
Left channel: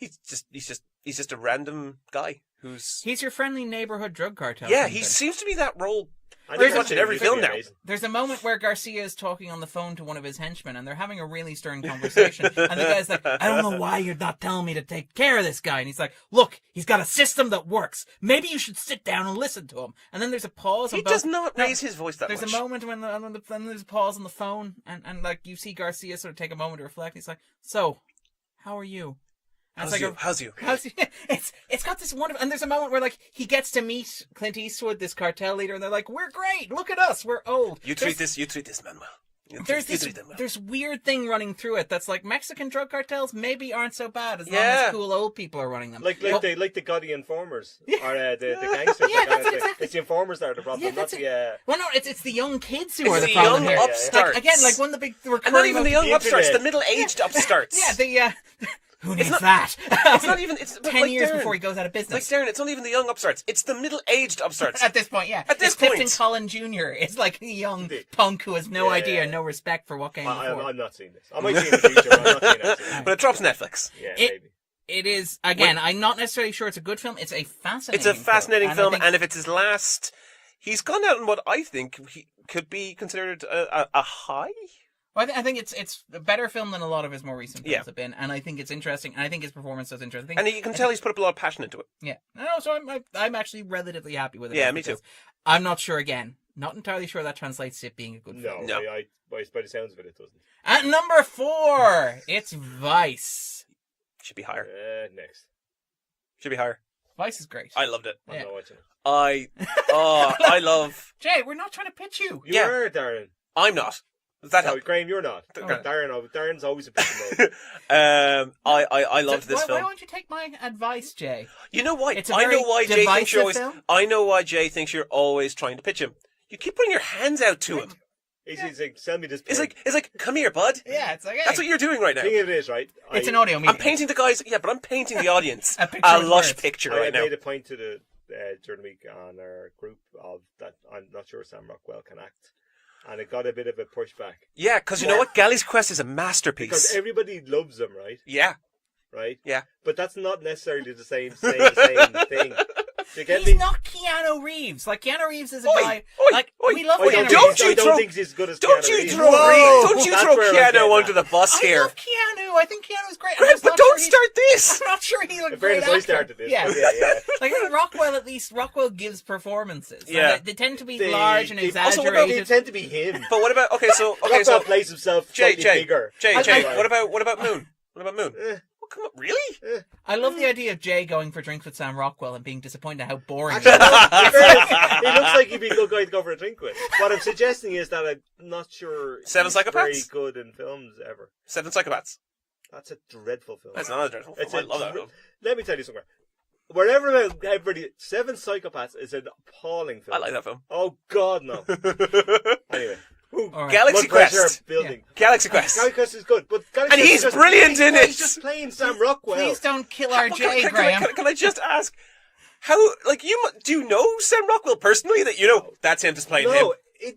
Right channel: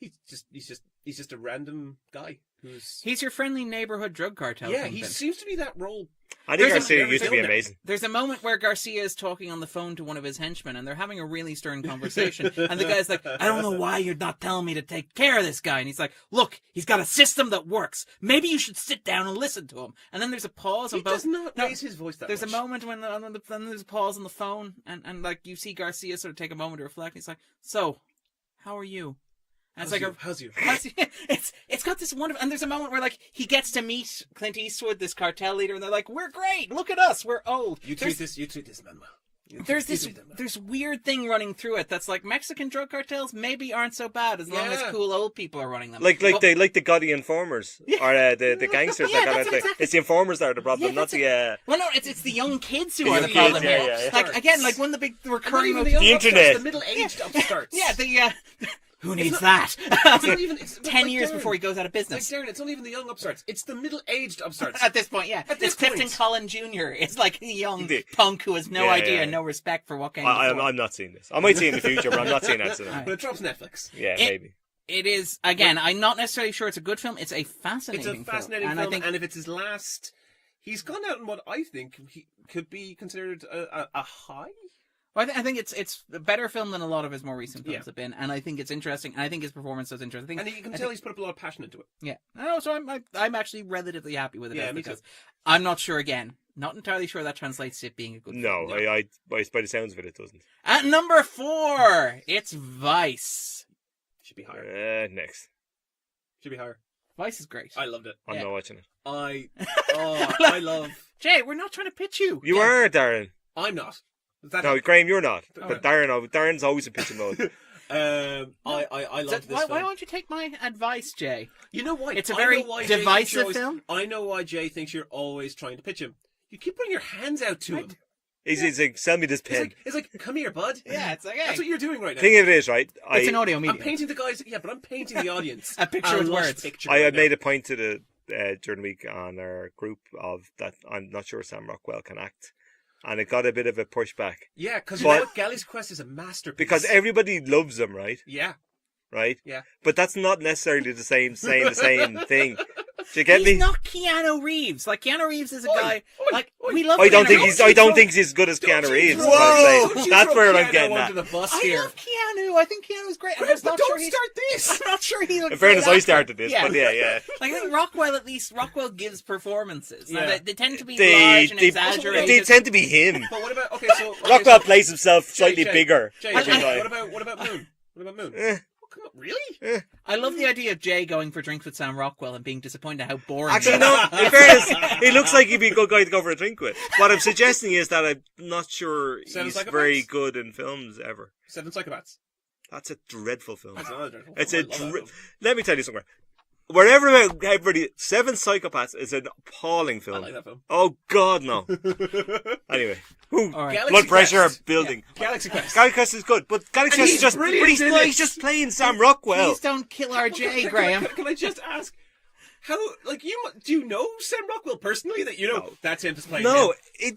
He's just a random guy He's your friendly neighborhood drug cartel. Yeah, kingpin. he seems to be that role. I There's think a- that every used to film be now. amazing. There's a moment where Garcia is talking on the phone to one of his henchmen, and they're having a really stern conversation. And the guy's like, "I don't know why you're not telling me to take care of this guy." And he's like, "Look, he's got a system that works. Maybe you should sit down and listen to him." And then there's a pause. He on both... does not raise his voice that There's much. a moment when then there's a pause on the phone, and like you see Garcia sort of take a moment to reflect. And he's like, "So, how are you?" And How's it's you? like How's you? it's got this wonderful, and there's a moment where like he gets to meet Clint Eastwood, this cartel leader, and they're like, "We're great. Look at us. We're old." You treat this man well. There's You treat them well. there's weird thing running through it that's like Mexican drug cartels maybe aren't so bad as long as Yeah. cool old people are running them. Like Oh, the gaudy informers or the gangsters. Yeah, that that's kind of exactly- It's the informers that are the problem, Yeah, not that's the. well, no, it's the young kids who It's are the the problem young here. upstarts. Like again, like one of the big And not recurring even the motifs- young The upstarts, internet. the middle-aged upstarts. Yeah, the who needs not- that? It's not even. It's 10 like years Darren. before he goes out of It's like business. Darren. It's not even the young upstarts. It's the middle-aged upstarts. At this point, yeah. At this it's Clifton point. Collin Jr. It's like a young The- punk who has no Yeah, idea yeah. and no respect for what came I'm before. not seeing this. I might see it in the future, but I'm not seeing it. But it drops Netflix. Yeah, It- maybe. It is, again, I'm not necessarily sure it's a good film. It's a fascinating It's a fascinating film. film, And I and think if it's his last, he's gone out in what I think he could be considered a high. well, I think it's a better film than a lot of his more recent films Yeah. have been. And I think it's interesting. And I think his performance is interesting. And you can tell he's put up a lot of passion into it. Yeah. No, so I'm actually relatively happy with it. Yeah, as me it too. is. I'm not sure, again. Not entirely sure that translates to it being a good No, film. No. by the sounds of it doesn't. At number 4, it's Vice. Should be higher. Next. Should be higher. Vice is great. I loved it. I'm Yeah. not watching it. I love. Jay, we're not trying to pitch you. You Yeah. are, Darren. I'm not. Does that No, help? Graham, you're not. Okay. Darren's always in pitching mode. I loved So this why film. don't you take my advice, Jay? You know why? It's a I very know why Jay thinks divisive you're always, film. I know why Jay thinks you're always trying to pitch him. You keep putting your hands out to him. He's like, sell me this pen. It's like, come here, bud. Yeah, it's like, hey, That's what you're doing right now. Thing of it is, right? it's an audio medium. I'm painting the guys. Yeah, but I'm painting the audience A picture with lush words. picture I right had now. made a point to the during the week on our group of that I'm not sure Sam Rockwell can act, and it got a bit of a pushback Yeah, because you know what? Galley's Quest is a masterpiece. because everybody loves him, right? Yeah, Right? yeah. But that's not necessarily the same thing. Do you get He's me? not Keanu Reeves. Like Keanu Reeves is a Oi, guy. oi, like oi. we love. I don't Keanu think Reeves. Don't you throw- he's as good as Don't Keanu you Reeves. throw, Whoa! don't you That's throw where I'm getting Keanu at. under the bus I here. love Keanu. I think Keanu's great. I'm Great, just but not don't sure he- start this. I'm not sure he looks. In fairness, great I actor. started this, Yeah. but yeah. Like I think Rockwell, at least Rockwell gives performances. Like, Yeah. they tend to be They- large and they- exaggerated. They tend to be him. But what about Rockwell plays himself slightly Jay, bigger. Jay, I- what about Moon? What about Moon? Eh. Oh, come on, really? I love the idea of Jay going for drinks with Sam Rockwell and being disappointed at how boring. Actually, he is. no, in fairness, he looks like he'd be a good guy to go for a drink with. What I'm suggesting is that I'm not sure Seven he's Psychopaths? very good in films ever. Seven Psychopaths. That's a dreadful film. That's not a dreadful It's film. a I love that dre- film. Let me tell you something. Wherever everybody, Seven Psychopaths is an appalling film. I like that film. Oh God, no. Anyway, All right. Galaxy blood pressure Quest. building. Galaxy Quest. Galaxy Quest is good, but Galaxy And Quest he's is just brilliant he's, in it. he's just playing Sam Rockwell. Please don't kill our Jay, Can I- Graham. Can I just ask, how, like, do you know Sam Rockwell personally? That you know, that's him just playing him. No,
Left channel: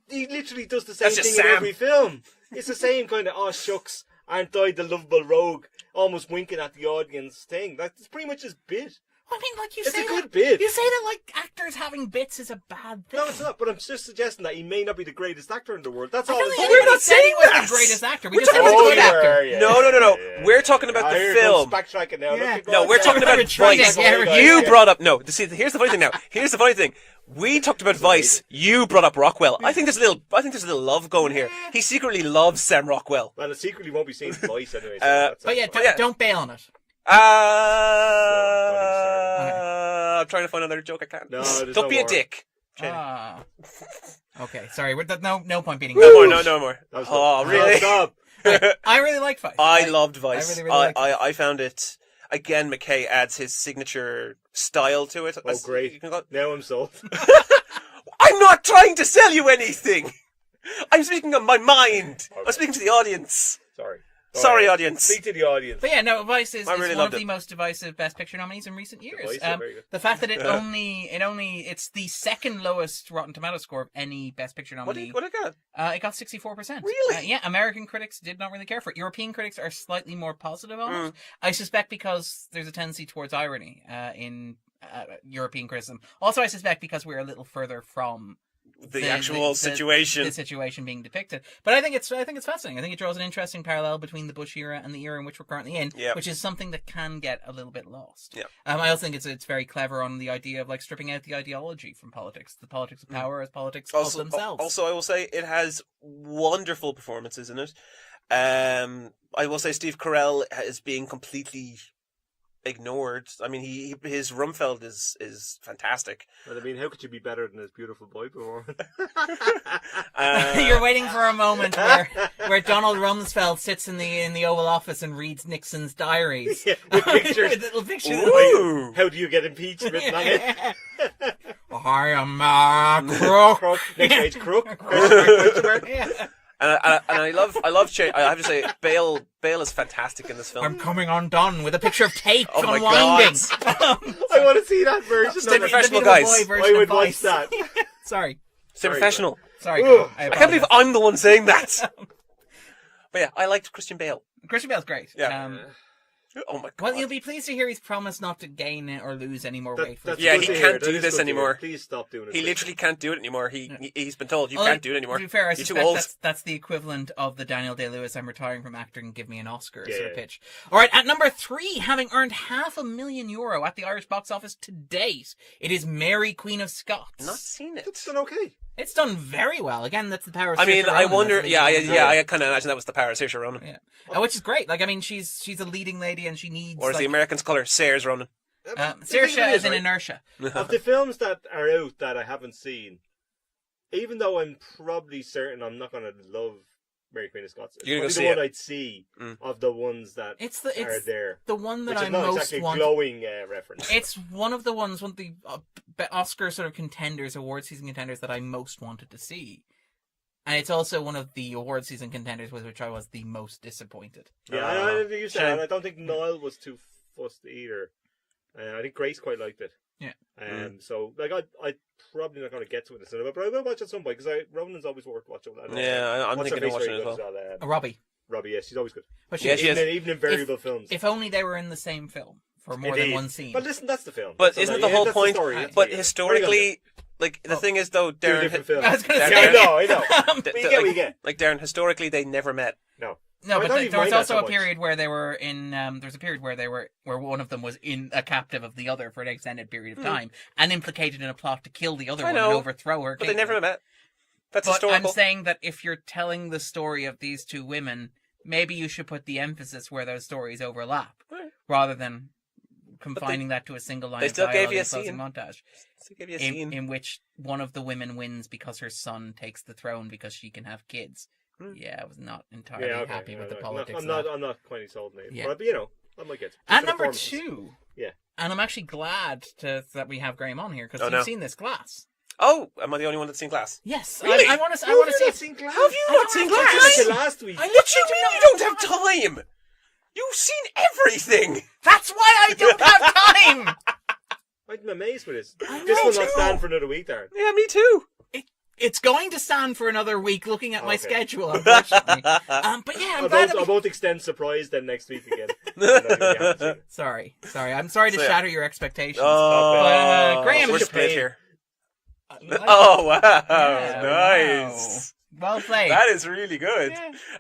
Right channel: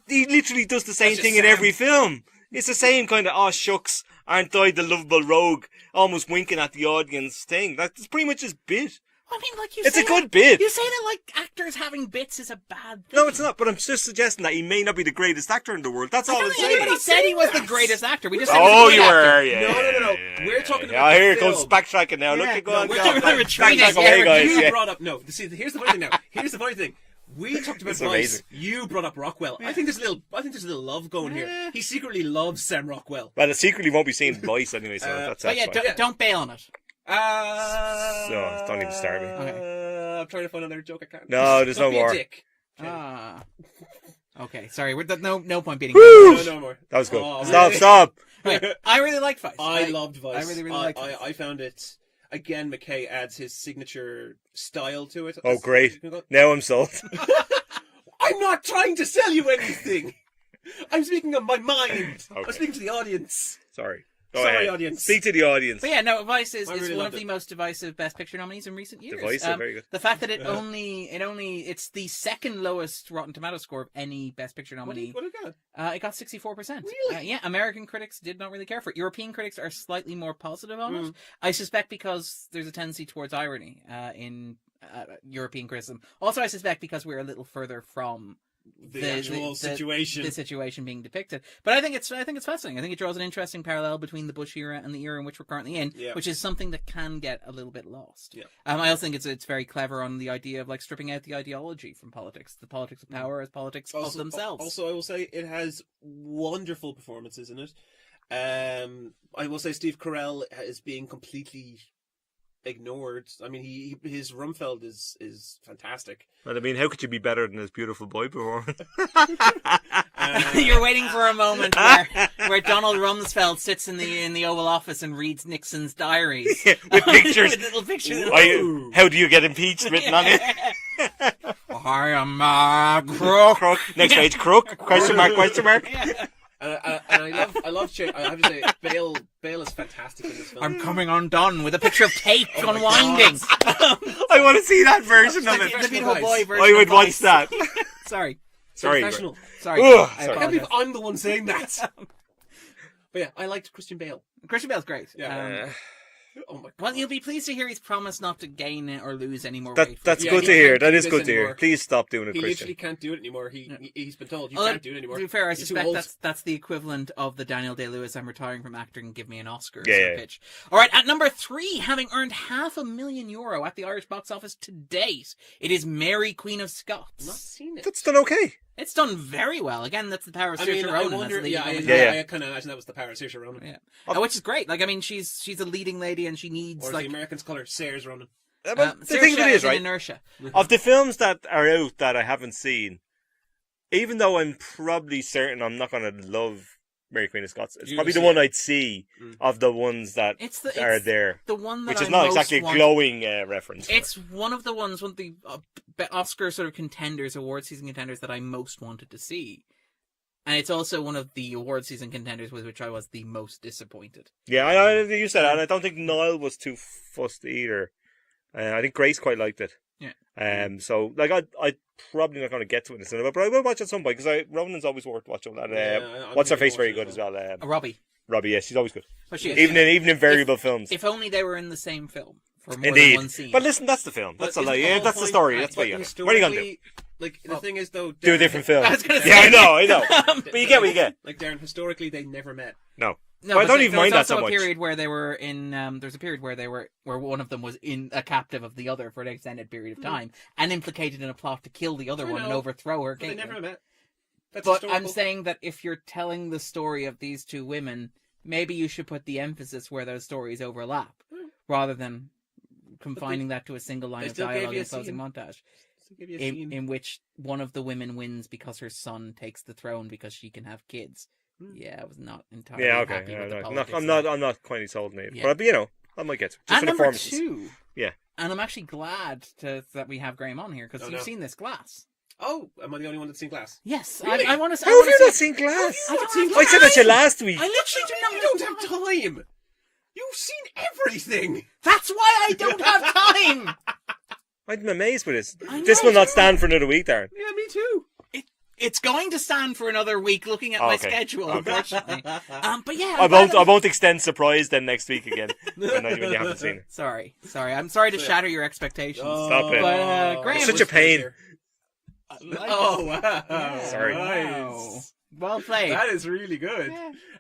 he literally does the same That's just thing in Sam. every film. It's the same kind of, oh shucks, aren't I the lovable rogue? Almost winking at the audience thing. That's pretty much his bit. I mean, like you It's say a good that- bit. You say that like actors having bits is a bad thing. No, it's not, but I'm just suggesting that he may not be the greatest actor in the world. That's I all don't I'm think saying. anybody not said he saying was that. the greatest actor. We We're just said he talking- was a Oh, good you actor. were, yeah. No. We're talking about the here film. Goes backtracking now. Yeah. Look at No, we're talking about retreating. Vice. Yeah, we're- You yeah. brought up See, here's the funny thing. Now, here's the funny thing. We talked about That's Vice. amazing. You brought up Rockwell. I think there's a little love going here. He secretly loves Sam Rockwell. Well, it secretly won't be seen Vice anyway, so that's But yeah, fine. don't bail on it. don't even start Okay. I'm trying to find another joke. I can't. No, there's Don't no be more. a dick. Ah. Okay, sorry. No point beating Woo! that. No more. That was good. Oh, Stop, really? stop. Wait, I really like Vice. I loved Vice. I really liked Vice. I found it. Again, McKay adds his signature style to it. Oh, great. Now I'm sold. I'm not trying to sell you anything. I'm speaking of my mind. Okay. I'm speaking to the audience. Sorry. Go Sorry, ahead. audience. Speak to the audience. But yeah, no, Vice is I really one of loved the it. most divisive Best Picture nominees in recent years. Divisive, very good. The fact that it's the second lowest Rotten Tomato score of any Best Picture What nominee. did it got? It got 64%. Really? Yeah, American critics did not really care for it. European critics are slightly more positive on Mm. it. I suspect because there's a tendency towards irony in European criticism. Also, I suspect because we're a little further from the actual situation. The situation being depicted. But I think it's fascinating. I think it draws an interesting parallel between the Bush era and the era in which we're currently in, which is something that can get a little bit lost. Yeah. I also think it's very clever on the idea of like stripping out the ideology from politics, the politics of power as politics of themselves. Also, I will say it has wonderful performances in it. I will say Steve Carell is being completely ignored. I mean, his Rumfeld is fantastic. But I mean, how could you be better than his beautiful boy performance? You're waiting for a moment where Donald Rumsfeld sits in the Oval Office and reads Nixon's diaries with pictures, with little pictures. How do you get impeached? Written on it. I am a crook. Next page, crook? Question mark? Question mark? Yeah. And I love I have to say Bale is fantastic in this film. I'm coming undone with a picture of Tate Oh my unwinding. I want to see that version of it. Professional The guys. boy version I would of Vice. watch that. Sorry. Sorry, Professional. Sorry. Ugh. I I can't believe apologize. I'm the one saying that. But yeah, I liked Christian Bale. Christian Bale's great. Yeah. Oh my god. Well, you'll be pleased to hear he's promised not to gain or lose any more That, weight. that's Yeah, good he to hear. can't That do is this good to hear. anymore. Please stop doing it, He Christian. literally can't do it anymore. He's been told you Although, can't do it anymore. To be fair, I You're too suspect old. that's the equivalent of the Daniel Day-Lewis "I'm retiring from acting and give me an Oscar" Yeah, sort of yeah. pitch. All right, at number 3, having earned €500,000 at the Irish box office to date, it is Mary, Queen of Scots. Not seen it. That's done okay. It's done very well. Again, that's the power of I mean, Saoirse I Ronan wonder. as the Yeah, leading woman. I kind of imagine that was the power of Saoirse Ronan. Yeah. Which is great. Like, I mean, she's a leading lady and she needs Or as like the Americans call her, Sayers Ronan. The thing Saoirse of it is in right, inertia. of the films that are out that I haven't seen, even though I'm probably certain I'm not going to love Mary Queen of Scots, it's You're probably gonna the see one it. I'd see of the ones that It's are there. the one that Which is I not most exactly a want. glowing reference. It's one of the ones, one of the Oscar sort of contenders, award season contenders that I most wanted to see. And it's also one of the award season contenders with which I was the most disappointed. Yeah, I know you said Sure. that. And I don't think Niall was too fussed either. I think Grace quite liked it. Yeah. So like I probably not going to get to it in the cinema, but I will watch at some point because Ronan's always worth watching. And, I'm what's her thinking face of very watching good it as well. Robbie. Robbie, yes, she's always good. But she Yes, is. yes. Even in variable films. If only they were in the same film for more Indeed. than one scene. But listen, that's the film. But That's isn't all- the whole that's point? the story. That's But what you got. historically, like the Well, thing is though, Do a Darren, different film. I was gonna Yeah, say. I know. But you get what you get. Like Darren, historically they never met. No. No, I but don't there even was mind that also so a much. period where they were in. There's a period where where one of them was in a captive of the other for an extended period of time and implicated in a plot to kill the other I one and know, overthrow her. But they kingdom. never met. That's But I'm historical. saying that if you're telling the story of these two women, maybe you should put the emphasis where those stories overlap, rather than confining that to a single line they of still gave dialogue you in a a closing scene. montage, So give you a scene. in which one of the women wins because her son takes the throne because she can have kids. Yeah, I was not entirely Yeah, okay. happy with the I'm politics. not, of that. I'm not quite sold on it. Yeah. But, I might get to it. Just And for the number performances. 2. Yeah. And I'm actually glad that we have Graham on here because Oh, you've no. seen this Glass. Oh, am I the only one that's seen Glass? Yes, Really? I want to. How have you not seen Glass? Have you not seen I Glass? said that to you last week. I literally do not. You don't have time. You've seen everything. That's why I don't have time. I'm amazed with this. I This know, will not too. stand for another week, Darren. Yeah, me too. It's going to stand for another week. Looking at my Okay. schedule, unfortunately. But yeah, I won't extend surprise then next week again. when you haven't seen it. Sorry. I'm sorry to So, yeah. shatter your expectations. Stop it. Oh, Graham, Such a what's pain. here? I like- Oh wow! Yeah, Nice. well played. That is really good.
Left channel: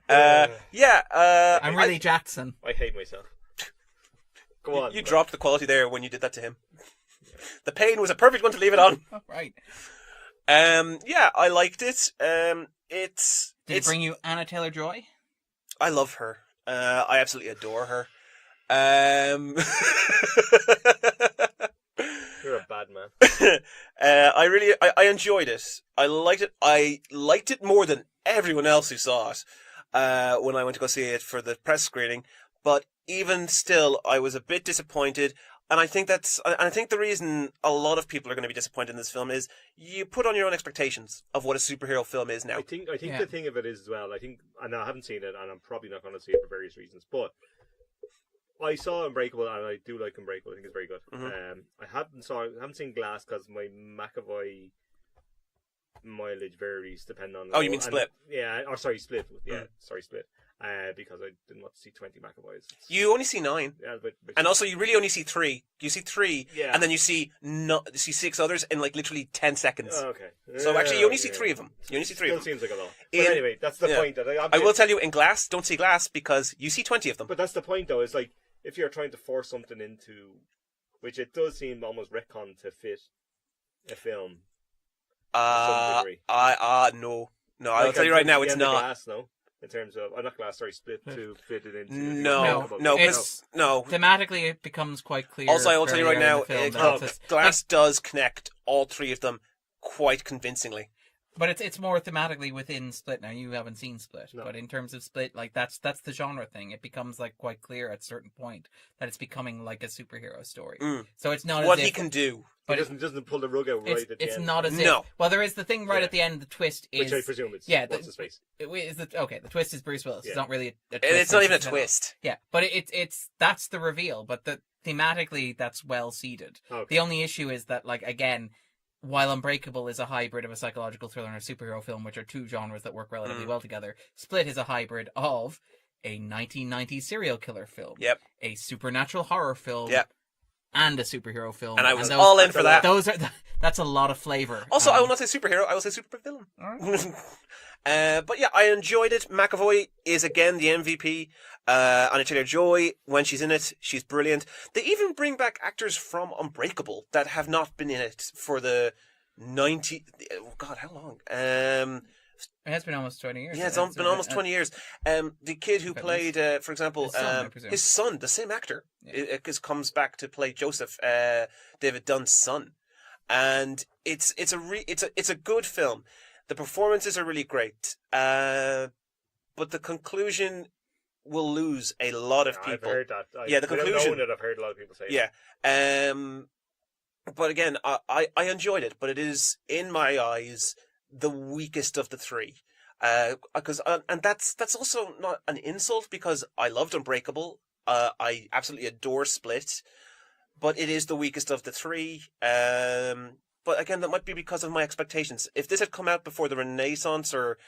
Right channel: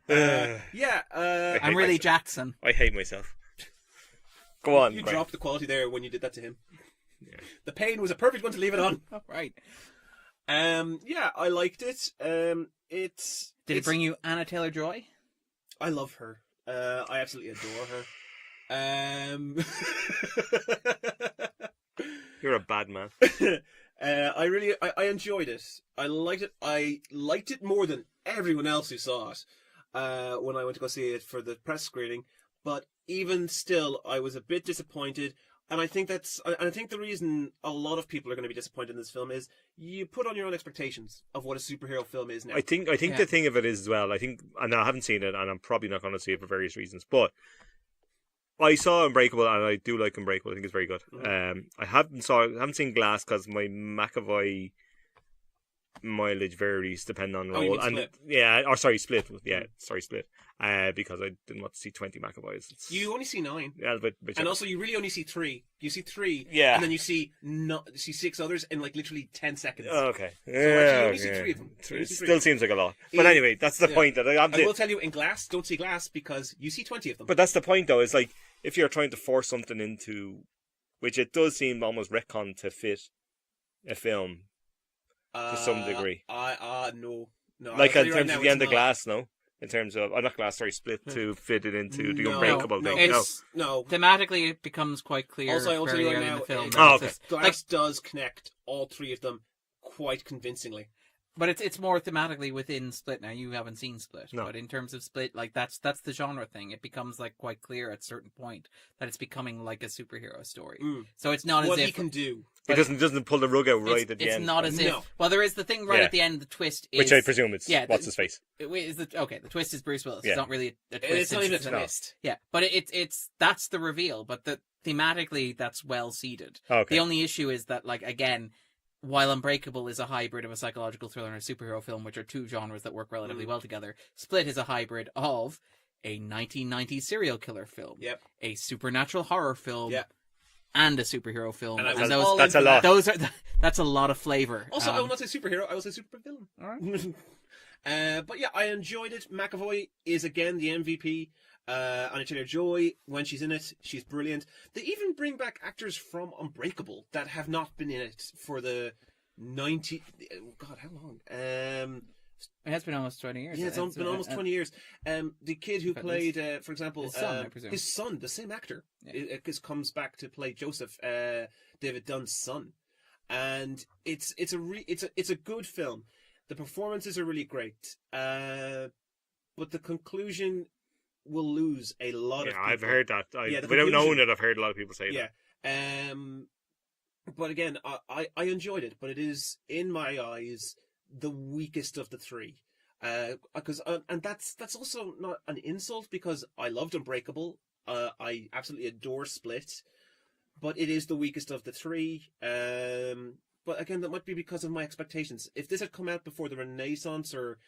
I'm really Jackson. I hate myself. Go on. You man. dropped the quality there when you did that to him. The pain was a perfect one to leave it on. All right. Yeah, I liked it. Did it bring you Anna Taylor-Joy? I love her. I absolutely adore her. You're a bad man. I enjoyed it. I liked it. I liked it more than everyone else who saw it when I went to go see it for the press screening. But even still, I was a bit disappointed. And I think the reason a lot of people are going to be disappointed in this film is you put on your own expectations of what a superhero film is now. I think Yeah. the thing of it is as well. And I haven't seen it, and I'm probably not going to see it for various reasons. But I saw Unbreakable, and I do like Unbreakable. I think it's very good. Mhm. I haven't seen Glass because my McAvoy mileage varies depending on. Oh, you mean and- Split? Yeah, or sorry, Split. Yeah, sorry, Split. because I didn't want to see 20 McAvoys. You only see 9. Yeah, but And also, you really only see 3. You see 3, Yeah. and then you see 6 others in like literally 10 seconds. Oh, okay. So actually, you only see 3 of them. You only It see 3 still of them. seems like a lot. But anyway, that's the point. That I will tell you, in Glass, don't see Glass because you see 20 of them. But that's the point, though. Is like if you're trying to force something into, which it does seem almost retcon to fit a film to some degree. No. No, Like I'll tell you right now, the it's end not. of Glass, no. In terms of, not Glass, sorry, Split to fit it into the No, Unbreakable. no, thing. it's No. thematically it becomes quite clear. Also, I will tell you fairly right early in now, the film that it's Glass does connect all 3 of them quite convincingly. but it's more thematically within Split. Now you haven't seen Split, No. but in terms of Split, like that's the genre thing. It becomes like quite clear at a certain point that it's becoming like a superhero story. So it's not What as he if can do. It doesn't pull the rug out right at the it's end. not as if. No. Well, there is the thing right Yeah. at the end. The twist is Which I presume it's what's his face. The twist is Bruce Willis. Yeah. It's not really a twist. It's not even a at all. twist. Yeah, but it's that's the reveal. But thematically, that's well seeded. Okay. The only issue is that, like, again, while Unbreakable is a hybrid of a psychological thriller and a superhero film, which are 2 genres that work relatively well together, Split is a hybrid of a 1990s serial killer film, Yep. a supernatural horror film, Yep. and a superhero film. And I was those, all in that's for a that. those are that's a lot of flavor. Also, I will not say superhero, I will say supervillain. But yeah, I enjoyed it. McAvoy is again the MVP. Anya Taylor-Joy, when she's in it, she's brilliant. They even bring back actors from Unbreakable that have not been in it for the 90... Oh God, how long? It has been almost 20 years. Yeah, it's been almost 20 years. The kid who At played, for example, His son, I presume. his son, the same actor, Yeah. comes back to play Joseph, David Dunn's son, and it's a good film. The performances are really great, but the conclusion will lose a lot of people. I've heard that. Yeah, the without conclusion- knowing it, I've heard a lot of people say that. Yeah. But again, I enjoyed it, but it is, in my eyes, the weakest of the 3. And that's also not an insult because I loved Unbreakable. I absolutely adore Split, but it is the weakest of the 3. But again, that might be because of my expectations. If this had come out before the Renaissance or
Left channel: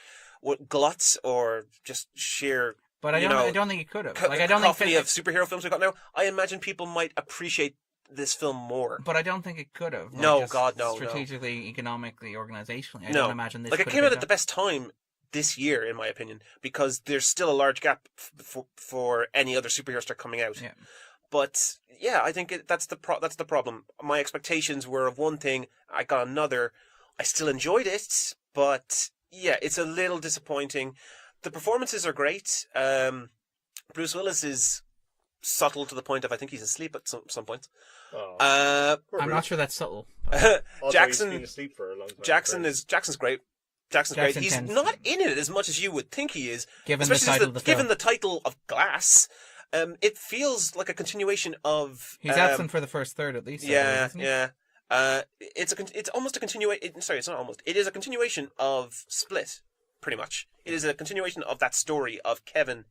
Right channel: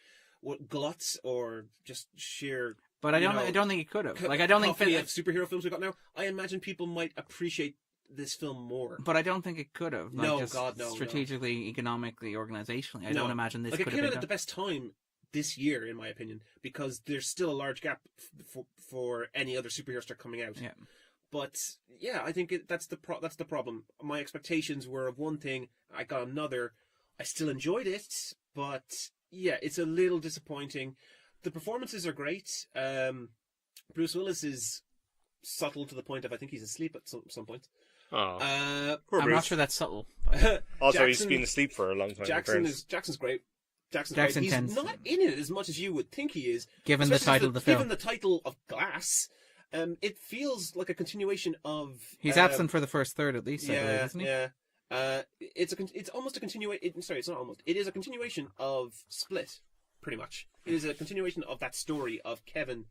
Glutz or just sheer... But I don't think it could have. Like, I don't think cacophony of superhero films we've got now, I imagine people might appreciate this film more. But I don't think it could have. Like, No, just God, no, no. Strategically, economically, organizationally, I No. don't imagine this Like, it could came have out been at the best time this year, in my opinion, because there's still a large gap for any other superhero star coming out. Yeah. But yeah, I think that's the problem. My expectations were of one thing, I got another. I still enjoyed it, but yeah, it's a little disappointing. The performances are great. Bruce Willis is subtle to the point of I think he's asleep at some points. Oh. Poor I'm Bruce. not sure that's subtle. Also, Jackson- he's been asleep for a long time. Jackson's great. Jackson's Jackson great. He's tends- not in it as much as you would think he is. Given the especially title of the film. Given the title of Glass, it feels like a continuation of. He's absent for the first third, at least. I believe, Yeah, isn't he? yeah. It's almost a continuation. Sorry, it's not almost. It is a continuation of Split, pretty much. It is a continuation of that story of Kevin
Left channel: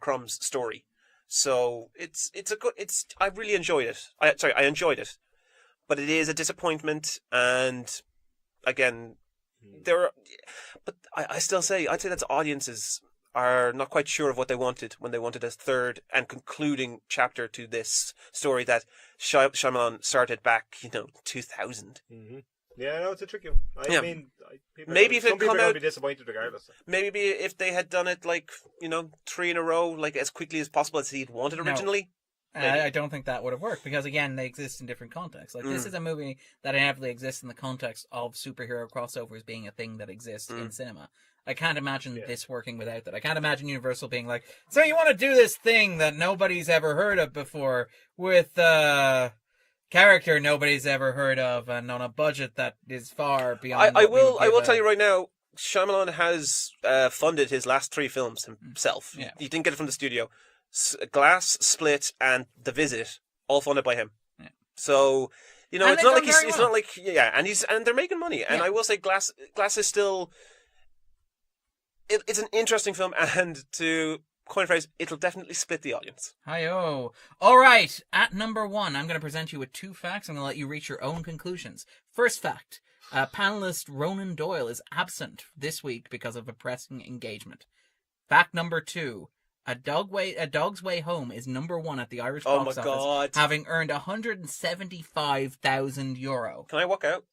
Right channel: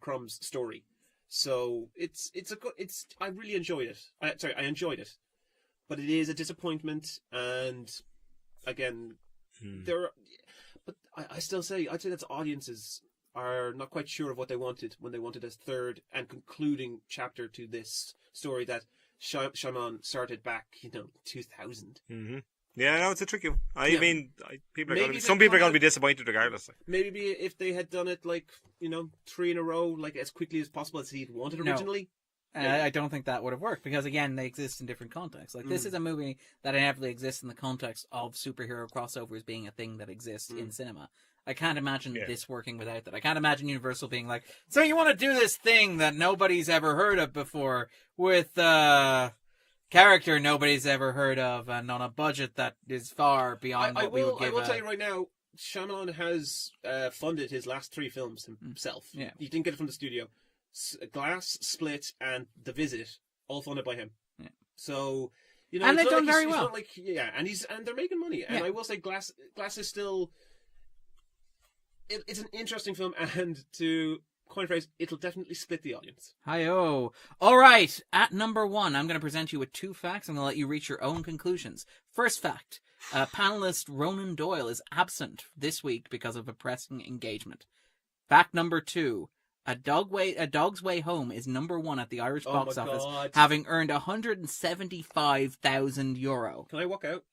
Crumb's story. So it's a good. I really enjoyed it. I enjoyed it, but it is a disappointment. And again, but I still say I'd say that audiences are not quite sure of what they wanted when they wanted a third and concluding chapter to this story that Shyamalan started back, 2000. Mm-hmm. Yeah, no, it's a tricky one. Yeah. Mean, Maybe if some they'd people are come going out- to be disappointed regardless. Maybe if they had done it like 3 in a row, like as quickly as possible as he'd wanted No. originally. And I don't think that would have worked because, again, they exist in different contexts. Like, this is a movie that inevitably exists in the context of superhero crossovers being a thing that exists in cinema. I can't imagine this working without that. I can't imagine Universal being like, so you want to do this thing that nobody's ever heard of before with character nobody's ever heard of and on a budget that is far beyond I what we would will give tell you right now, Shyamalan has funded his last 3 films himself. Yeah. He didn't get it from the studio. Glass, Split, and The Visit, all funded by him. Yeah. So, And it's they've not done like very it's well. not like and they're making money. And Yeah. I will say, Glass is still. It's an interesting film, and to coin a phrase, it'll definitely split the audience. Hi-oh. All right, at number 1, I'm going to present you with 2 facts. I'm going to let you reach your own conclusions. First fact, panelist Ronan Doyle is absent this week because of a pressing engagement. Fact number 2. A Dog's Way Home is number 1 at the Irish box office, God. having earned €175,000. Can I walk out?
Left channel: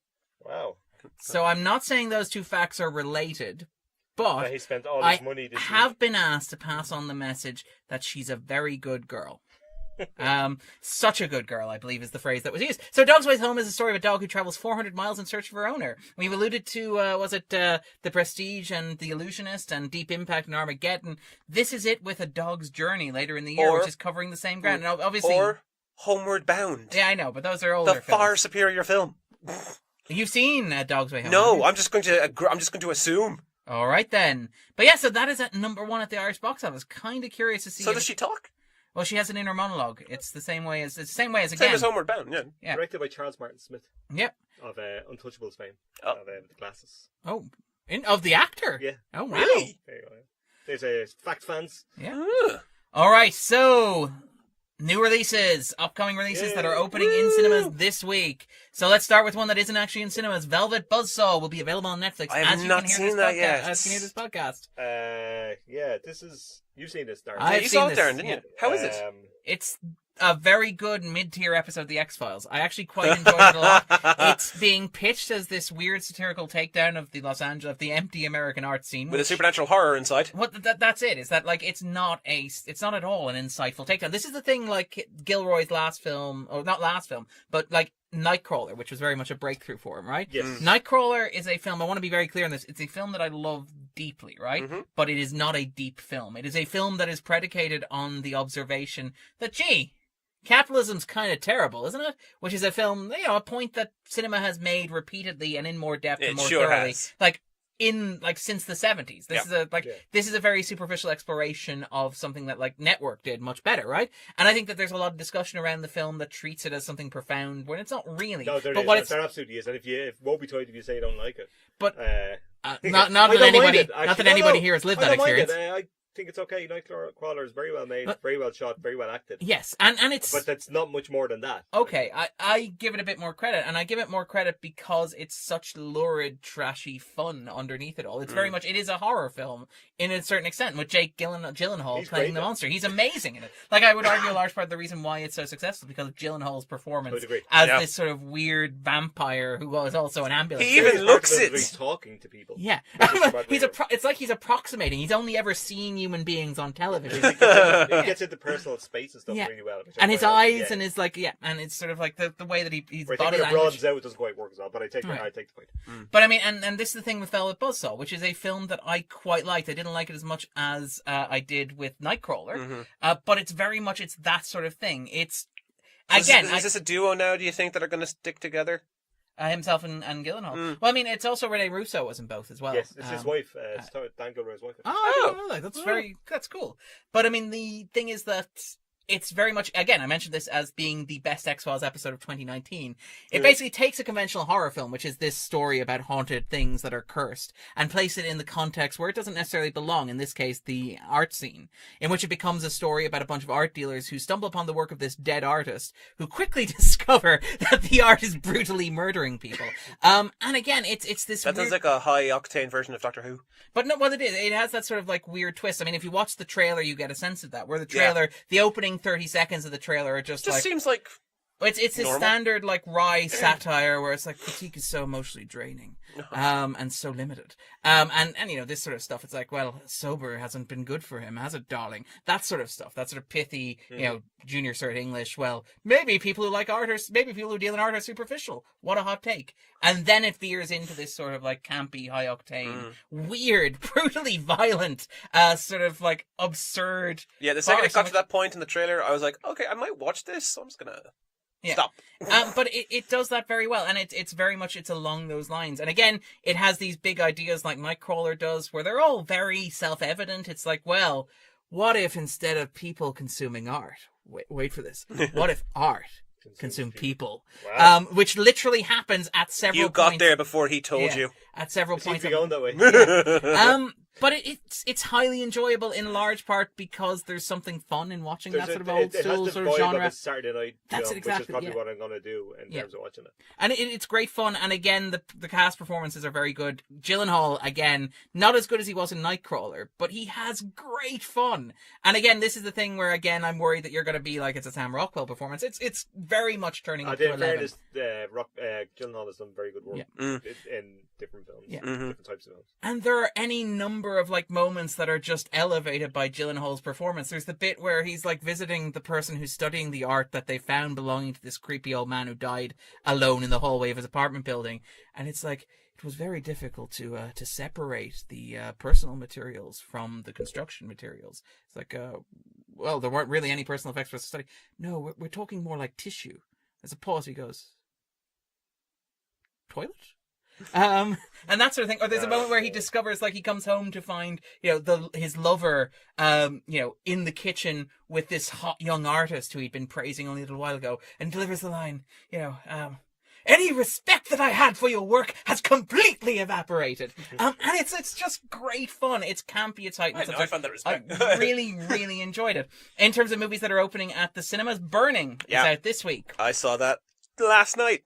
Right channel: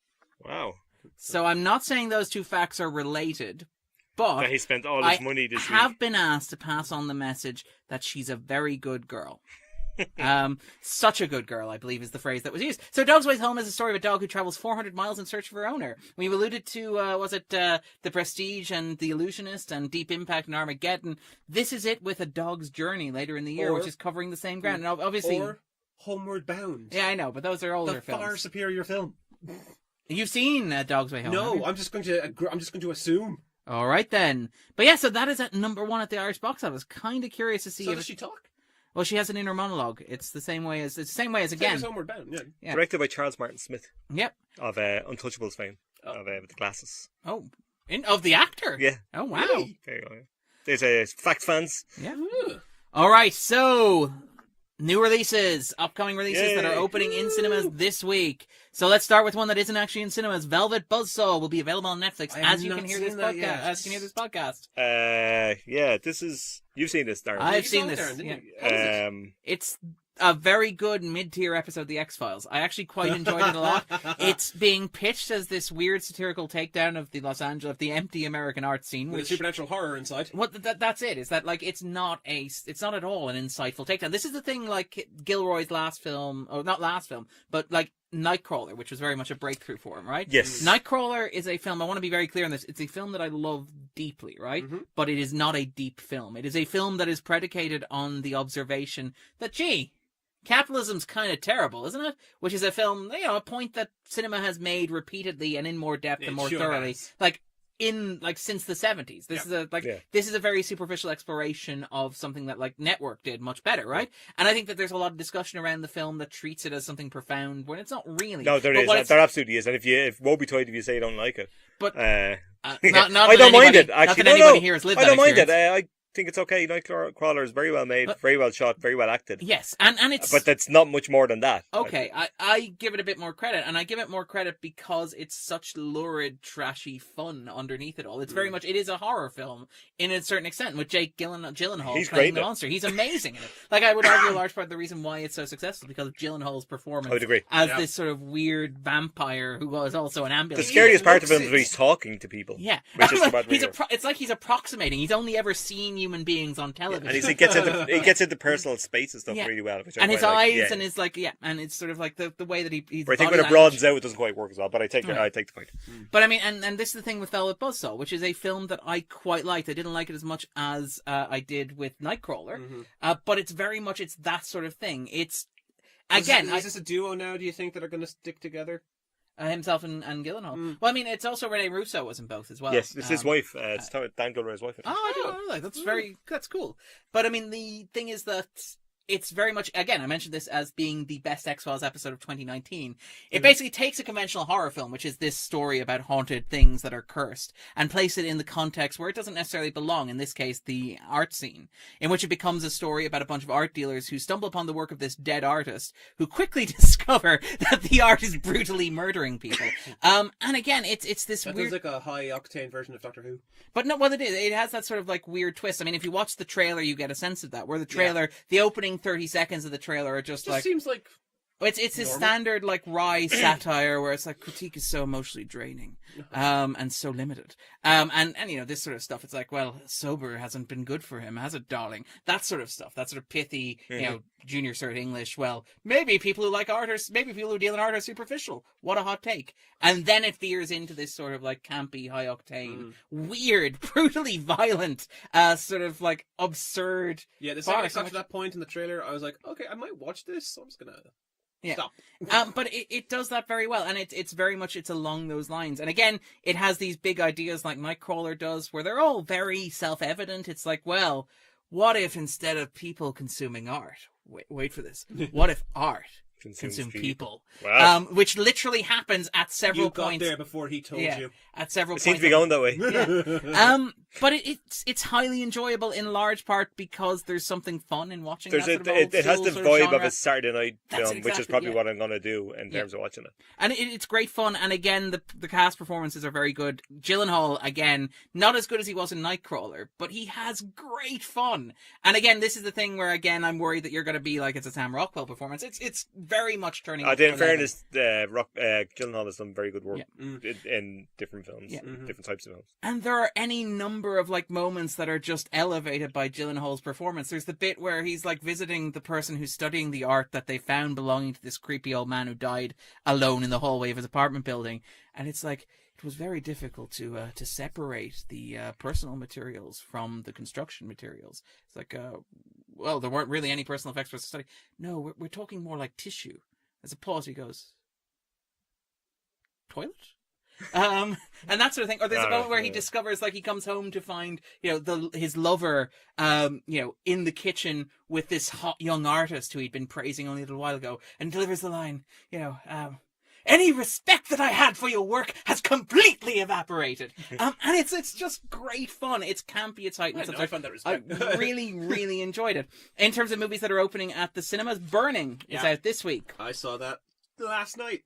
Wow. So I'm not saying those two facts are related, but He spent all I his money this have week. been asked to pass on the message that she's a very good girl. Such a good girl, I believe, is the phrase that was used. So Dog's Way Home is a story of a dog who travels 400 miles in search of her owner. We've alluded to, The Prestige and The Illusionist and Deep Impact and Armageddon. This is it with A Dog's Journey later in the year, which is covering the same ground. And obviously, Or Homeward Bound. yeah, I know, but those are older The films. far superior film. You've seen Dog's Way Home? No, haven't you? I'm just going to assume. All right then. But yeah, so that is at number 1 at the Irish box office. Kind of curious to see. So if does she talk? Well, she has an inner monologue. It's the same way as Same again. as Homeward Bound, yeah. Yeah. Directed by Charles Martin Smith Yep. of Untouchables fame, Oh. of the glasses. Oh, of the actor. Yeah. Oh wow. Really? There you go. There's fact fans. Yeah. Ugh. All right. So new releases, upcoming releases that are Yay. opening in cinemas this week. So let's start with one that isn't actually in cinemas. Velvet Buzzsaw will be available on Netflix I have as you not can hear seen this that podcast. yet. As you can hear this podcast. Yeah, this is... You've seen this, Darren. I've You seen saw it, this. Darren, didn't Yeah. you? How is it? It's a very good mid-tier episode of The X-Files. I actually quite enjoyed it a lot. It's being pitched as this weird satirical takedown of the the empty American art scene. With a which- supernatural horror inside. What that's it. Is that like it's not at all an insightful takedown. This is the thing, like Gilroy's last film, or not last film, but like Nightcrawler, which was very much a breakthrough for him, right? Yes. Nightcrawler is a film. I want to be very clear on this. It's a film that I love deeply, right? Mhm. But it is not a deep film. It is a film that is predicated on the observation that, gee, capitalism's kind of terrible, isn't it? Which is a film, a point that cinema has made repeatedly and in more depth and It more sure thoroughly. has. Since the 70s. This is this is a very superficial exploration of something that like Network did much better, right? And I think that there's a lot of discussion around the film that treats it as something profound when it's not really. No, there But is. what it's- There absolutely is. And if woe betide if you say you don't like it. But Uh, not I that don't mind anybody, it, not actually. that No, anybody no, here has lived I that don't mind experience. it. I think it's okay. Nightcrawler is very well made, But- very well shot, very well acted. Yes, and it's But that's not much more than that. okay. I give it a bit more credit, and I give it more credit because it's such lurid, trashy fun underneath it all. It's very much, it is a horror film in a certain extent, with Jake Gyllenhaal He's playing great the in it. monster. He's amazing in it. Like, I would argue a large part of the reason why it's so successful is because of Gyllenhaal's performance I would agree. as Yeah. this sort of weird vampire who was also an ambulance. He- driver. Scariest part of looks it is when it. he's talking to people. Yeah, Which is about he's real. it's like he's approximating. He's only ever seen human beings on And television. he gets into personal space and stuff Yeah. really well. Which I And his quite like. eyes Yeah. and his and it's sort of like the way that he's Where I think body when it language. broadens out, it doesn't quite work as well. But I take Right. the point. But I mean, and this is the thing with Velvet Buzzsaw, which is a film that I quite liked. I didn't like it as much as I did with Nightcrawler, Mhm. but it's very much it's that sort of thing. It's Is again this a duo now, do you think, that are going to stick together? himself and Gyllenhaal. Mm. Well, I mean, it's also Rene Russo was in both as well. Yes, it's his wife. It's Dan Gilroy's wife. Oh, I didn't know that. That's cool. But I mean, the thing is that it's very much, again, I mentioned this as being the best X-Files episode of 2019. It basically takes a conventional horror film, which is this story about haunted things that are cursed, and place it in the context where it doesn't necessarily belong, in this case, the art scene, in which it becomes a story about a bunch of art dealers who stumble upon the work of this dead artist, who quickly discover that the art is brutally murdering people. And again, it's this That weird... sounds like a high-octane version of Doctor Who. But no, well, it has that sort of like weird twist. I mean, if you watch the trailer, you get a sense of that. Where the trailer, the opening 30 seconds of the trailer are just like seems like... it's this normal. standard like wry satire where it's like critique is so emotionally draining, and so limited, and this sort of stuff. It's like, well, sober hasn't been good for him, has it, darling? That sort of stuff. That sort of pithy, junior cert English. Well, maybe people who like art maybe people who deal in art are superficial. What a hot take! And then it veers into this sort of like campy, high octane, weird, brutally violent, sort of like absurd. Yeah, the second it farce. got to that point in the trailer, I was like, okay, I might watch this, so I'm just going to Yeah. stop. But it does that very well, and it's very much it's along those lines. And again, it has these big ideas like Nightcrawler does, where they're all very self-evident. It's like, well, what if instead of people consuming art, wait for this, what if art consumed people? Wow. Which literally happens at several You got points. there before he told you. At several It seems points. to be going that way. But it's highly enjoyable in large part because there's something fun in watching that sort of old it has school the sort of vibe genre. of a Saturday night That's film, exactly, which is probably yeah. what I'm going to do in terms of watching it. And it's great fun. And again, the cast performances are very good. Gyllenhaal, again, not as good as he was in Nightcrawler, but he has great fun. And again, this is the thing where, again, I'm worried that you're going to be like, it's a Sam Rockwell performance. It's very much turning up to 11. In fairness, Gyllenhaal has done very good work in different films, different types of films. And there are any number of like moments that are just elevated by Gyllenhaal's performance. There's the bit where he's like visiting the person who's studying the art that they found belonging to this creepy old man who died alone in the hallway of his apartment building, and it's like it was very difficult to separate the personal materials from the construction materials. It's like, well, there weren't really any personal effects for the study. No, we're talking more like tissue. There's a pause. He goes, toilet. And that sort of thing. Or there's a moment where he discovers, like, he comes home to find, his lover, in the kitchen with this hot young artist who he'd been praising only a little while ago, and delivers the line, any respect that I had for your work has completely evaporated. And it's just great fun. It's campy, it's heightened. I found that respect. I really, really enjoyed it. In terms of movies that are opening at the cinemas, Burning is out this week. I saw that last night.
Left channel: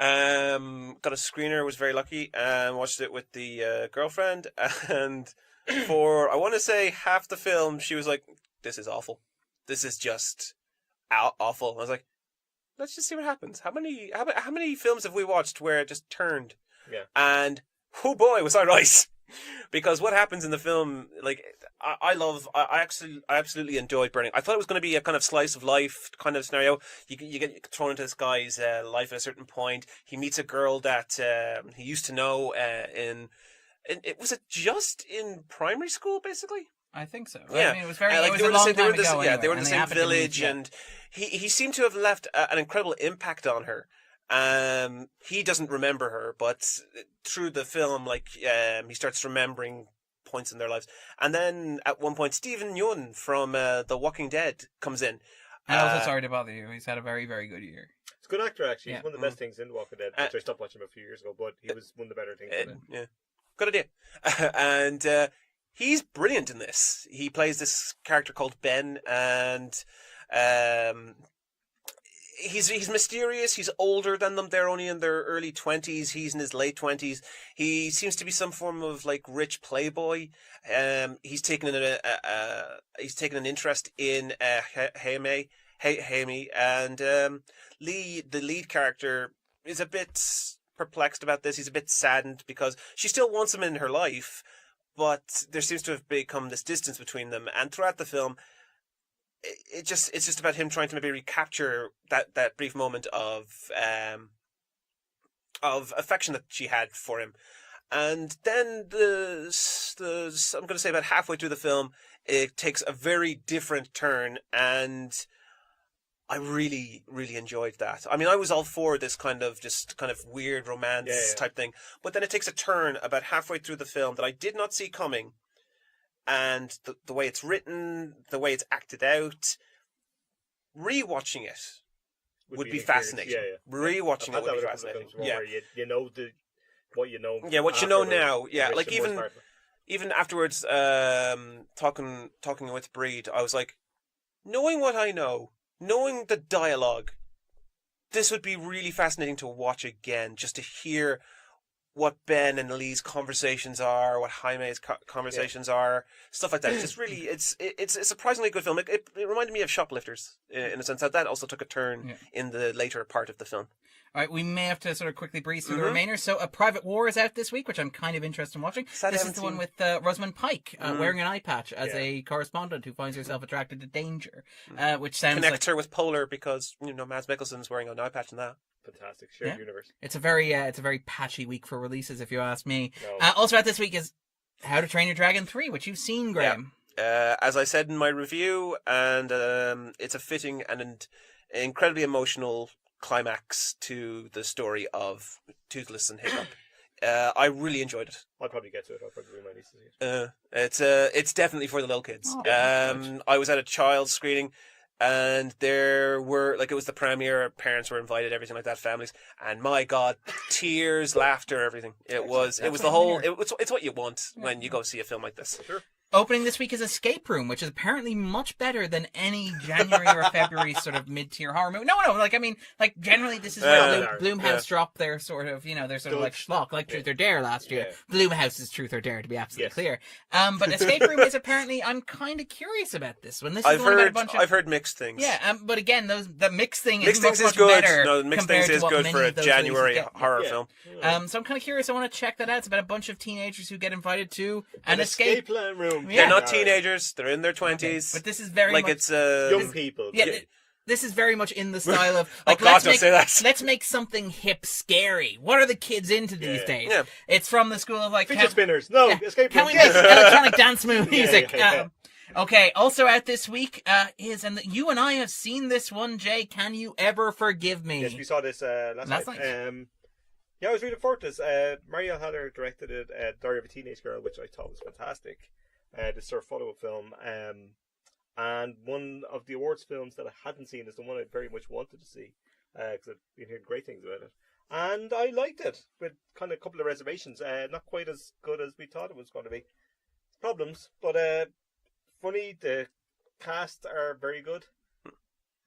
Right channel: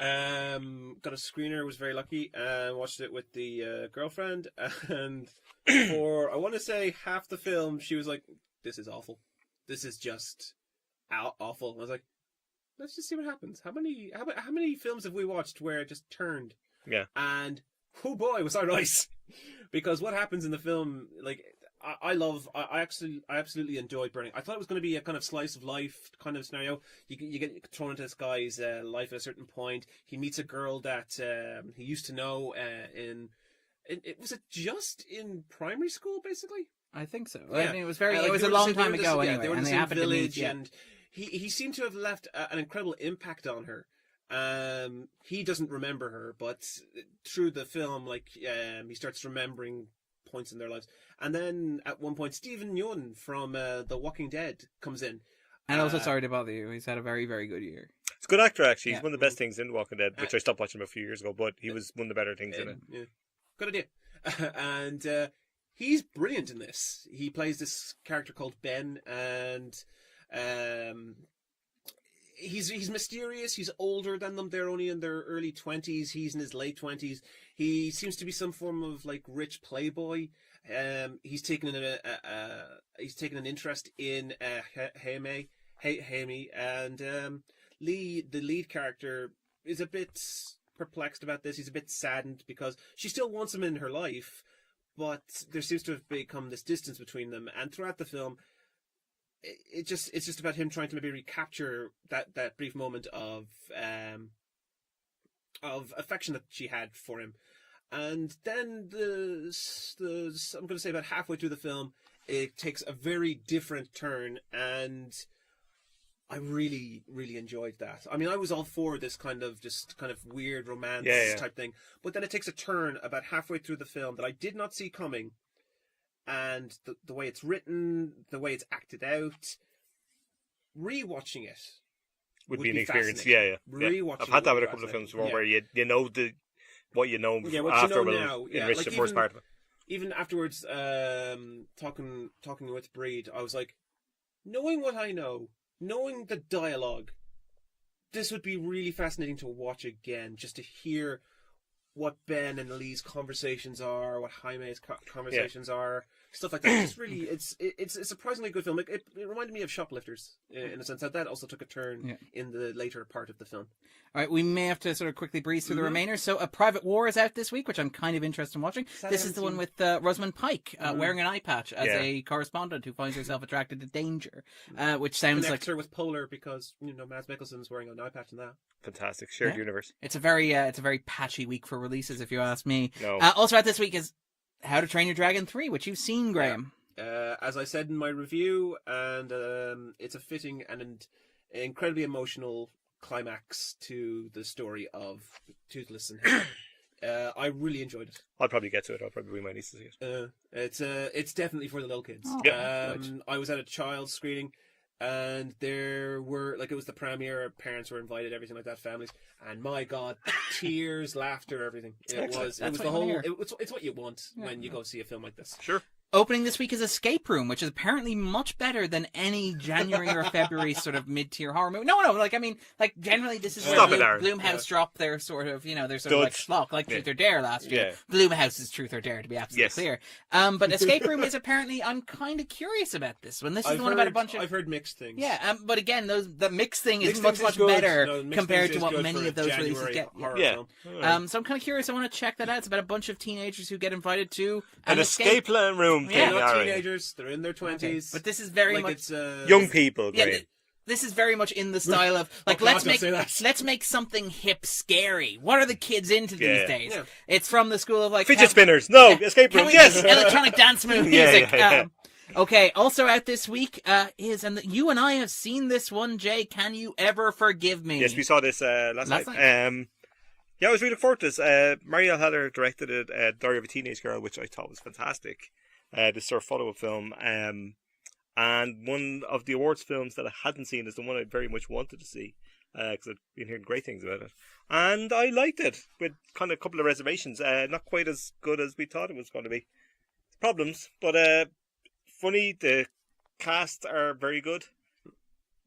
Got a screener, was very lucky, and watched it with the girlfriend, and for, I want to say, half the film, she was like, this is awful. This is just awful. I was like, let's just see what happens. How many films have we watched where it just turned? Yeah. And, oh boy, was I right. Because what happens in the film, like, I absolutely enjoyed Burning. I thought it was going to be a kind of slice of life kind of scenario. You get thrown into this guy's life at a certain point. He meets a girl that he used to know was it just in primary school, basically? I think so. Yeah. I mean, it was it was a long time ago. Yeah, they were in and the they same happened to meet, village, and he seemed to have left an incredible impact on her. He doesn't remember her, but through the film, he starts remembering points in their lives. And then at one point, Stephen Yeun from The Walking Dead comes in. And also, sorry to bother you, he's had a very, very good year. He's a good actor, actually. He's one of the best things in The Walking Dead, which I stopped watching him a few years ago, but he was one of the better things in it. Yeah, good idea. And he's brilliant in this. He plays this character called Ben, and he's mysterious. He's older than them. They're only in their early 20s. He's in his late 20s. He seems to be some form of like rich playboy. He's taken an interest in Hamey, and Lee, the lead character, is a bit perplexed about this. He's a bit saddened because she still wants him in her life, but there seems to have become this distance between them. And throughout the film, it's just about him trying to maybe recapture that brief moment of affection that she had for him. And then I'm going to say about halfway through the film, it takes a very different turn, and I really, really enjoyed that. I mean, I was all for this kind of weird romance type thing, but then it takes a turn about halfway through the film that I did not see coming. And the way it's written, the way it's acted out, rewatching it would be fascinating. Yeah. Rewatching I've had that with a couple of films where you know what you know. Yeah, what you know now. Yeah, like even even afterwards, talking with Breed, I was like, knowing what I know, knowing the dialogue, this would be really fascinating to watch again, just to hear what Ben and Lee's conversations are, what Jaime's conversations are, stuff like that. It's really, it's a surprisingly good film. It reminded me of Shoplifters in a sense that also took a turn in the later part of the film. All right, we may have to sort of quickly breeze through the remainder. So, A Private War is out this week, which I'm kind of interested in watching. This is the one with Rosamund Pike wearing an eye patch as a correspondent who finds herself attracted to danger, which sounds Connects her with Polar because Mads Mikkelsen's wearing an eye patch in that. Fantastic shared universe. It's a very patchy week for releases, if you ask me. No. Also out this week is How to Train Your Dragon 3, which you've seen, Graham. As I said in my review, and it's a fitting and an incredibly emotional climax to the story of Toothless and Hiccup. I really enjoyed it. I'll probably get to it. I'll probably bring my niece to see it. It's definitely for the little kids. I was at a child's screening. and there were it was the premiere. Parents were invited, everything like that, families, and my God, tears, laughter, everything. It was the whole. It's what you want when you go see a film like this. Sure. Opening this week is Escape Room, which is apparently much better than any January or February sort of mid-tier horror movie. No, generally this is where Blumhouse drop their sort of, their sort of schlock, like Truth or Dare last year. Blumhouse's Truth or Dare, to be absolutely clear. But Escape Room is apparently, I'm kind of curious about this one. I've heard mixed things. Yeah, but again, the mixed thing is much better compared to what many of those January get. horror film. So I'm kind of curious. I want to check that out. It's about a bunch of teenagers who get invited to an escape plan room. They're not teenagers. They're in their 20s. Okay. But this is very much... it's young people. Yeah, this is very much in the style of... let's make something hip scary. What are the kids into these days? Yeah. It's from the school of fidget spinners. No, escape room. Can we make electronic dance music? Okay, also out this week you and I have seen this one, Jay. Can You Ever Forgive Me? Yes, we saw this last night. Yeah, I was really forward to this. Marielle Heller directed it, Diary of a Teenage Girl, which I thought was fantastic. This sort of follow-up film. And one of the awards films that I hadn't seen is the one I very much wanted to see, because I've been hearing great things about it. And I liked it, with kind of a couple of reservations. Not quite as good as we thought it was going to be. Problems, but funny. The cast are very good.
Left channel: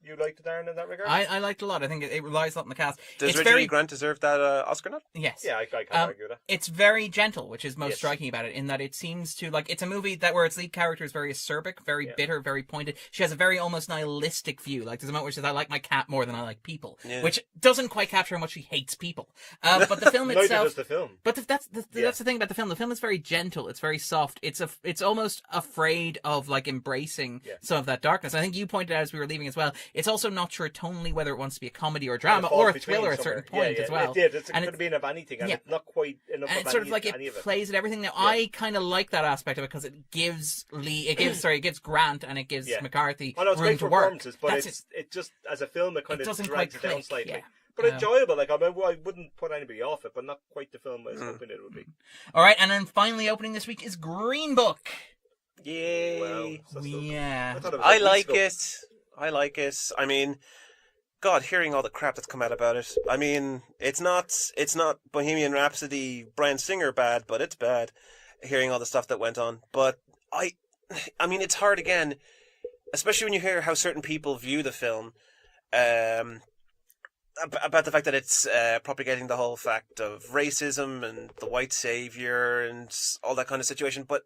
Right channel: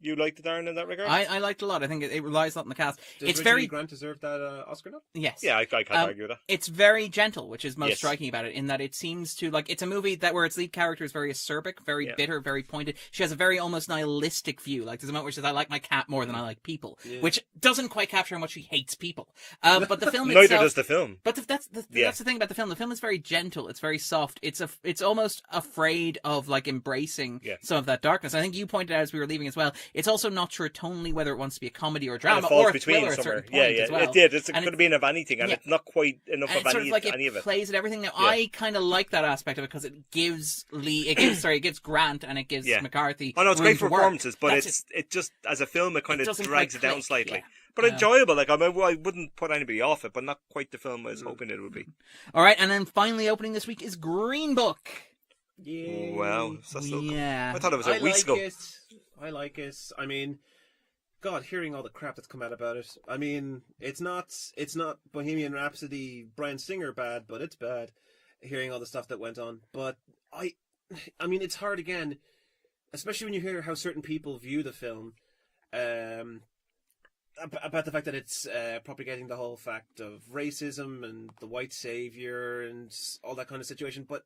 You liked it, Darren, in that regard? I liked it a lot. I think it relies a lot on the cast. Does Reggie Grant deserve that Oscar nut? Yes. Yeah, I can't argue that. It's very gentle, which is most striking about it, in that it seems to, it's a movie where its lead character is very acerbic, very bitter, very pointed. She has a very almost nihilistic view. There's a moment where she says, I like my cat more than I like people, which doesn't quite capture how much she hates people. But the film itself... Neither does the film. But that's the thing about the film. The film is very gentle. It's very soft. It's almost afraid of, embracing some of that darkness. I think you pointed out as we were leaving as well, it's also not sure tonally whether it wants to be a comedy or a drama or a thriller at a certain point as well. It did. It could have been of anything, and it's not quite enough of any of it. It plays at everything. Now, I kind of like that aspect of it because it gives Grant and it gives McCarthy it's room great to performances, work. but it just, as a film, it kind of drags it down slightly. Yeah. But enjoyable. I wouldn't put anybody off it, but not quite the film I was hoping it would be. All right, and then finally opening this week is Green Book. Yeah. Well, yeah. I thought it was I like it. I mean, God, hearing all the crap that's come out about it. I mean, it's not Bohemian Rhapsody, Bryan Singer bad, but it's bad. Hearing all the stuff that went on, but I mean, it's hard again, especially when you hear how certain people view the film, about the fact that it's propagating the whole fact of racism and the white savior and all that kind of situation, but.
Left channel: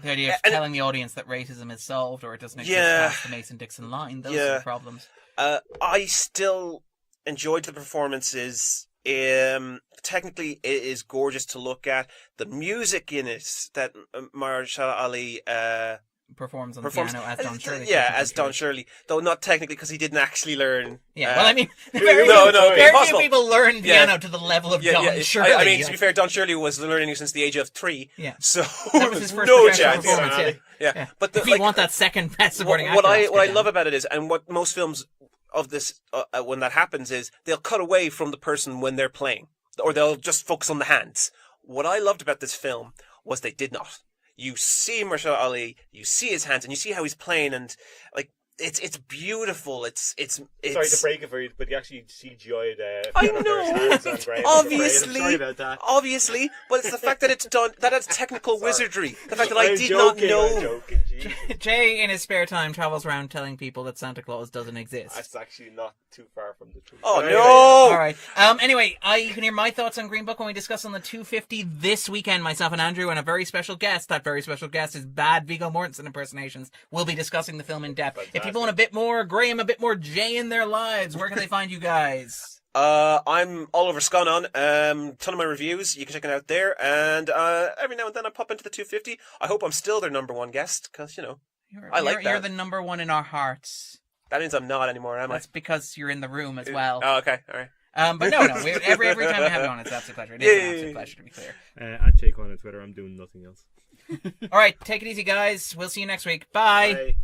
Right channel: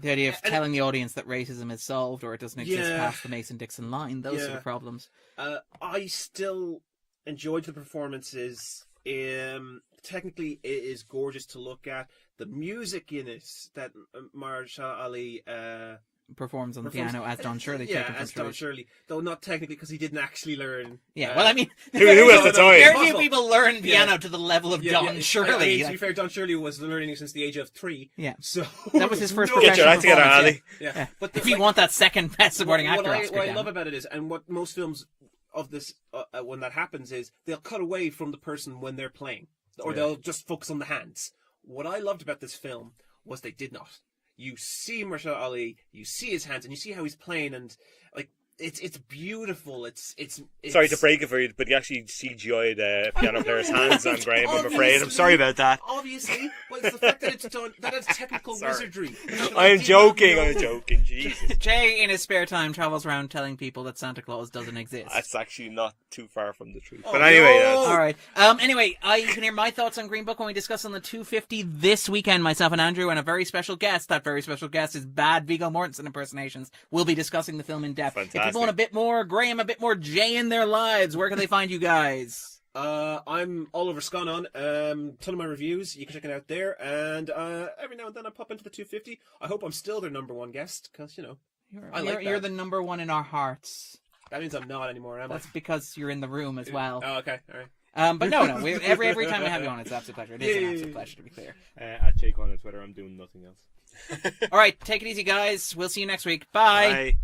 The idea of telling the audience that racism is solved or it doesn't exist past the Mason-Dixon line, those are the problems. I still enjoyed the performances. Technically, it is gorgeous to look at. The music in it that Mahershala Ali performs on the piano as Don Shirley. Yeah, as Don Shirley. Though not technically, because he didn't actually learn. Yeah, well, I mean, very few people learn piano to the level of Don Shirley. I mean, to be fair, Don Shirley was learning since the age of 3. Yeah. So that was his first professional performance. Yeah. But if you want that second best supporting actor, what I love about it is, and what most films of this, when that happens, is they'll cut away from the person when they're playing, or they'll just focus on the hands. What I loved about this film was they did not. You see Mahershala Ali, you see his hands, and you see how he's playing, and it's beautiful. It's sorry to break it for you, but you actually CGI'd piano player's hands on Graham. I'm afraid. I'm sorry about that. Obviously, but it's the fact that it's done. That it's technical wizardry. The fact that I'm joking. Jesus. Jay, in his spare time, travels around telling people that Santa Claus doesn't exist. That's actually not too far from the truth. Oh, but anyway, no! All right. Anyway, you can hear my thoughts on Green Book when we discuss on the 250 this weekend. Myself and Andrew and a very special guest. That very special guest is bad Viggo Mortensen impersonations. We'll be discussing the film in depth. Fantastic. If people want a bit more Graham, a bit more Jay in their lives, where can they find you guys? I'm all over Scannain. Ton of my reviews. You can check it out there. And every now and then I pop into the 250. I hope I'm still their number one guest, because, I like that. You're the number one in our hearts. That means I'm not anymore, am I? That's because you're in the room as well. Oh, okay. All right. But no. Every time I have you on, it's an absolute pleasure. It is an absolute pleasure, to be clear. At Jake on Twitter, I'm doing nothing else. All right, take it easy, guys. We'll see you next week. Bye. Bye.